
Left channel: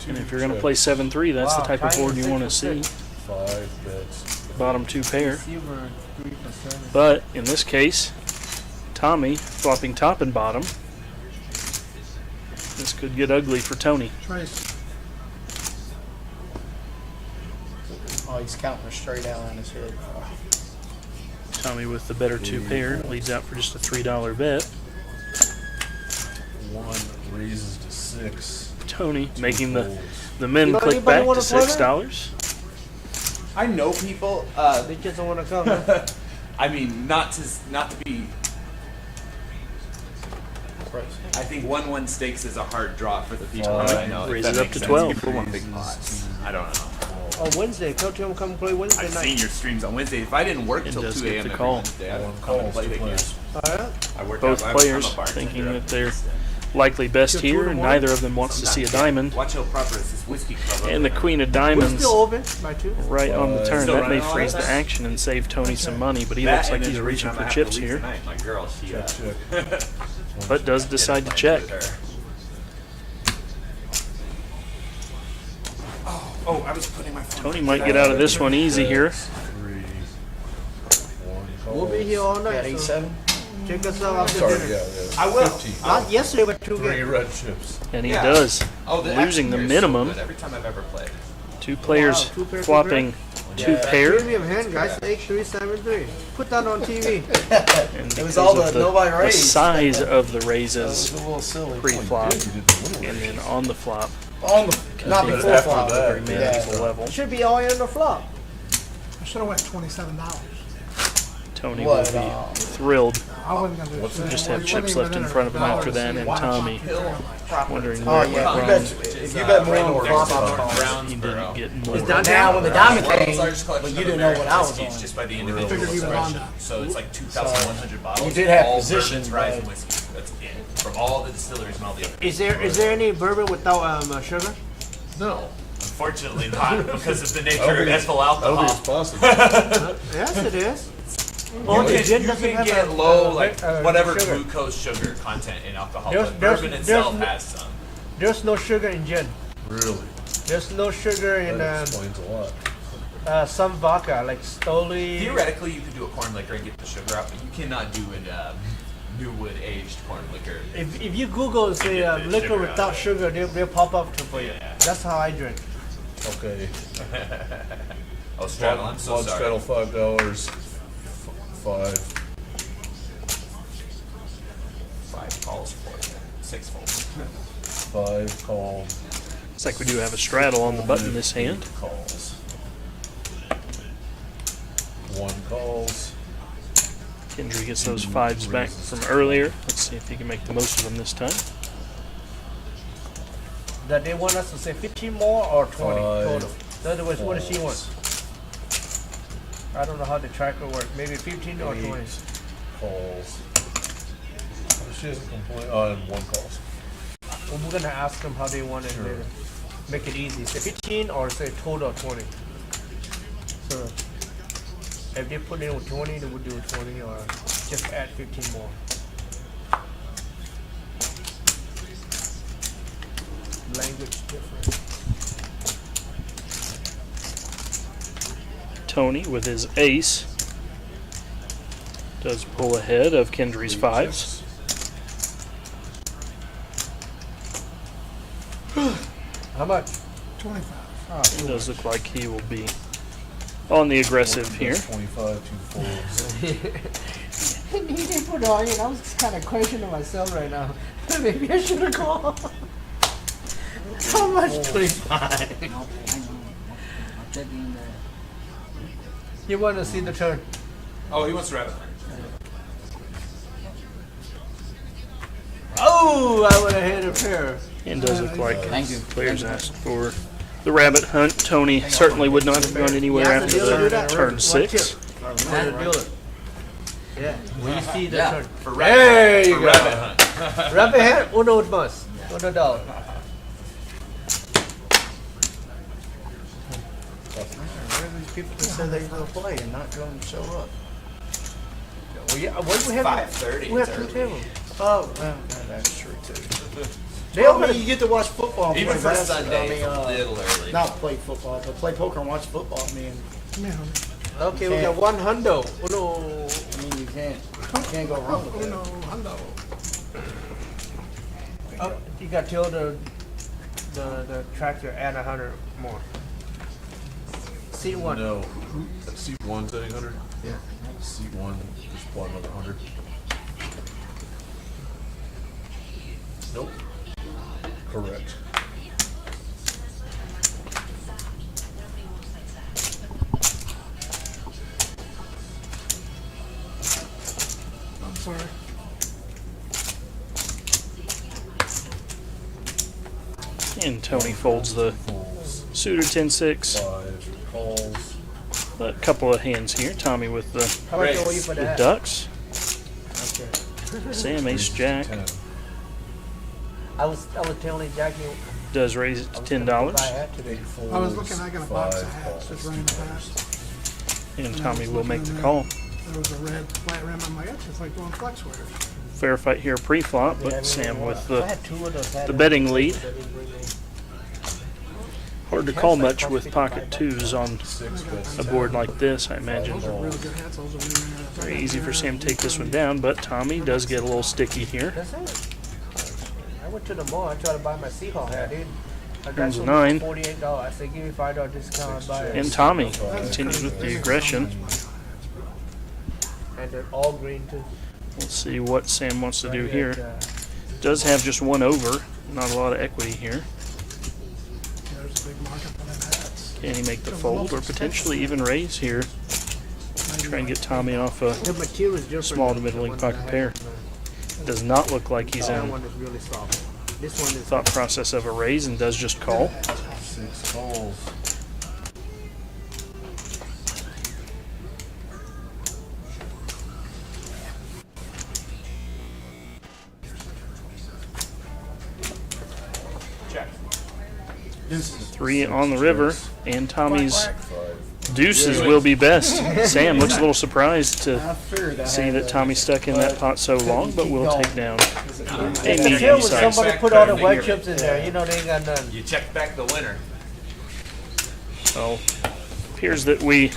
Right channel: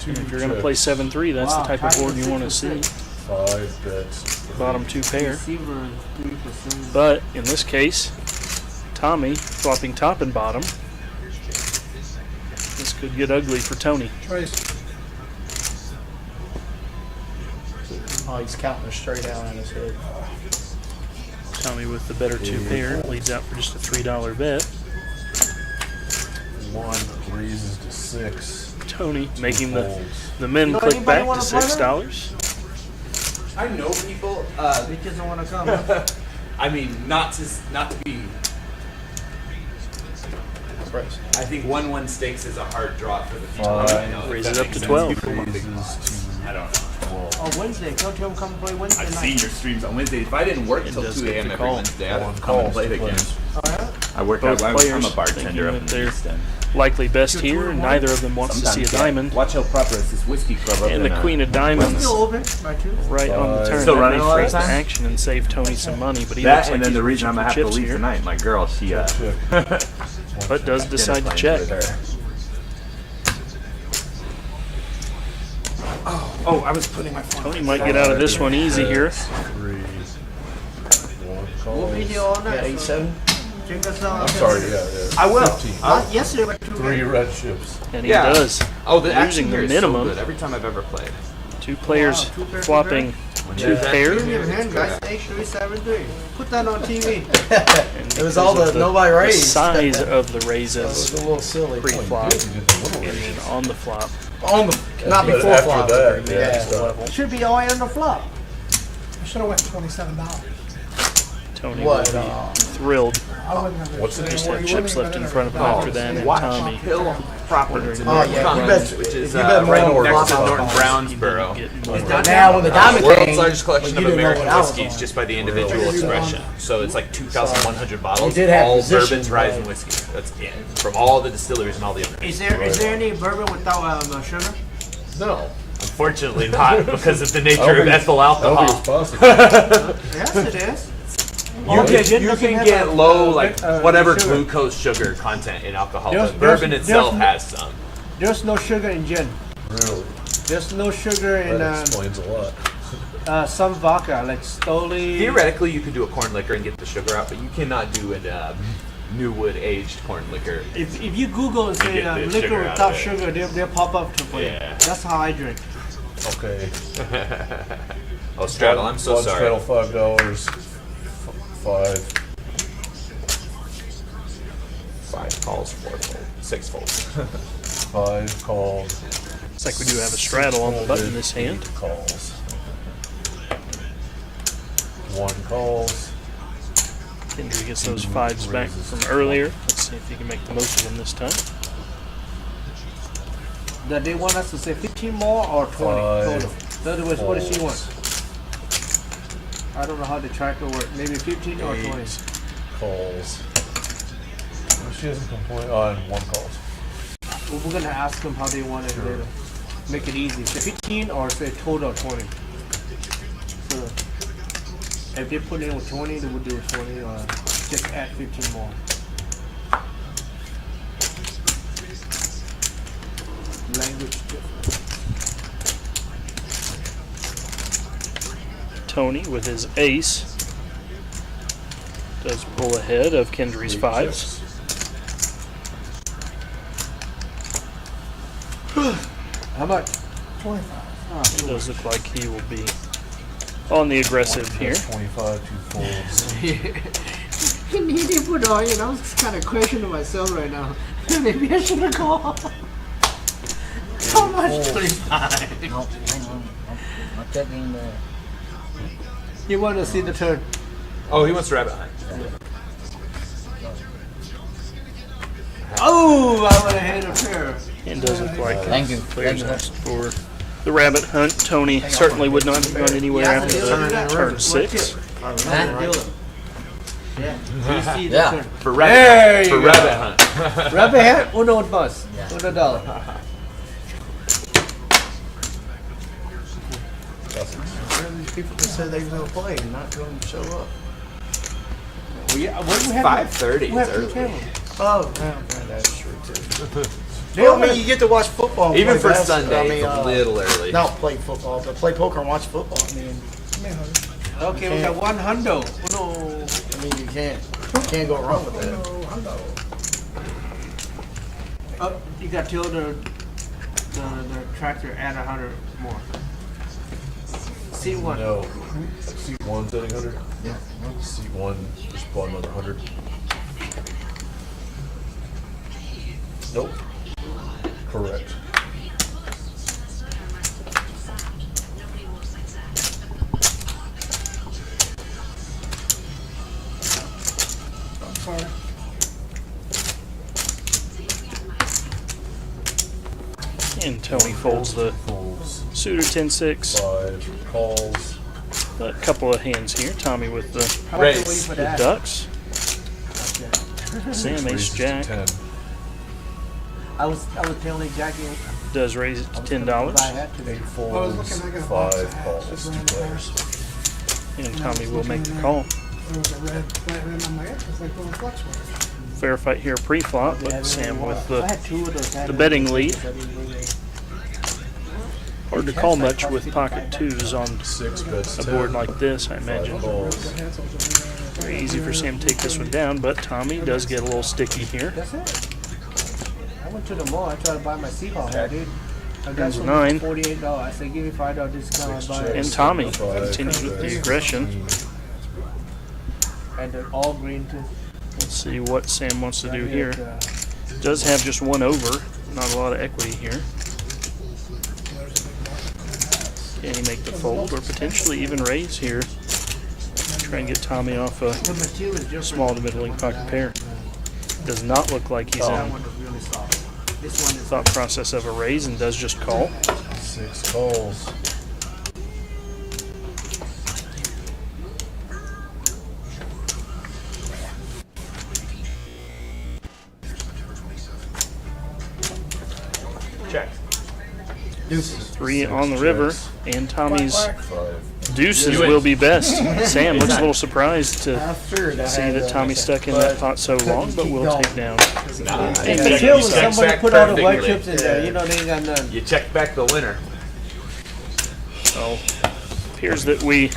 2 And if you're going to play 7-3, that's the type of board you want to see. 5 bets. Bottom 2 pair. Receiver 3%. But in this case, Tommy flopping top and bottom. This could get ugly for Tony. Trace. Oh, he's counting her straight out on his head. Tommy with the better 2 pair leads out for just a $3 bet. 1 raises to 6. Tony 2 making folds. the men Now, click anybody back to wanna play $6. I know people. They just don't want to come. I mean, not to be. I think 1-1 stakes is a hard draw for the people. Fine. I know, if Raise that it up makes to sense. 12. People want big Raises pots. to I don't know. 12. Oh, Wednesday. Tell Tim come play Wednesday I've night. seen your streams on Wednesday. If I didn't work It till does 2 get a.m. the every call. Wednesday, I'd 1 come calls and play to it again. players. Oh, yeah? I work. Both I'm players a bartender thinking up that in they're Houston. likely best here, and neither of them wants to see a Sometimes, diamond. Watch how proper is this whiskey club. And the Queen of Diamonds Still open by 2. right on the turn. Still That running may a lot of freeze the time? action and save Tony some money, but he That, looks and like then he's the reaching reason I'm for gonna have chips to leave here. Tonight. My girl, she Check. But does decide to check. Oh, I was putting my phone. Tony might get out of this one easy here. 3. 1 We'll be calls. here all Yeah, night. 8-7. Check us out. I'm sorry, yeah. I will. 15. Yesterday we took 3 red chips. And he Yeah. does. Oh, the Losing action the here is so minimum. good every time I've ever played. 2 players flopping 2 pair. We have a hand, guys. 8-3-7-3. Put that on TV. And It was because all of the nobody the raised. size of the That was raises a little silly. pre-flop You did the little and raise. then on the flop, On the, not be before after flop. that, very yeah. manageable level. Should be all on the flop. I should have went $27. Tony What, will be thrilled. I wouldn't have What's the Just you have wouldn't chips even left in enter front of him it. after that, and Watch Tommy Hill. proper. Wondering Oh where yeah, it you went bet. wrong. Which is, If you bet more right on next to flop Norton out He Brownsboro. didn't get more. now when the diamond World's came, largest but collection you of didn't know American what I was whiskeys on. just by the individual Really? expression. So it's like 2,100 bottles. You did have all position, bourbons, rye, and but- whiskey. That's it. From all the distilleries and all the others. Is there any bourbon without sugar? No. Unfortunately not, because of the I nature don't of think- ethyl I don't think alcohol. it's possible. Yes, it is. You can get low, like, whatever sugar. glucose sugar content in alcohol, There's- but bourbon there's- itself there's- has some. There's no sugar in gin. Really? There's no sugar in That explains a lot. some vodka, like Stoli. Theoretically, you could do a corn liquor and get the sugar out, but you cannot do a new wood aged corn liquor. If you Google say, get the liquor sugar out without of it. sugar, they'll pop up for you. Yeah. That's how I drink. Okay. Oh, Straddle, I'm so Blood sorry. Straddle $5. 5. 5 calls, 4 fold, 6 folds. 5 calls. Looks like we do have a straddle on the button in this hand. 8 calls. 1 calls. Kendry gets those fives back from earlier. Let's see if he can make the most of them this time. That they want us to say 15 more or 20 5 total. In other words, what does she calls. want? I don't know how the tracker works. Maybe 15 or 20. 8 calls. She doesn't complain on 1 calls. Well, we're gonna ask them how they want it later. Make it easy. Say 15 or say total 20. So if they put in with 20, then we'll do 20 or just add 15 more. Language difference. Tony with his ace does pull ahead of Kendry's fives. How about 25. It does look like he will be on the aggressive here. 25, 2 folds. he needed to put on, I was kind of questioning myself right now. Maybe I should have called. How much? 25. No, hang on. I'm checking the. You want to see the turn? Oh, he wants to rabbit hunt. Oh, I would have had a pair. And it does look like Thank you. players Thank you. asked for the rabbit hunt. Tony certainly would not have gone anywhere after the turn 6. I remember, right? Yeah. You see the Yeah. turn. For There you rabbit go. hunt. Rabbit hat, uno bus. $1. Where are these people that said they were gonna play and not going to show up? Yeah, what do we have? 5:30, We it's have two early. tables. Oh, well, that's true too. Well, I mean, you get to watch football. And Even play for basketball. Sunday, it's a little early. not play football, but play poker and watch football. I mean, Okay, we have one hundo. Uno. you can't go wrong with that. Oh, you got to tell the tractor add 100 more. C1. No. Seat 1's at 800? Yeah. Seat 1, just bought another 100. Nope. Correct. Sorry. And Tony folds the Folds. suited 10-6. 5 calls. A couple of hands here. Tommy with the How much are we Raise. for the that? ducks. Okay. Sam ace Raises to jack 10. I was telling Jackie does raise it to if I $10. had to. 8 I was folds. looking, I got a box 5 of hats calls. just 2 right players. And Tommy will make the call. There was a red flat red on my ear. It's like going flex with Fair fight here pre-flop, but Sam with I the had two of those hats. betting lead. Hard to call much with pocket twos on 6 bets. a 10. board like this, I imagine. Calls. the hats over there. Very easy for Sam to take this one down, but Tommy does get a little sticky here. That's it. I went to the mall. I tried to buy my Seahawk hat, dude. I got Turns a some 9. $48. I said, give me $5 discount. I'll buy it. And Tommy continues with the aggression. And they're all green too. Let's see what Sam wants to do here. Does have just one over, not a lot of equity here. Can he make the fold or potentially even raise here? Try and get Tommy off a The material is different. small to middling pocket pair. Does not look like he's That in one is really soft. This one is thought process of a raise and does just call. 6 calls. Check. 3 on the river, and Tommy's 5. deuces will be best. Sam looks a little surprised to I figured I see had that to, Tommy stuck in that pot so long, but we'll take down a medium Still, size. somebody put all the Back white there. chips in there. You know they ain't got none. You check back the winner. So, appears that we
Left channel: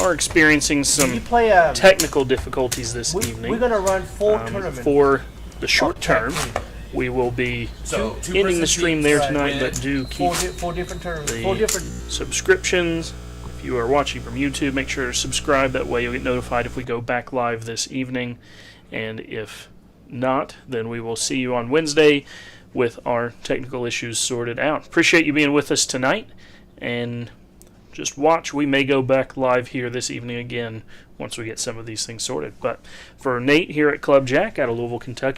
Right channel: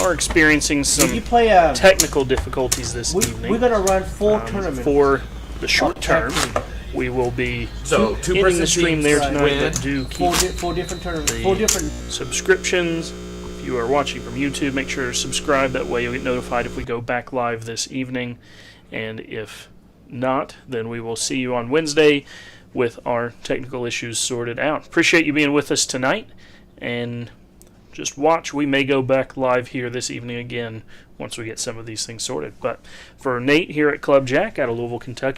are experiencing You some play technical difficulties this we're evening. gonna run 4 tournaments. For the short term, we will be So ending the stream there Right. tonight, but do keep four different tournaments. the 4 different. subscriptions. If you are watching from YouTube, make sure to subscribe. That way you'll get notified if we go back live this evening. And if not, then we will see you on Wednesday with our technical issues sorted out. Appreciate you being with us tonight. And just watch. We may go back live here this evening again once we get some of these things sorted. But for Nate here at Club Jack out of Louisville, Kentucky,